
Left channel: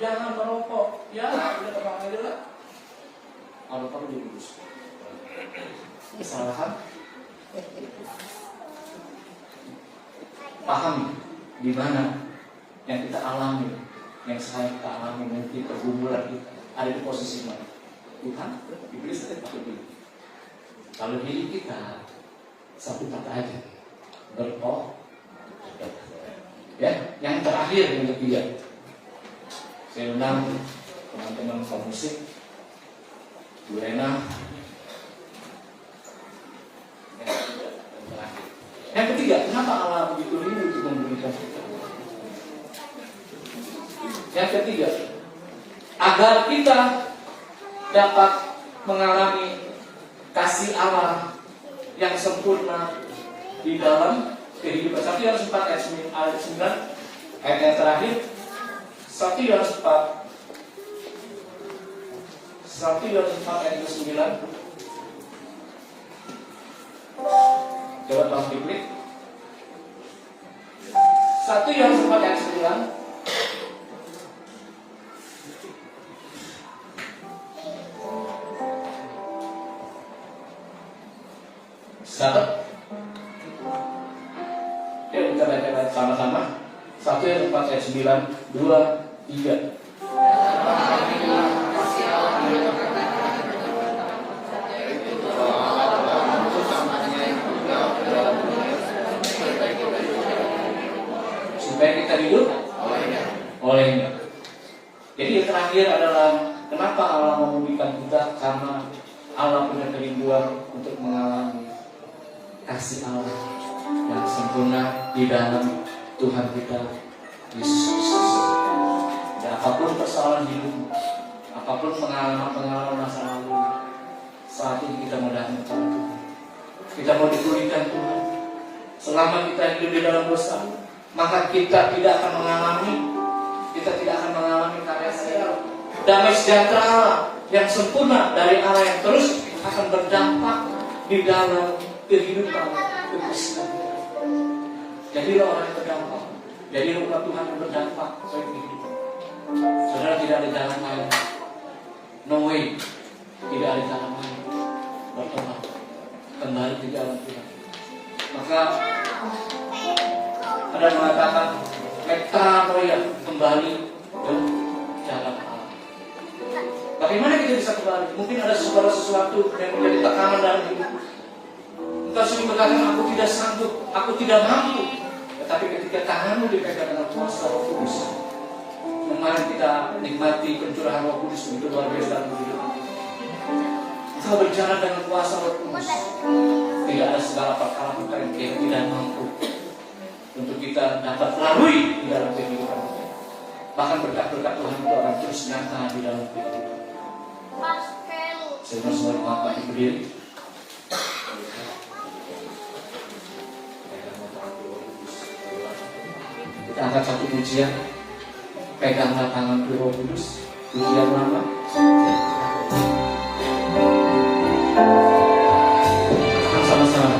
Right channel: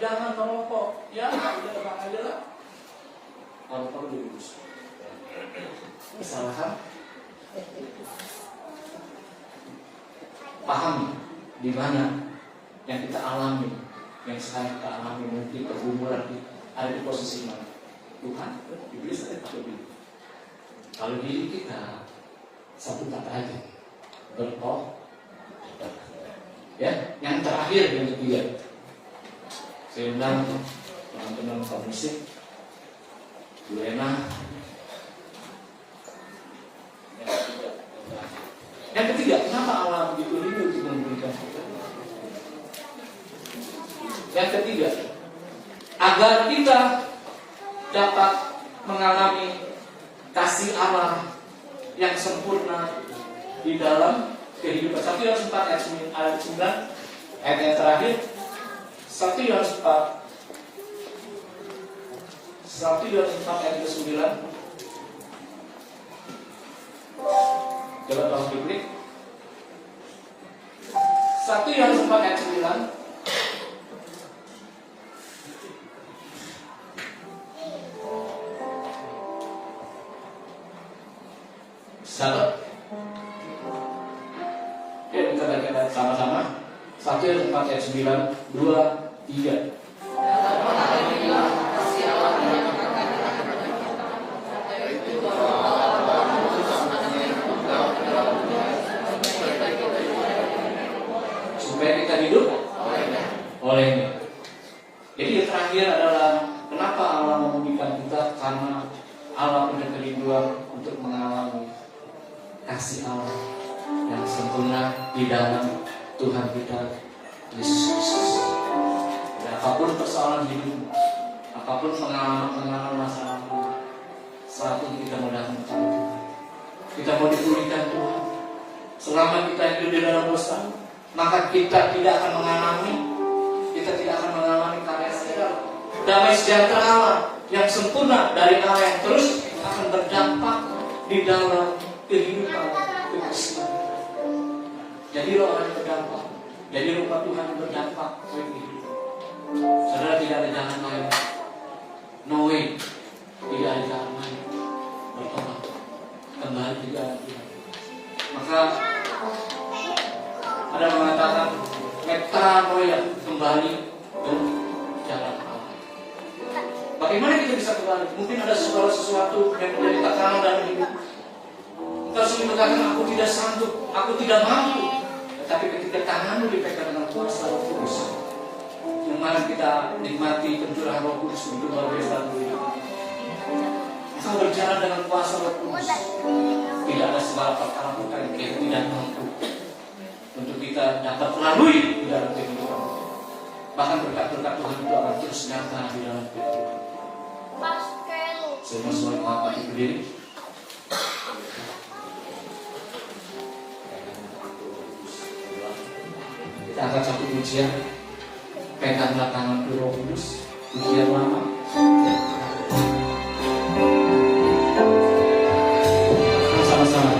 jangan merokok. Ya, udah tenang aja lah. Kalau perlu diurus. Kesalahan. Pahami di mana yang kita alami, yang saya kita alami mungkin pergumulan kita ada di posisi mana. Tuhan, iblis tetap lebih. Kalau diri kita satu kata aja, berdoa. Ya, yang terakhir yang ketiga, saya undang teman-teman pemusik, Bu Rena. Yang ketiga, kenapa Allah begitu rindu untuk memberikan kita? Yang ketiga, agar kita dapat mengalami kasih Allah yang sempurna di dalam kehidupan. 1 Yohanes 4 ayat 9, ayat yang terakhir. 1 Yohanes 4 ayat 9. Coba tolong diklik. 1 Yohanes 4 ayat 9. Sahabat, ya kita baca sama-sama. 1 Yohanes 4 ayat 9, 2, 3. Supaya kita hidup olehnya. Jadi yang terakhir adalah kenapa Allah memberikan kita, karena Allah punya kerinduan untuk mengalami kasih Allah yang sempurna di dalam Tuhan kita Yesus Kristus. Dan apapun persoalan hidup, apapun pengalaman masa lalu, Saat ini kita mau datang kepada Tuhan. Kita mau dipulihkan Tuhan. Selama kita hidup di dalam dosa, maka kita tidak akan mengalami karya damai sejahtera Allah yang sempurna dari Allah yang terus akan berdampak di dalam kehidupan kekristenan. Jadi orang yang berdampak, jadi rumah Tuhan yang berdampak bagi hidup. Saudara, tidak ada jalan lain. No way. Tidak ada jalan lain. Bertobat kembali ke dalam Tuhan. Maka ada mengatakan metanoia, kembali ke jalan Allah. Bagaimana kita bisa kembali? Mungkin ada sesuatu yang menjadi tekanan dalam hidup. Engkau sering berkata, aku tidak sanggup, aku tidak mampu. Tetapi ketika tanganmu dipegang dengan kuasa Roh Kudus, kemarin kita nikmati pencurahan Roh Kudus begitu luar biasa dalam hidup. Kita berjalan dengan kuasa Roh Kudus. Tidak ada segala perkara yang kita tidak mampu untuk kita dapat lalui di dalam kehidupan. Bahkan berkat-berkat Tuhan itu akan terus nyata di dalam kehidupan. Semua mau mati berdiri. Kita akan satu pujian. Peganglah tangan Roh Kudus. Pujian lama. Sama-sama.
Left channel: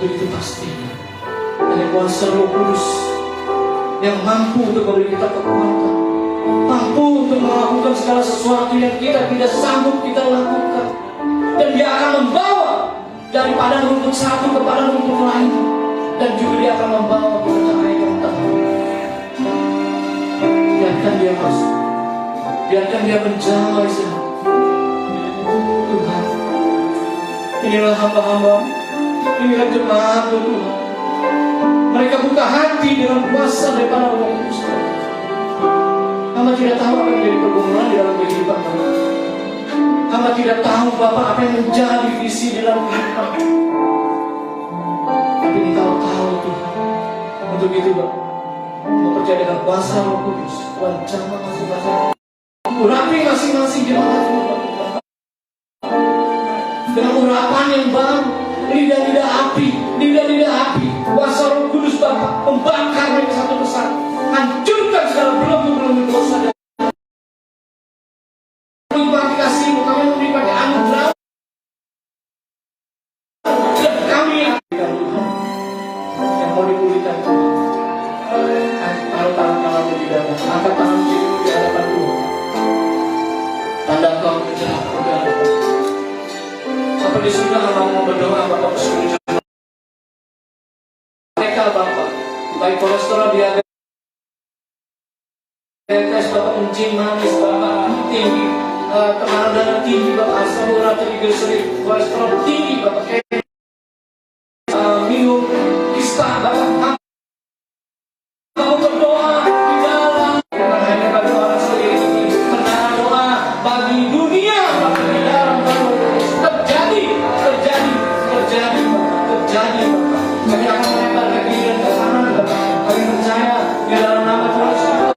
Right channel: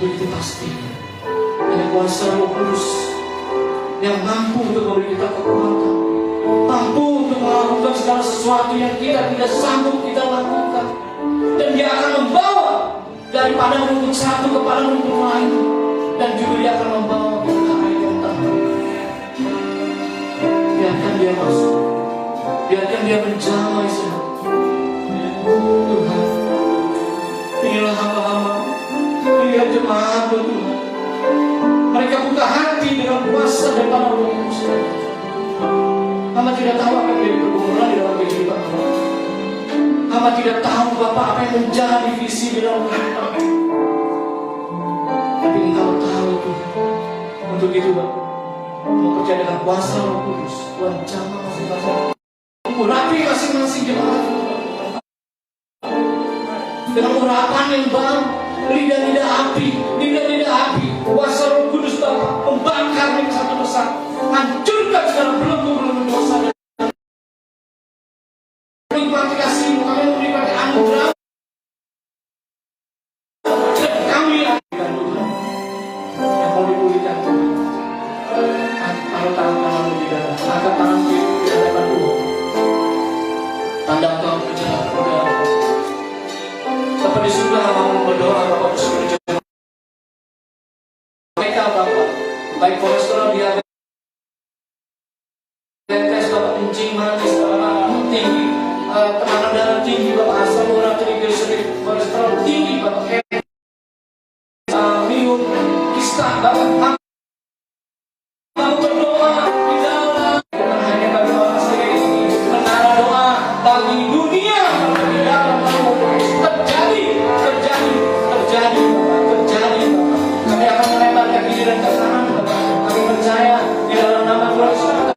Untuk itu pasti hanya kuasa Roh Kudus yang mampu untuk memberi kita kekuatan, mampu untuk melakukan segala sesuatu yang kita tidak sanggup kita lakukan. Dan Dia akan membawa dari padang rumput satu ke padang rumput lain, dan juga Dia akan membawa kita ke air yang tenang. Biarkan Dia masuk, biarkan Dia menjamah di sana. Tuhan, inilah hamba-hamba, inilah jemaat Tuhan. Mereka buka hati dengan kuasa daripada Roh Kudus. Hamba tidak tahu apa yang menjadi pergumulan di dalam kehidupan mereka. Hamba tidak tahu Bapak apa yang menjadi visi di dalam kehidupan mereka. Tapi Engkau tahu Tuhan. Untuk itu Bapak, mau percaya dengan kuasa Roh Kudus, wajahnya masing-masing, urapi masing-masing jemaat Tuhan. Dengan urapan yang baru, lidah-lidah api, kuasa Roh Kudus Bapak membakar mereka satu persatu, hancurkan segala belenggu-belenggu dosa. Menikmati kasih-Mu, kami menikmati anugerah dan kami akan Tuhan yang mau dipulihkan Tuhan. Taruh tangan kananmu di dada, angkat tangan kirimu di hadapan Tuhan. Tanda Engkau menjadi udara. Bapak di surga mau berdoa Bapak di surga. Mereka Bapak, baik kolesterol, diabetes, Bapak kencing manis, Bapak tinggi, tekanan darah tinggi, Bapak asam urat, trigliserid, kolesterol tinggi, Bapak minum kista, Bapak mau berdoa di dalam, karena hanya bagi orang sendiri menara doa bagi dunia, bagi dalam terjadi. Kami akan melemparkan diri dan ke kanan, Bapak. Kami percaya di dalam nama Tuhan Yesus.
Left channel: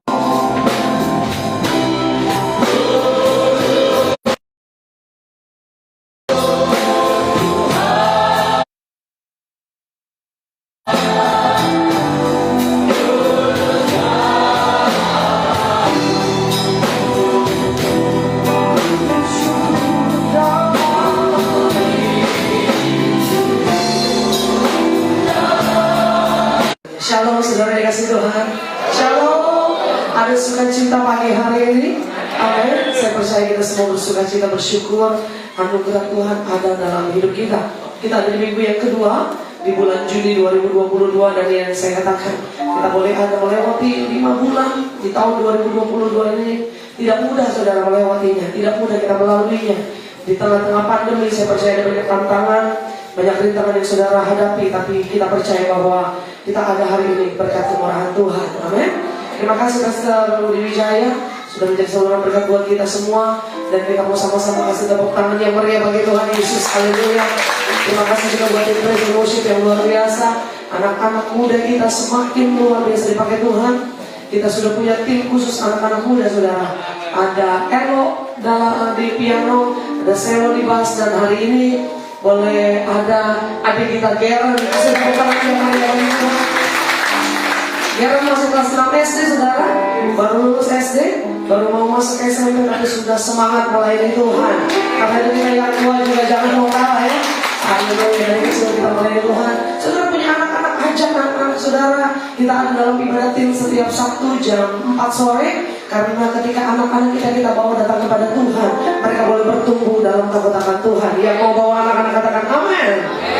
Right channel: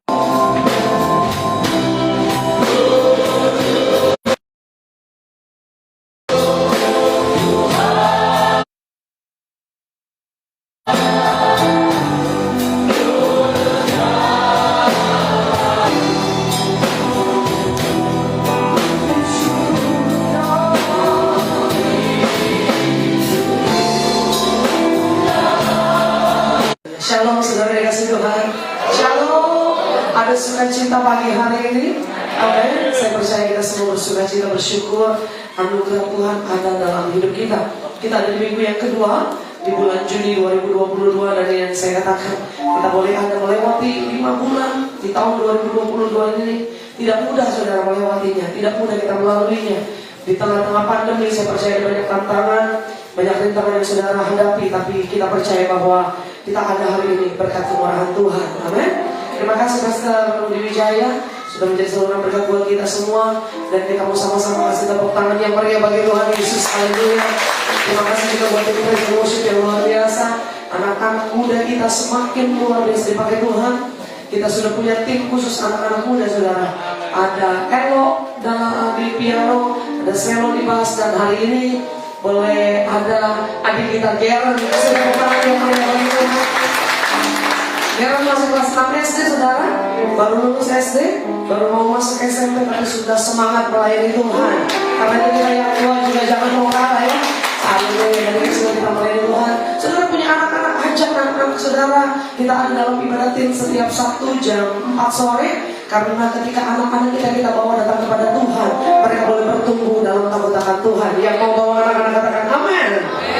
Shalom saudara dikasih Tuhan. Shalom. Ada sukacita pagi hari ini. Amin. Saya percaya kita semua bersukacita, bersyukur anugerah Tuhan ada dalam hidup kita. Kita ada minggu yang kedua di bulan Juni 2022, dan yang saya katakan kita boleh ada melewati 5 bulan di tahun 2022 ini. Tidak mudah saudara melewatinya, tidak mudah kita melaluinya. Di tengah-tengah pandemi saya percaya ada banyak tantangan, banyak rintangan yang saudara hadapi, tapi kita percaya bahwa kita ada hari ini berkat kemurahan Tuhan. Amin. Terima kasih Pastor Rudi Wijaya sudah menjadi seorang berkat buat kita semua, dan kita mau sama-sama kasih tepuk tangan yang meriah bagi Tuhan Yesus. Haleluya. Terima kasih juga buat tim praise and worship yang luar biasa. Anak-anak muda kita semakin luar biasa dipakai Tuhan. Kita sudah punya tim khusus anak-anak muda saudara. Ada Elo di piano, ada Selo di bass, dan hari ini boleh ada adik kita Geren. Kasih tepuk tangan yang meriah bagi Tuhan. Geren masuk kelas 6 SD saudara, baru lulus SD, baru mau masuk SMP, tapi sudah semangat melayani Tuhan. Karena itu kita yang tua juga jangan mau kalah ya. Haleluya, dari kecil kita melayani Tuhan. Saudara punya anak-anak, ajak anak-anak saudara. Kita ada dalam ibadatin setiap Sabtu jam 4 sore. Karena ketika anak-anak kita bawa datang kepada Tuhan, mereka boleh bertumbuh dalam takut akan Tuhan. Yang mau bawa anak-anak katakan amin.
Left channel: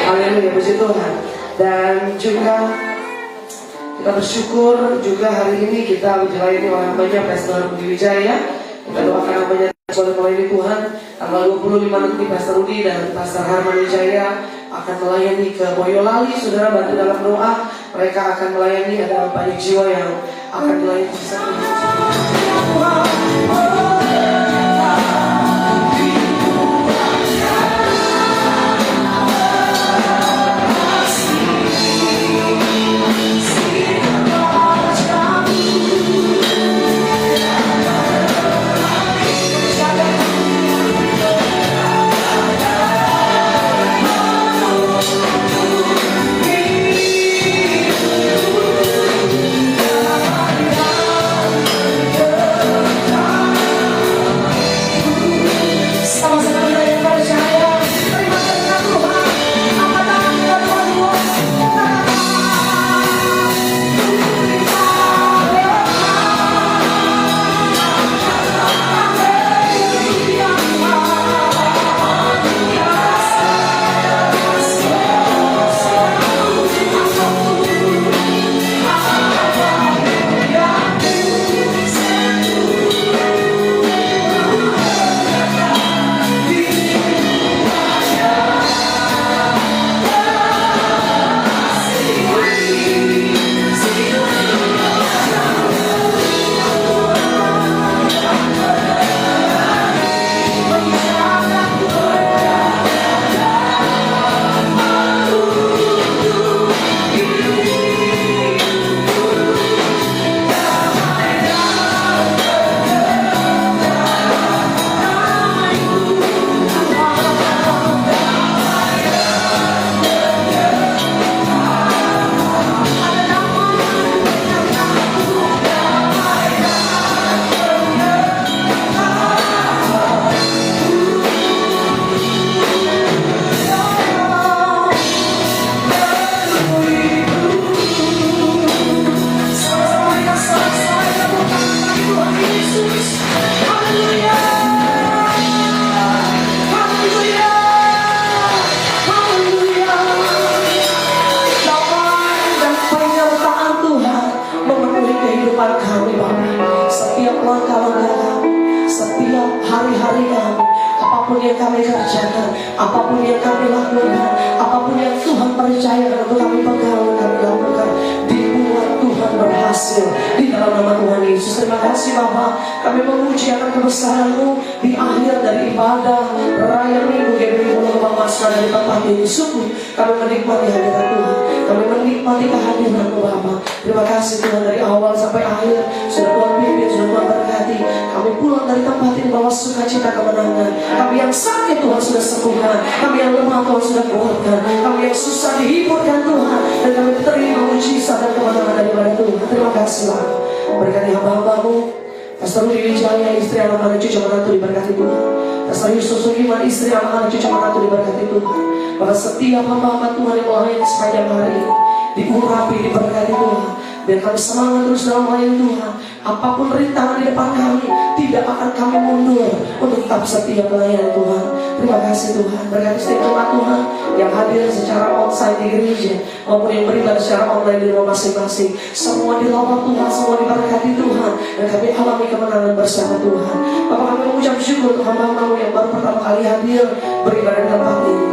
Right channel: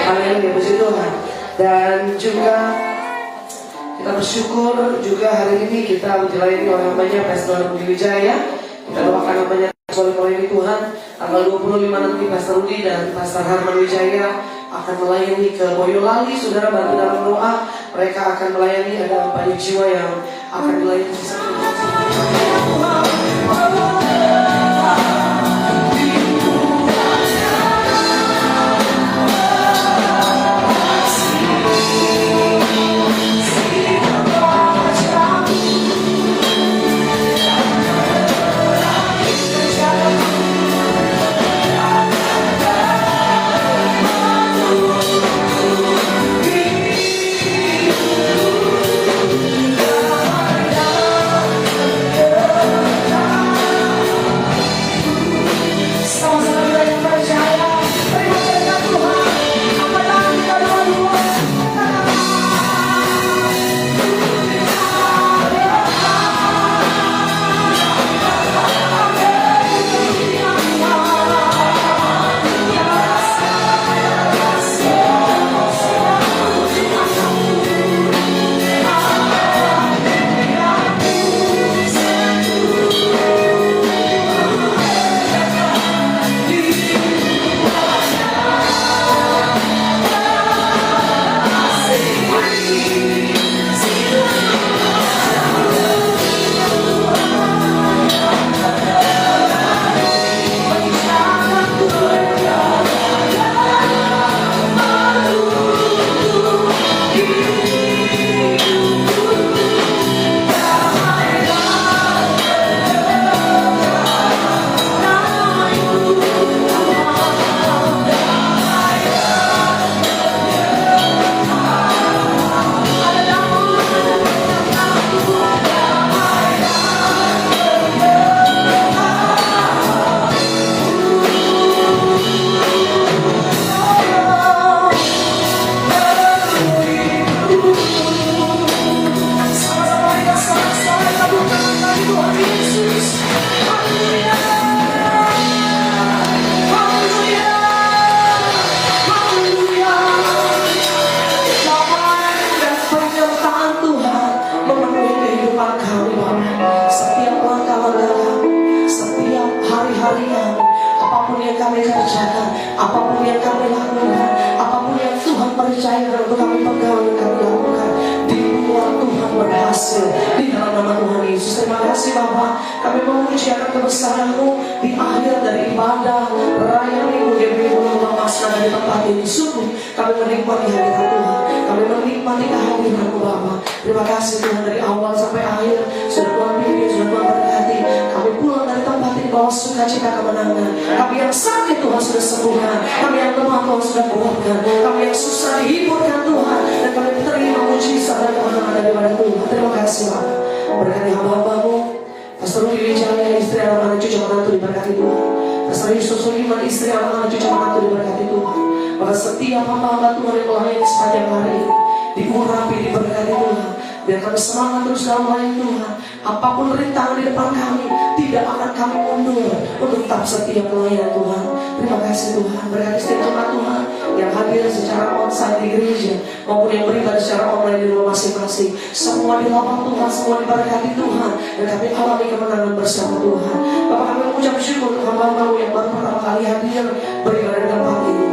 Haleluya, puji Tuhan. Dan juga kita bersyukur juga hari ini kita dilayani oleh hambanya Pastor Rudi Wijaya. Kita doakan hambanya soleh melayani Tuhan. Tanggal 25 nanti Pastor Rudi dan Pastor Herman Wijaya akan melayani ke Boyolali. Saudara bantu dalam doa. Mereka akan melayani, ada banyak jiwa yang akan dilayani di satu. Apapun yang kami lakukan, apapun yang Tuhan percayakan untuk kami pegang, kami lakukan. Dibuat Tuhan berhasil di dalam nama Tuhan Yesus. Terima kasih Bapa. Kami memuji akan kebesaran-Mu di akhir dari ibadah raya minggu yang minggu Masna di tempat ini. Sungguh kami menikmati hadirat Tuhan. Kami menikmati kehadiran-Mu Bapa. Terima kasih Tuhan, dari awal sampai akhir sudah Tuhan pimpin, sudah Tuhan berkati. Kami pulang dari tempat ini bawa sukacita kemenangan. Kami yang sakit Tuhan sudah sembuhkan, kami yang lemah Tuhan sudah kuatkan, kami yang susah dihiburkan Tuhan, dan kami terima mujizat dan kemenangan daripada Tuhan. Terima kasih Bapa. Berkati hamba-Mu Pastor Rudi Wijaya, istri, anak-anak, cucu, menantu diberkati Tuhan. Pastor Yusuf Sugiman, istri, anak-anak, cucu, menantu diberkati Tuhan. Bahwa setiap hamba-hamba Tuhan yang melayani sepanjang hari diurapi, diberkati Tuhan. Biar kami semangat terus dalam melayani Tuhan. Apapun rintangan di depan kami, tidak akan kami mundur untuk tetap setia melayani Tuhan. Terima kasih Tuhan. Berkati setiap jemaat Tuhan yang hadir secara onsite di gereja maupun yang beribadah secara online di rumah masing-masing. Semua dilawat Tuhan, semua diberkati Tuhan, dan kami alami kemenangan bersama Tuhan. Bapak, kami mengucap syukur untuk hamba-Mu yang baru pertama kali hadir beribadah di tempat ini.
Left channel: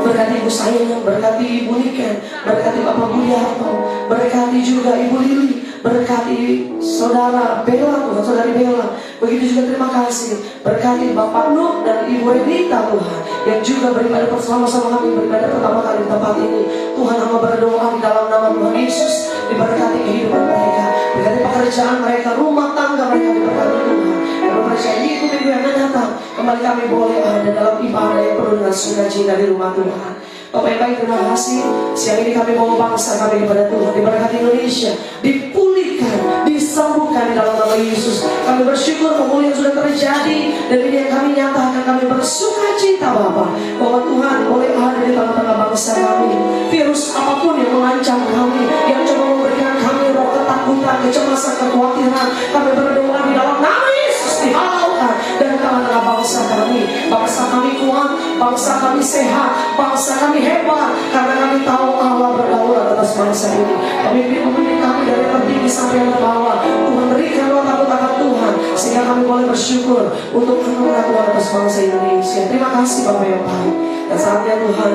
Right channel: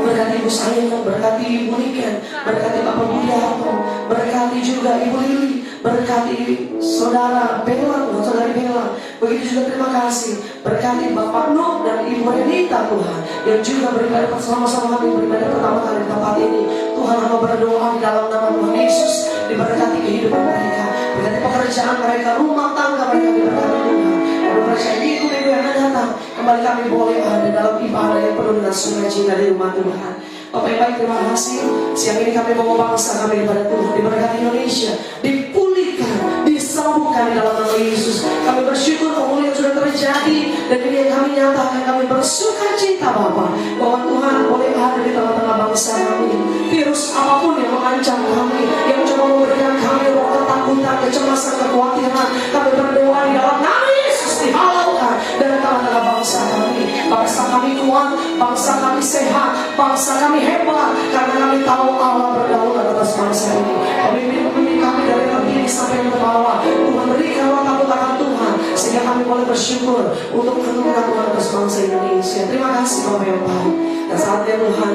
Berkati Ibu Sayang, berkati Ibu Niken, berkati Bapak Budiarto, berkati juga Ibu Lili, berkati Saudara Bella, Tuhan, Saudari Bella. Begitu juga terima kasih berkati Bapak Nuh dan Ibu Renita Tuhan, yang juga beribadah bersama-sama kami beribadah pertama kali di tempat ini. Tuhan, hamba berdoa di dalam nama Tuhan Yesus, diberkati kehidupan mereka, berkati pekerjaan mereka, rumah tangga mereka diberkati Tuhan. Kami percaya minggu yang akan datang kembali kami boleh ada dalam ibadah yang penuh dengan sukacita di rumah Tuhan. Bapak yang baik, terima kasih. Siang ini kami mau bangsa kami kepada Tuhan, diberkati Indonesia, dipulihkan, disembuhkan di dalam nama Yesus. Kami bersyukur pemulihan sudah terjadi, dan ini yang kami nyatakan, kami bersukacita Bapak, bahwa Tuhan boleh ada di tengah-tengah bangsa kami. Virus apapun yang mengancam kami, yang coba memberikan kami ketakutan, kecemasan, kekhawatiran, kami berdoa di dalam nama Yesus dihalaukan dari tengah-tengah bangsa kami. Bangsa kami kuat, bangsa kami sehat, bangsa kami hebat, karena kami tahu Allah berdaulat atas bangsa ini. Pemimpin-pemimpin kami dari yang tertinggi sampai yang bawah, Tuhan berikan roh takut akan Tuhan, sehingga kami boleh bersyukur untuk anugerah Tuhan atas bangsa Indonesia. Terima kasih Bapak yang baik. Dan saatnya Tuhan,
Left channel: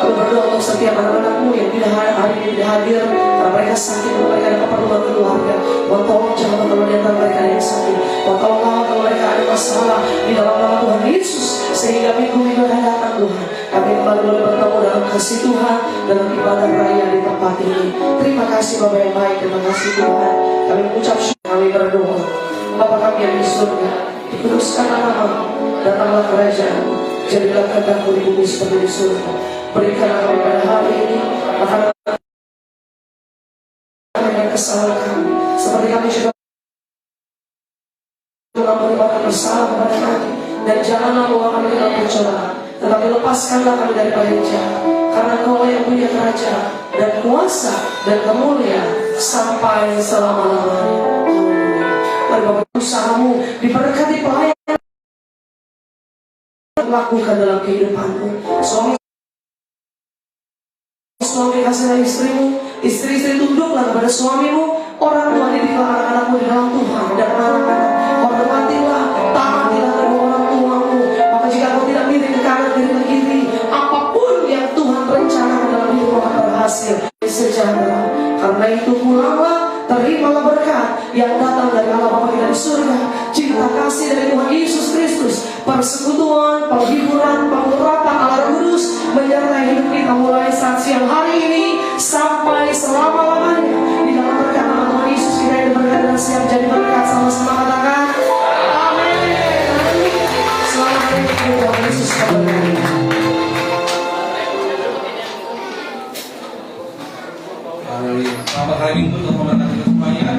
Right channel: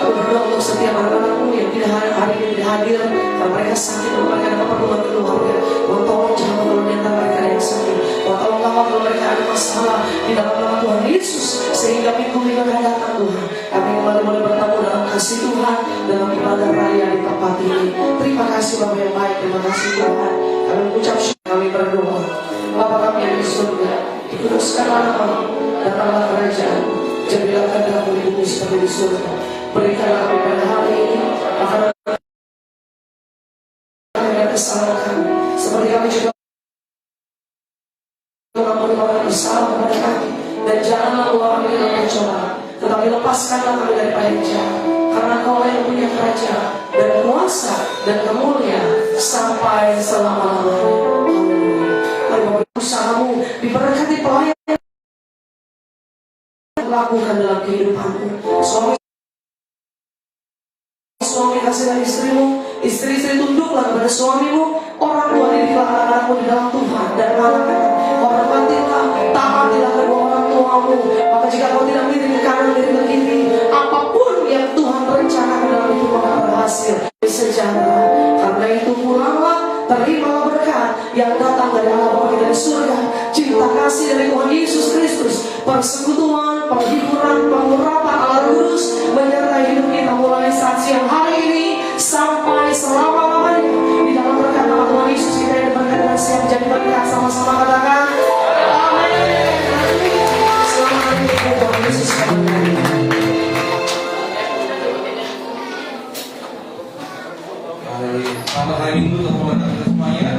kami berdoa untuk setiap anak-anak-Mu yang tidak hari ini tidak hadir, karena mereka sakit, mereka ada keperluan keluarga. Tuhan, tolong jangan menentang mereka yang sakit. Tuhan, tolong kawal kalau mereka ada masalah di dalam nama Tuhan Yesus, sehingga minggu-minggu akan datang Tuhan, kami kembali boleh bertemu dalam kasih Tuhan, dalam ibadah raya di tempat ini. Terima kasih Bapak yang baik, terima kasih Tuhan. Kami mengucap syukur, kami berdoa. Bapa kami yang di surga, dikuduskanlah nama-Mu, datanglah kerajaan-Mu, jadilah kehendak-Mu di bumi seperti di surga. Berikanlah kami pada hari ini makanan dan kesalahan kami, seperti kami juga mengampuni orang yang bersalah kepada kami, dan janganlah bawa kami ke dalam pencobaan, tetapi lepaskanlah kami daripada yang jahat, karena Kau yang punya kerajaan dan kuasa dan kemuliaan sampai selama-lamanya. Mari Bapak, usaha-Mu diberkati, pelayanan lakukan dalam kehidupan-Mu. Suami kasihlah istrimu, istri-istri tunduklah kepada suamimu, orang tua didiklah anak-anakmu di dalam Tuhan, dan anak-anak hormatilah, taatilah kedua orang tuamu. Maka jika kau tidak miring ke kanan, miring ke kiri, apapun yang Tuhan rencanakan dalam hidup akan berhasil, sejahtera. Karena itu pulanglah, terimalah berkat yang datang dari Allah Bapa kita di surga, cinta kasih dari Tuhan Yesus Kristus, persekutuan, penghiburan, pengurapan Allah Kudus menyertai hidup kita mulai saat siang hari ini sampai selama-lamanya. Di dalam berkat nama Tuhan Yesus kita yang berkat dan siap jadi berkat, sama-sama katakan amin. Selamat hari Tuhan Yesus. Selamat hari Minggu untuk teman-teman semuanya.